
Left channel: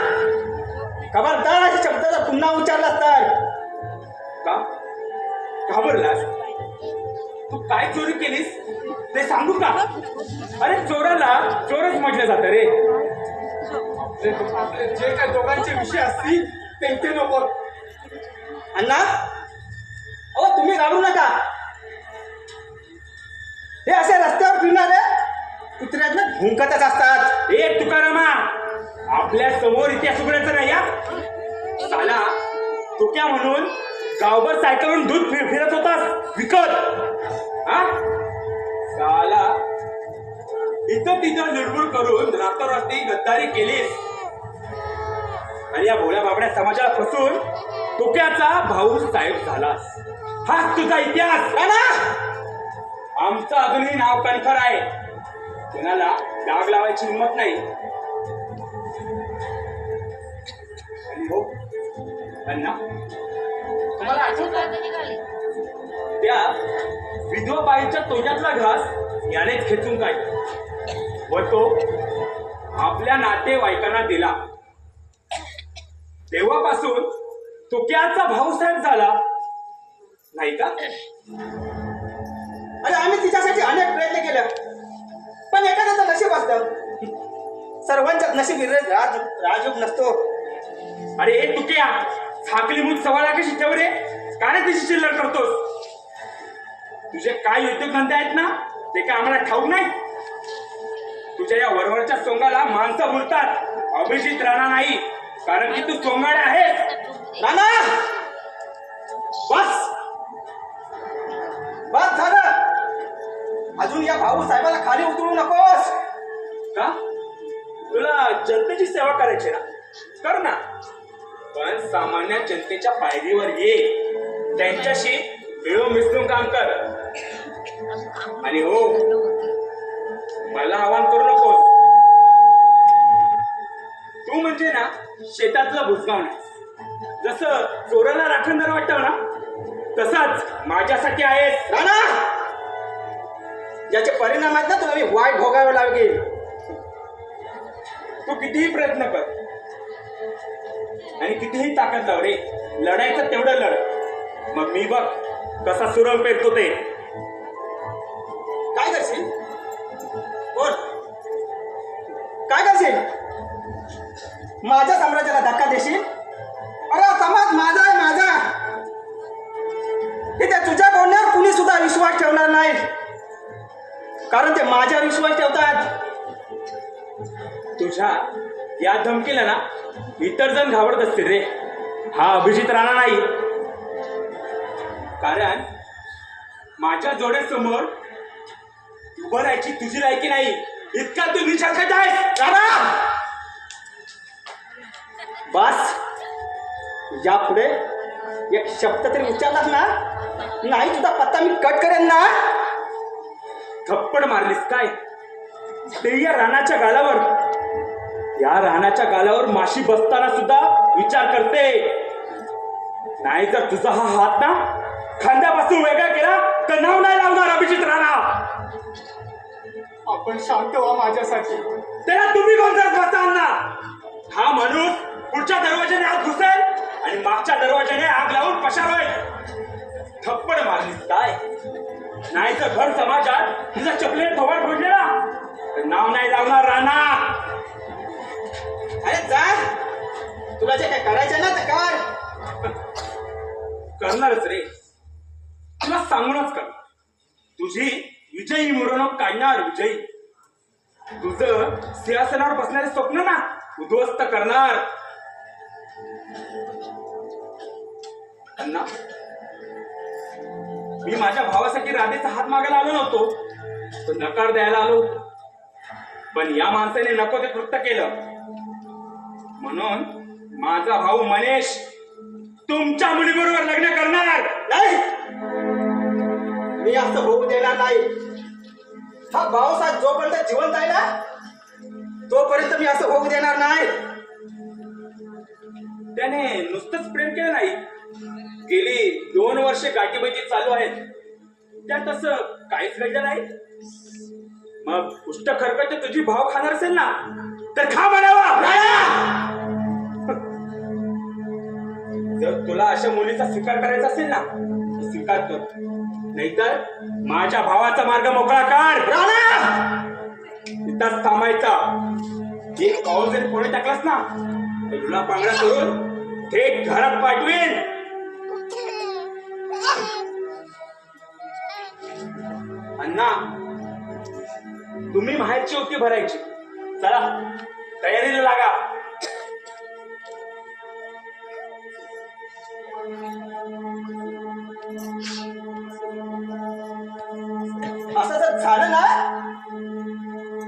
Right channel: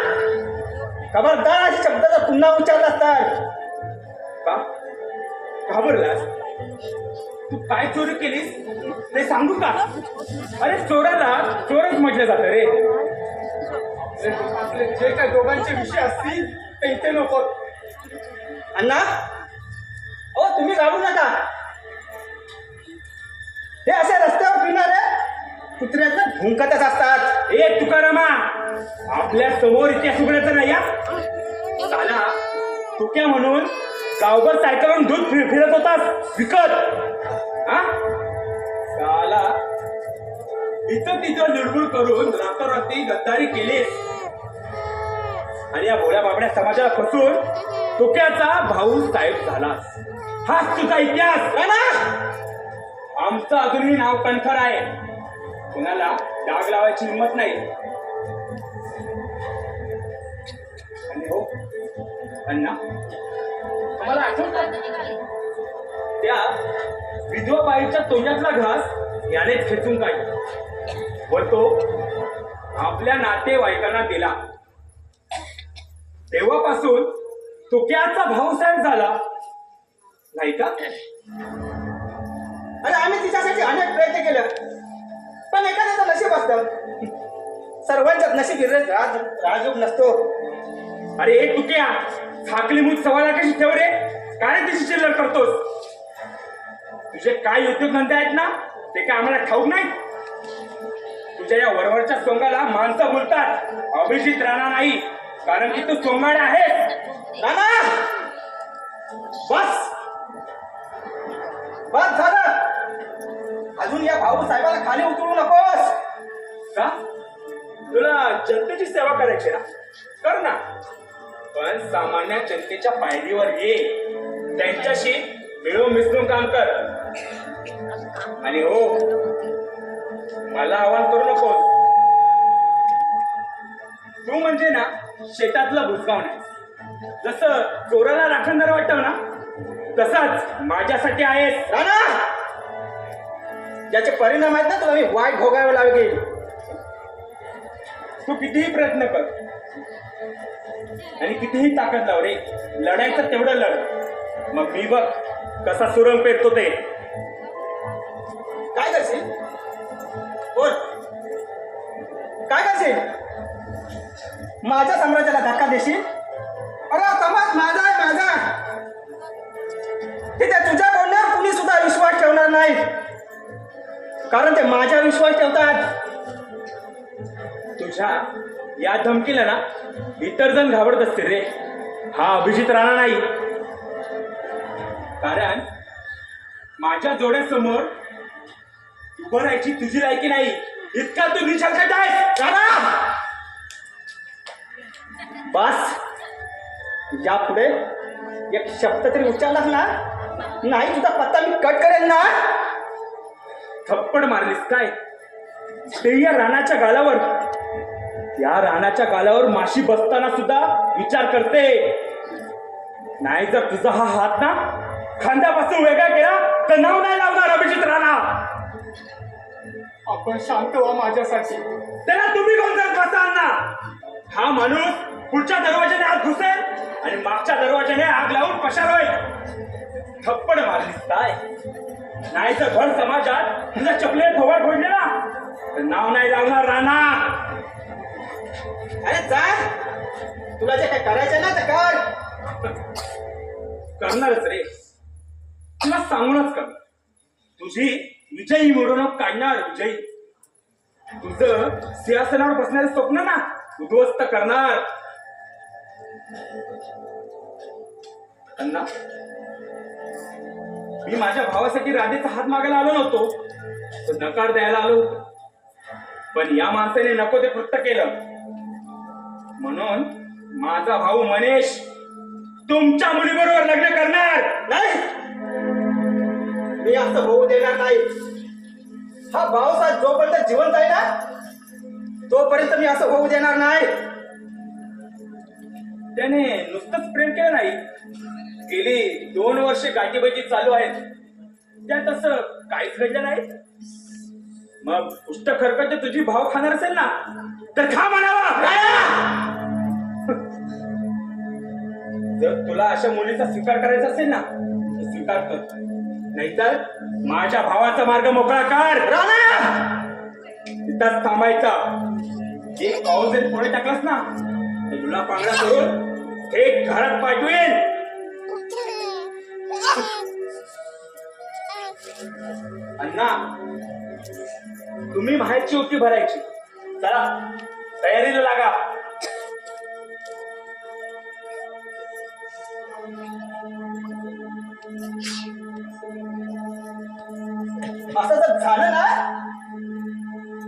खबरदार अशा शब्दाचा पुन्हा उच्चारलास तर का घाबरलास? तू काय चोरी केलीस ते सांगू का? अरे चोराला चोरच म्हटलं जातं रे. आपले जे काही दोघांचे विषय असतील ते इथे नको. अण्णा, ओ तुम्ही घाबरू नका. हे असे रस्त्यावर फिरणारे कुत्र्यातले भुंकतच असतात. ए तुकारामा, आपल्या समोर इतिहास उघडायचा नाही या. साला तुक्या म्हणून गावभर सायकलून दूध फिरत होतास विकत. हा साला इथं तिथं लुडबुड करून रातोरात्री गद्दारी केलीस आणि या भोळ्या बाबड्या समाजाला फसून तुक्याचा भाऊ साहेब झालास. हाच तुझा इतिहास. आमचं अजूनही नाव कणखर आहे. कोणाला डाग लावायची हिंमत नाही. आणि हो अण्णा, तुम्हाला आठवतं त्या विधवा बाईच्या तोंडातला घास याने खेचून काढला व तो आपल्या नातेवाईकांना दिला. तेव्हापासून तुक्याचा भाऊसाहेब झाला नाही का? आणि आम्ही तिच्यासाठी अनेक प्रयत्न केले, पण एखाद्याचं नशीब असतं. सर्वांच्याच नशीब राजयोग नसतो. अरे ए तुक्या, झाकली मूठ सवाला कशी ठेव रे. काय तिची चिल्लर करतोस? तुझे काय उद्योगधंदे आहेत ना ते काय आम्हाला ठाऊक नाही. तुझ्या या वरवरच्या सोंगाला माणसं बोलतात. अभिजित राणा नाही, कारण की तू सोंगाळे आहेस. नाना बस बस झालं. अजून या भाऊ साहेबाला खाली उतरू नकोस. का? तुला जनतेची सेवा करायची ना, कर ना, पण सामान्य जनतेच्या पायरीवर ये. त्यांच्याशी मिळून मिसळून काम कर. आणि हो, मला आव्हान करू नकोस. तू म्हणजे ना शेतातला बुजगावणे. जसं चोराला राखणदार वाटतं ना, तसाच माझ्यासाठी आहेस. राणा, याचे परिणाम आहेत ना तुला मी वाईट भोगावे लागेल. तू कितीही प्रयत्न कर आणि कितीही ताकद लाव रे. लढायचं तेवढं लढ. मग मी बघ कसा सुरंग पेरतो ते. काय करशील? बोल, काय करशील? माझ्या साम्राज्याला धक्का देशील? अरे समाज माझा आहे, माझा. तिथे तुझ्या बोलण्यावर कुणी सुद्धा विश्वास ठेवणार नाही, कारण ते माझ्या विश्वास ठेवतात. तुझ्या या धमकीला ना इतर जण घाबरत असतील रे. हा अभिजित राणा नाही. कारण माझ्या जोड्यासमोर उभं राहायची तुझी लायकी नाही. इतका तू विचार करत आहेस राणा. बस यापुढे एक शब्द तरी उच्चारलास ना, नाही तुझा पत्ता मी कट करेन ना. थप्पड मारलीस काय ते या रानाच्या गालावर. त्या रानाच्या गालावर माशी बसताना सुद्धा विचार करते. नाही जर तुझा हा हात ना खांद्यापासून वेगळा केला तर नाव नाही लावणार अभिजित राणा. आपण शांत व्हा माझ्यासाठी. त्याला तुम्ही कोणत्या बसा ना. हा माणूस पुढच्या दरवाजाने आत घुसेल आणि मागच्या दरवाजाने आग लावून पसार होईल. थप्पड मारलीस काय. नाही तर घर समाजात तुझा चपले थोबाड फोडले ना तर नाव नाही लावणार राणा. अरे जा, तुला जे काय करायचं ना ते कर. करणारच रे. तुला सांगूनच कर. तुझी विजयी मिरवणूक काढणार. विजयी तुझं सिंहासनावर बसणारे स्वप्न ना उद्ध्वस्त करणार. अण्णा, मी माझ्या भावासाठी राधेचा हात मागायला आलो नव्हतो, तर नकार द्यायला आलो. पण या माणसाने नको ते कृत्य केलं. म्हणून माझा भाऊ मनेश तुमच्या मुलीबरोबर लग्न करणार नाही, मी असं होऊ देणार नाही. हा भाऊसाहेब जोपर्यंत जिवंत आहे ना तोपर्यंत मी असं होऊ देणार नाही. त्याने नुसतंच प्रेम केलं नाही, गेली 2 वर्षे गाठीबाजी चालू आहेत. त्यात असं काहीच घडलं नाही. मग पुष्ट खरकट तुझी भाव खाणार असेल ना तर खा म्हणावा. जर तुला अशा मुलीचा स्वीकार करायचा असेल ना तर स्वीकार कर. नाहीतर माझ्या भावाचा मार्ग मोकळा कर. इथंच थांबायचा. एक पाऊल जरी पुढे टाकलंस ना तर तुला पांगडा करून थेट घरात पाठवेल. अण्णा, तुम्ही बाहेरची ओटी भरायची. चला तयारीला लागा. असं जर झालं ना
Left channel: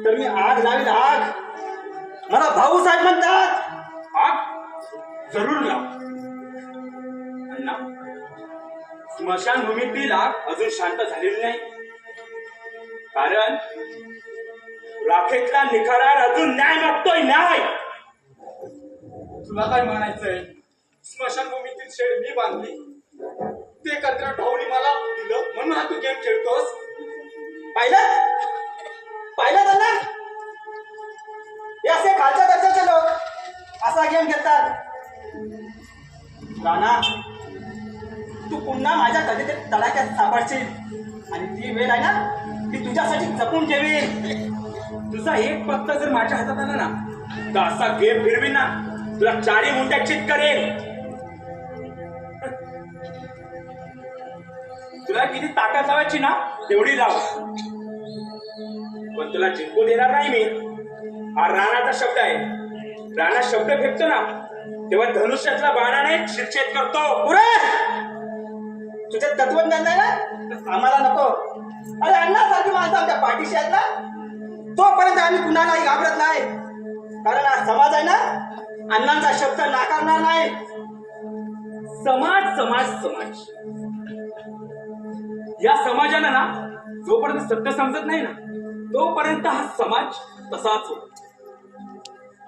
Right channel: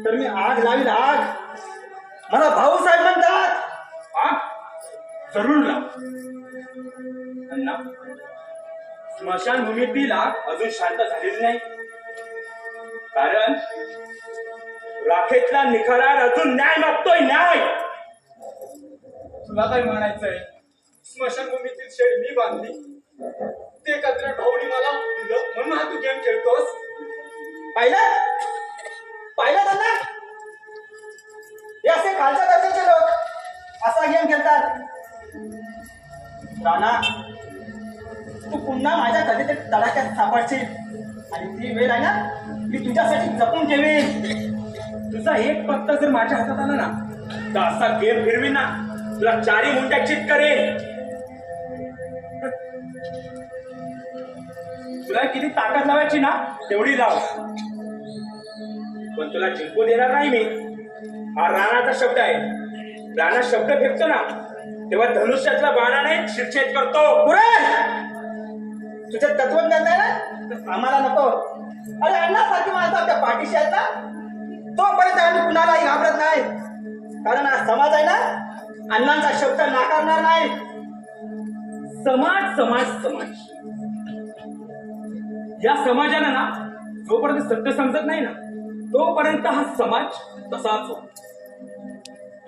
तर मी आग लावील. आग. मला भाऊसाहेब म्हणतात. जरूर ना अण्णा. स्मशानभूमीतील आग अजून शांत झालेली नाही. कारण राखेतला निखरार अजून न्याय मागतोय. न्याय. तुला काय म्हणायचंय. स्मशानभूमीतील शेड मी बांधली, ते कचरा ढावणी मला दिलं म्हणून हा तू गेम खेळतोस. पाहिलं पाहिलं त्यांना. हे असे खालच्या दर्जाचे लोक असा गेम खेळतात. राणा, तू पुन्हा माझ्या कधीतरी तडाख्यात सापडशील आणि ती वेळ आहे ना ती तुझ्यासाठी जपून ठेवेल. तुझा एक पत्ता जर माझ्या हातात आला ना तर असा गेम फिरवीन ना तुला 4 मुंट्या चित करेन. तुला किती ताकद लावायची ना तेवढी लाव. पण तुला जिंकू देणार नाही मी. हा राणाचा शब्द आहे. राणा शब्द फेकतो ना तेव्हा धनुष्यातल्या बाणाने शिरछेद करतो. तुझे तत्वज्ञान नाही ना आम्हाला नको. अरे अण्णासारखी माणसं आमच्या पाठीशी आहेत ना तोपर्यंत आम्ही कुणालाही घाबरत नाही. कारण हा समाज आहे ना अण्णांचा शब्द नाकारणार नाही. समाज समाज समाज. या समाजाला ना जोपर्यंत सत्य समजत नाही ना तोपर्यंत हा समाज तसाच होतो.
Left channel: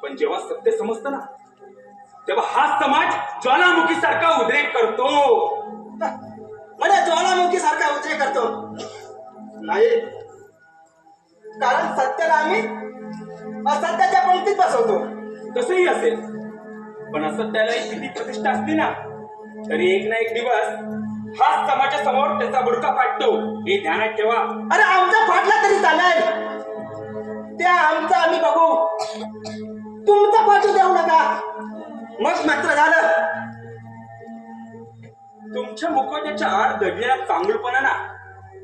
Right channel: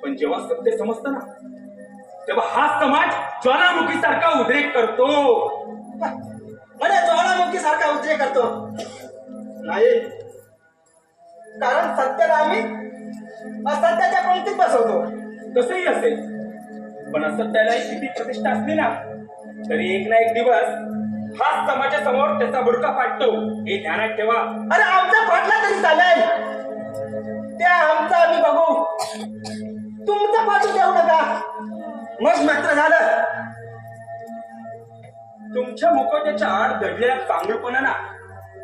पण जेव्हा सत्य समजतं ना तेव्हा हा समाज ज्वालामुखी सारखा उद्रेक करतो. म्हणजे ज्वालामुखी सारखा उद्रेक करतो नाही. कारण सत्याला आम्ही असत्याच्या पंक्तीत बसवतो. तसंही असेल पण असत्याला किती प्रतिष्ठा असली ना तरी एक ना एक दिवस हा समाजासमोर त्याचा बुडका फाटतो. हे ध्यानात ठेवा. अरे आमचा फाटला तरी चालेल. त्या आमचा आम्ही बघू. तुमचा फाटू देऊ नका. मग मात्र झालं. तुमच्या मुखवट्याच्या आड दडलेल्या चांगुलपणा ना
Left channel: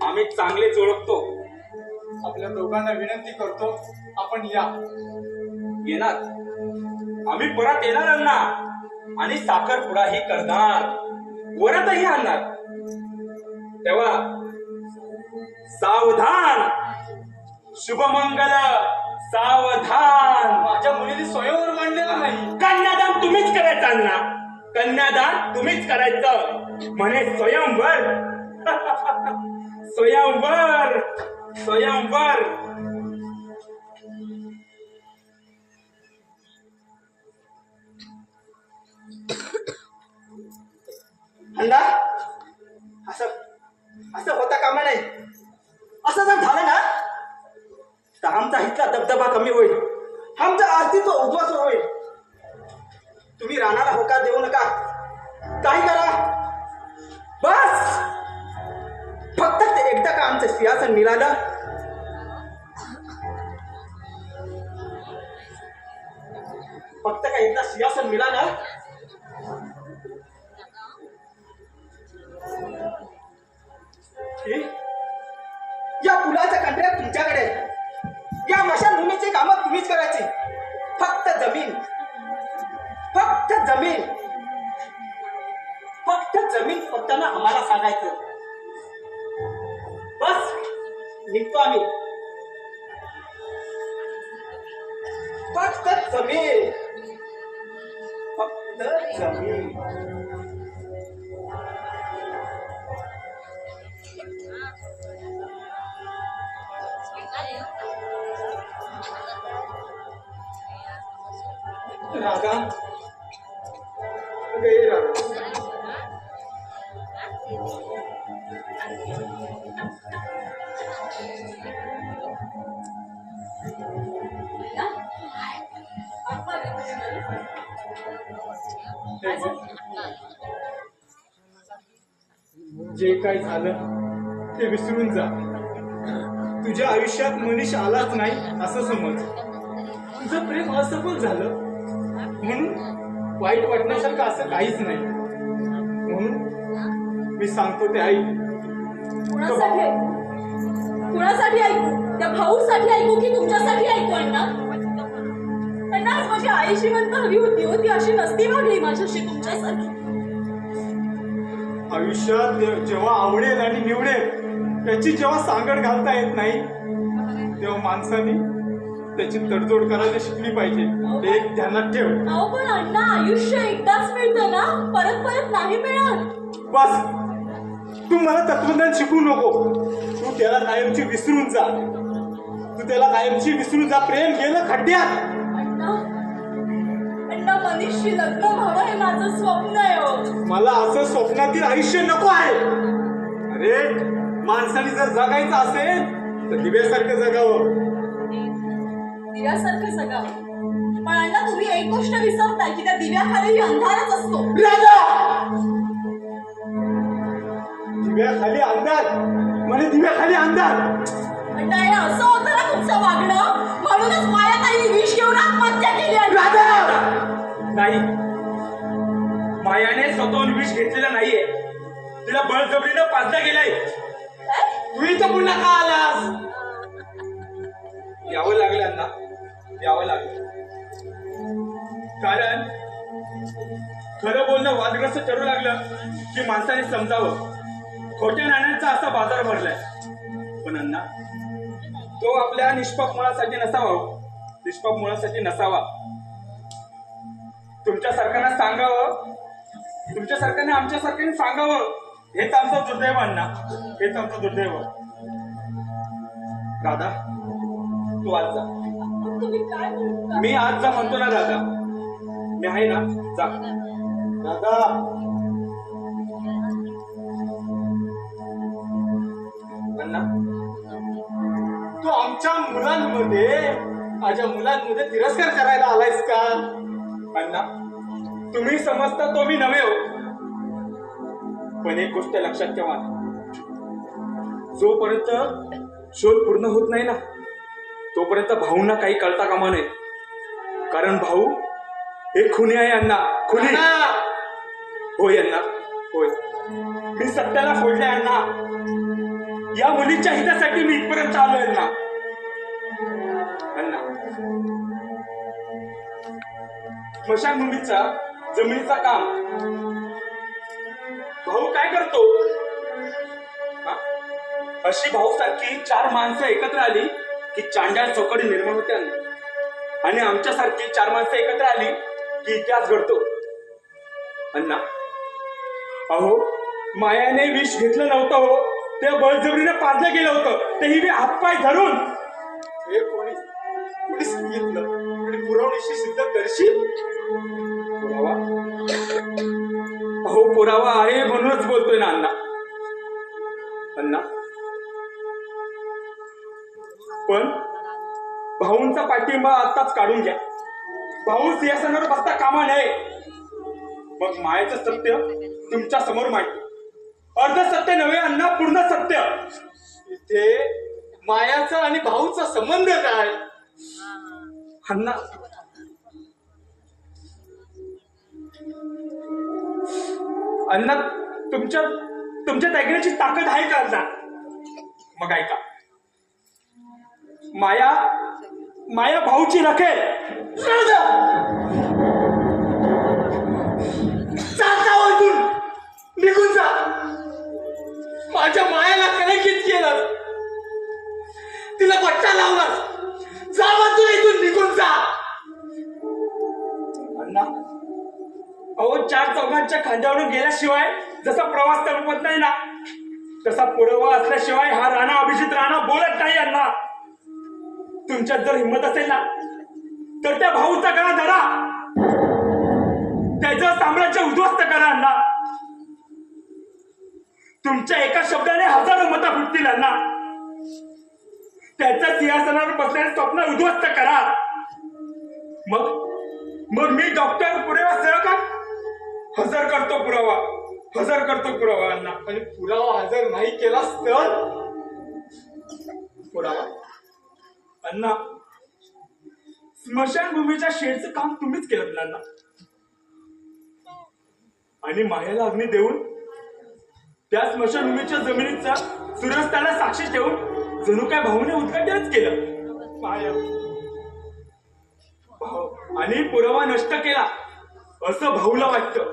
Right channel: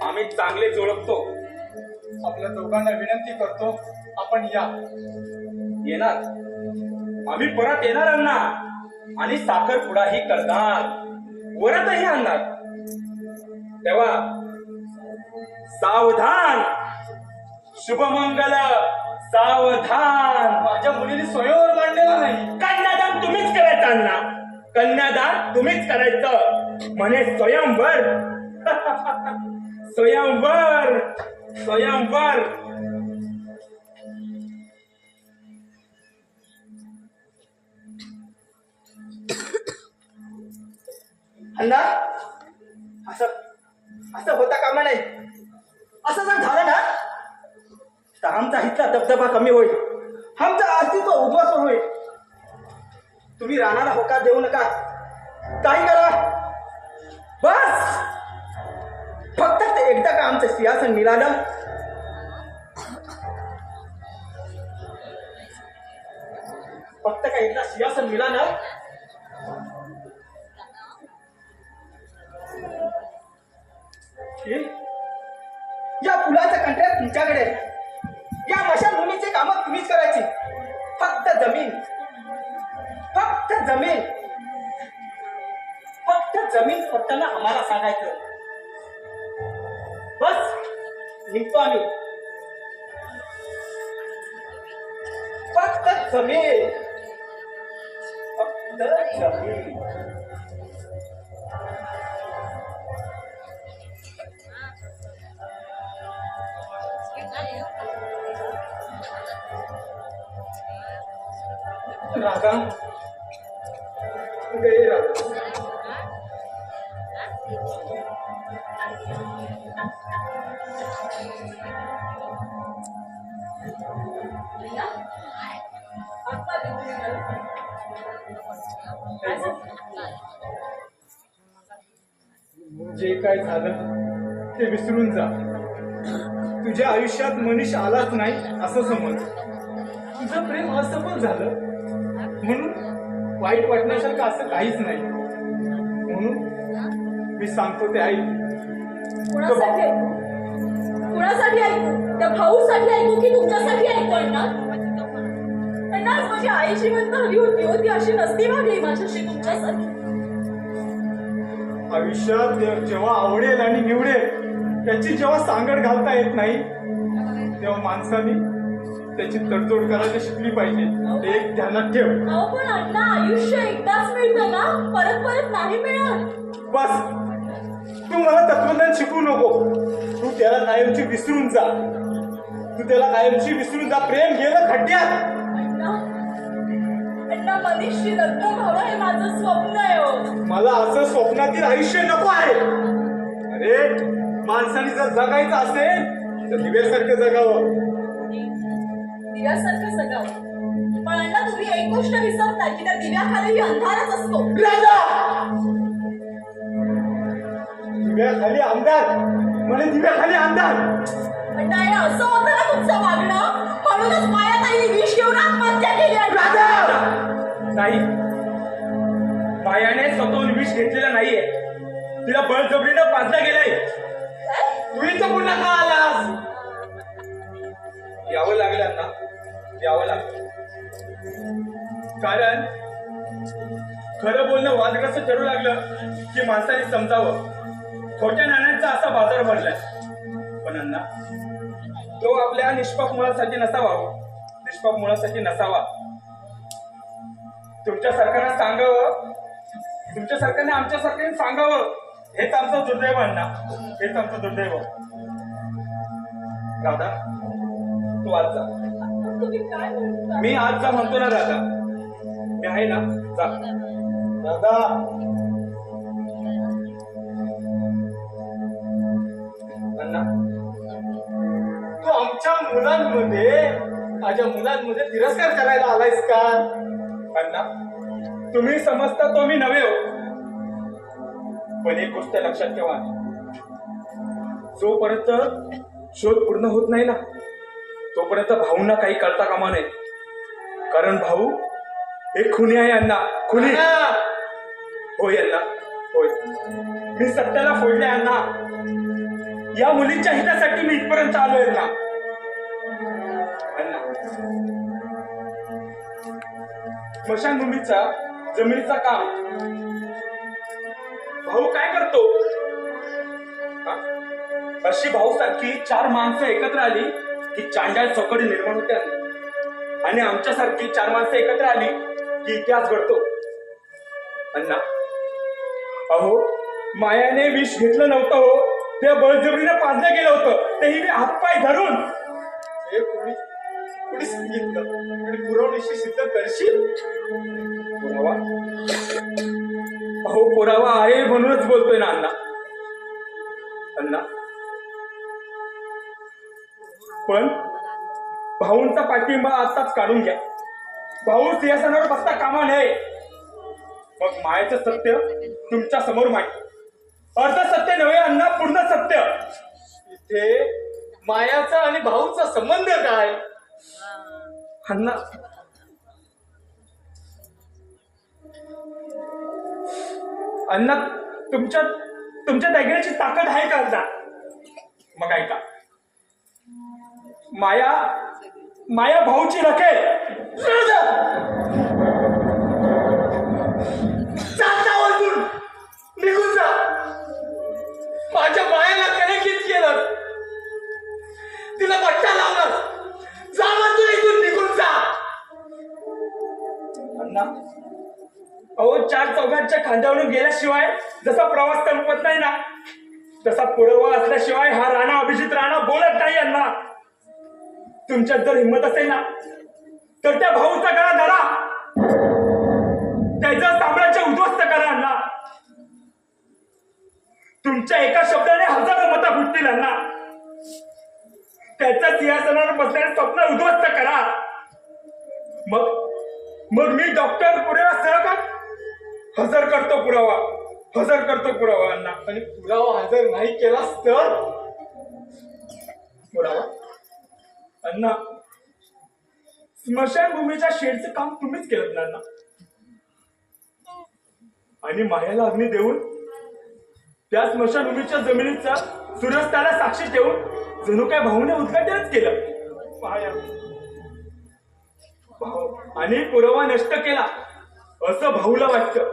आम्ही चांगलेच ओळखतो. आपल्या दोघांना विनंती करतो आपण या. येणार. आम्ही परत येणार अण्णा आणि साखरपुडाही करणार, वरातही आणणार. तेव्हा सावधान, शुभमंगल, सावधान. माझ्या मुलीने स्वयंवर मांडलेलं नाही. कन्यादान तुम्हीच करायचं अण्णा, कन्यादान तुम्हीच करायचं. म्हणे स्वयंवर. स्वयंवर, स्वयंवर. अण्णा असं असं होता कामा नाही. असं जर झालं ना तर आमचा इथला दबदबा कमी होईल, आमचा अस्तित्व उद्ध्वस्त होईल. तुम्ही राणाला होकार देऊ नका, काही करा, बस फक्त ते एकदा का आमचं सिंहासन मिळालं, फक्त का एकदा सिंहासन मिळालं या पुलाचं कंत्राट तुमच्याकडे, या मशानभूमीची कामं तुम्हीच करायची. फक्त जमीन, फक्त जमीन, फक्त जमीन फक्त ना आम्हाला सांगायचं. बस निघतो आम्ही. फक्त जमीन, फक्त जमीन. राधा गए. राधा जे काय झालं ते विसरून जा. तुझ्या आयुष्यात मनीष आलाच नाही असं समज. तुझं प्रेम असं पण झालं म्हणून वाईट वाटण्यासारखं असं काहीच नाही. म्हणून मी सांगतो ते ऐक. कुणासाठी कुणासाठी ऐकू? त्या भाऊसाठी ऐकू की तुमच्यासाठी ऐकू? अण्णा अण्णा आज माझी आई जिवंत हवी होती हो, ती अशी नसती वागली माझ्याशी तुमच्यासाठी. आयुष्यात जेव्हा आवडेल आणि निवडेल त्याची जेव्हा सांगड घालता येत नाही तेव्हा माणसाने त्याची तडजोड करायला शिकली पाहिजे. ते एक ध्यानात ठेव. अहो पण अण्णा आयुष्य एकदाच मिळतं ना, परत परत नाही मिळत. बस तू मला तत्वज्ञान शिकवू नको. तू त्याला कायमची विसरून जा. तू त्याला कायमची विसरून जा. प्रेम गेलं खड्ड्यात. अण्णा अण्णा मनीषशी लग्न व्हावं हे माझं स्वप्न आहे हो. मला असं स्वप्नातील आयुष्य नको आहे. अरे माणसाने जर जगायचं असेल तर दिव्यासारखं जगावं. दिव्यासारखं जगावं. पण अण्णा तुम्ही एक गोष्ट विसरता की त्या दिव्याखालीही अंधारच असतो. दिव्याखाली अंधार म्हणजे दिव्याखाली अंधार. अण्णा हे असं होतं ना तुमचं वागणं, म्हणूनच मायाताईने विष घेऊन आत्महत्या केली. नाही, मायाने स्वतःहून विष घेतलेलं नाहीये. तिला बळजबरीनं पाजलं गेलंय. तू इथं पुन्हा का आलास? यावं लागलं ना, यावं लागलं. कारण खरं बोलणं वादग्रस्त ठरू लागलं की माणसाने समजावं. खोट्या नाण्यांचा असा बाजार भरलाय. पण अण्णा तो आपल्या निष्पाप मुळासाठी नसावा. निष्पाप मुळासाठी नसावा. तुमच्या सरकारनं सांगावं, तुमच्या सरकारने आमच्या सरकारने सांगावं. हेच आमचं दुर्दैव अण्णा, हेच आमचं दुर्दैव. राधा तू आज जा. तुम्ही काय म्हणता? मी आज जा म्हणतो ना राधा. मी आहे ना, जा राधा. अण्णा तू आमच्या मुलांमध्ये, माझ्या मुलांमध्ये तिरस्कार करायला आलायस का? अण्णा तुम्ही समजता तो मी नव्हे हो. पण एक गोष्ट लक्षात ठेवा, जोपर्यंत शोध पूर्ण होत नाही ना तोपर्यंत भाऊंना काही कळता कामा नये. कारण भाऊ एक खुनी आहे अण्णा, खुनी. होय अण्णा, होय. मी सत्याला फोडले अण्णा. या मुलीच्या हितासाठी मी इथपर्यंत आलोय अण्णा. अण्णा स्मशानभूमीचा जमिनीचा काम भाऊ काय करतो? हा? अशी भाऊ सारखी 4 माणसं एकत्र आली की चांडाळ चौकडी निर्माण होते आणि आमच्यासारखी 4 माणसं एकत्र आली की इतिहास घडतो. अण्णा, अहो मायाने विष घेतलं नव्हतं हो, त्या बळजबरीने पाजलं गेलं होतं, तेही मी हातपाय धरून. हे कोणी सांगितलं आणि पुरवणीशी सिद्ध करशील? पुरावा? अहो पुरावा आहे म्हणूनच बोलतोय ना अण्णा. अण्णा, पण भाऊंचा पाठिंबा आताच काढून घ्या. भाऊ सिंहासनावर बसता कामा नये. मग मायाचं सत्य तुमच्या समोर मांडतो. अर्ध सत्य नव्हे अण्णा, पूर्ण सत्य. इथे मायाचा आणि भाऊचा संबंध काय? अण्णा, अण्णा तुमच्या दागिन्याची ताकद आहे का अण्णा? मग ऐका, माया भाऊची रखेल. निघून जा. माझ्या मायाला कलंकित केलं, तिला पट्टा लावलास. जा म्हणतो, इथून निघून जा. अण्णा, अहो 4 चौघांच्या खांद्यावरून गेल्याशिवाय जसा प्रवास संपत नाही ना, तसा पुरावा असल्याशिवाय हा राणा अभिजित राणा बोलत नाही. अण्णा, तुमच्यात जर हिंमत असेल ना तर त्या भाऊचा गळा धरा, त्याचं साम्राज्य उद्ध्वस्त करा. अण्णा, तुमच्या एका शब्दाने हजारो मतं फुटतील. अण्णा, त्याच्या सिंहासनावर बसल्याने स्वप्न उद्ध्वस्त करा. मग मी डॉक्टर पुरावा हजर करतो पुरावा. अण्णा, आणि पुरावा हजर नाही केलास तर पुरावा? अण्णा, स्मशानभूमीच्या शेडचं काम तुम्हीच केलं ना अण्णा, आणि मायाला अग्नी देऊन त्या स्मशानभूमीच्या जमिनीचा सूर्यास्ताला साक्षी ठेवून जणू काय भाऊने उद्घाटनच केलं. माया आणि पुरावा नष्ट केला असं भाऊला वाटतं,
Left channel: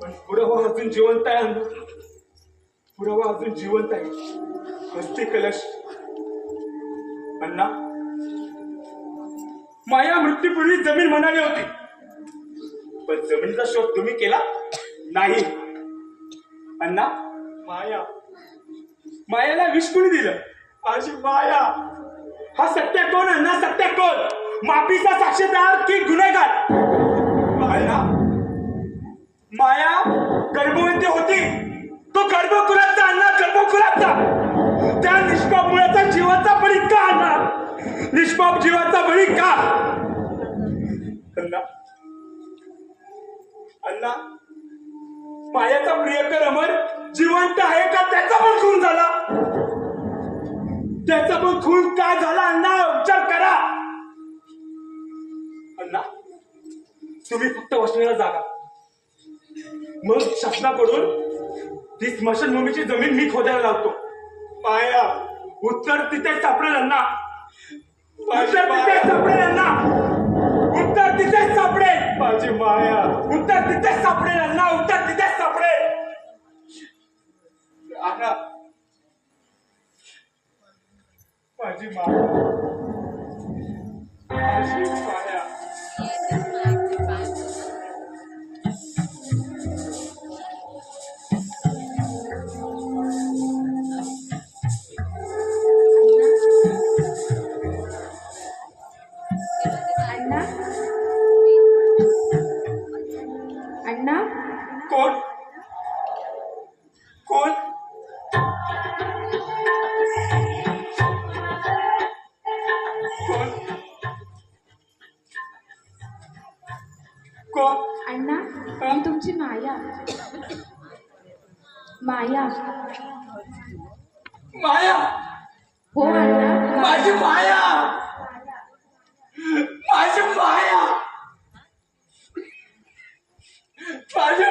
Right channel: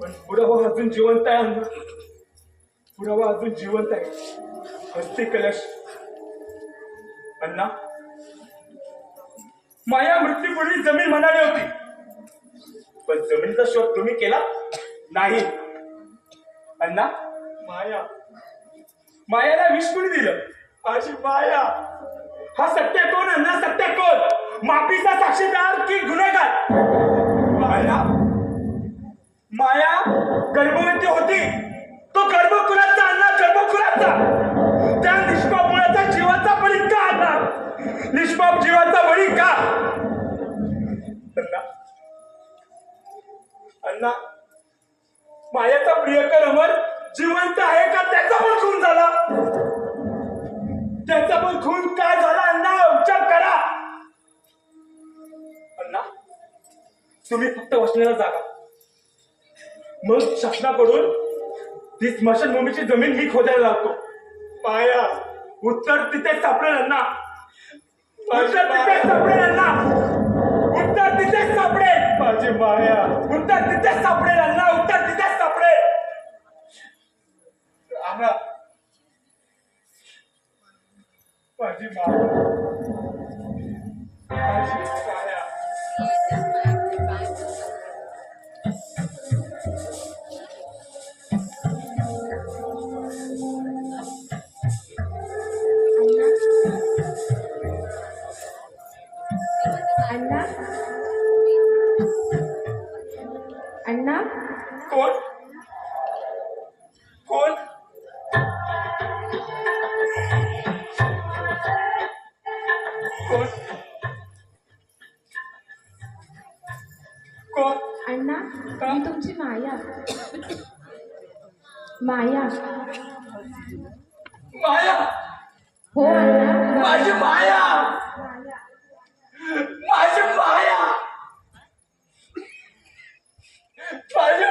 पण पुरावा अजून जिवंत आहे. पुरावा अजून जिवंत आहे. हस्ती कलश. अण्णा, माया मृत्यूपूर्वी जमीन म्हणाली होती, पण जमिनीचा शोध तुम्ही केला नाही. अण्णा, मायाला विष कोणी दिलं? माझी माया. हा सत्य कोण? अण्णा, सत्य कोण? माफीचा साक्षीदार की गुन्हेगार? अण्णा, माया गर्भवती होती, तो गर्भकुलाचा. अण्णा, गर्भकुलाचा. त्या निष्पाप मुलाचा जीवाचा बळी का? अण्णा, निष्पाप जीवाचा बळी का? अण्णा, मायाचा प्रियकर अमर जिवंत आहे का? त्याचा पण खून झाला. त्याचा पण खून का झाला? अण्णा, उपचार करा. अण्णा, तुम्ही फक्त वसण्याला जागा, मग शासनाकडून ती स्मशानभूमीची जमीन मी खोदायला लावतो. माया, उत्तर तिथेच सापडेल. अण्णा, उत्तर तिथेच सापडेल. अण्णा, उत्तर तिथेच सापडेल. माझी माया, उत्तर तिथेच सापडेल. अण्णा, उत्तर तिथेच सापडेल. अण्णा, माझी माया, माझी माया. अण्णा, कोण? कोण? कोण? अण्णा, मी तुमची माया. माया. माया. हो अण्णा, माझी माया. माझी माया. माझी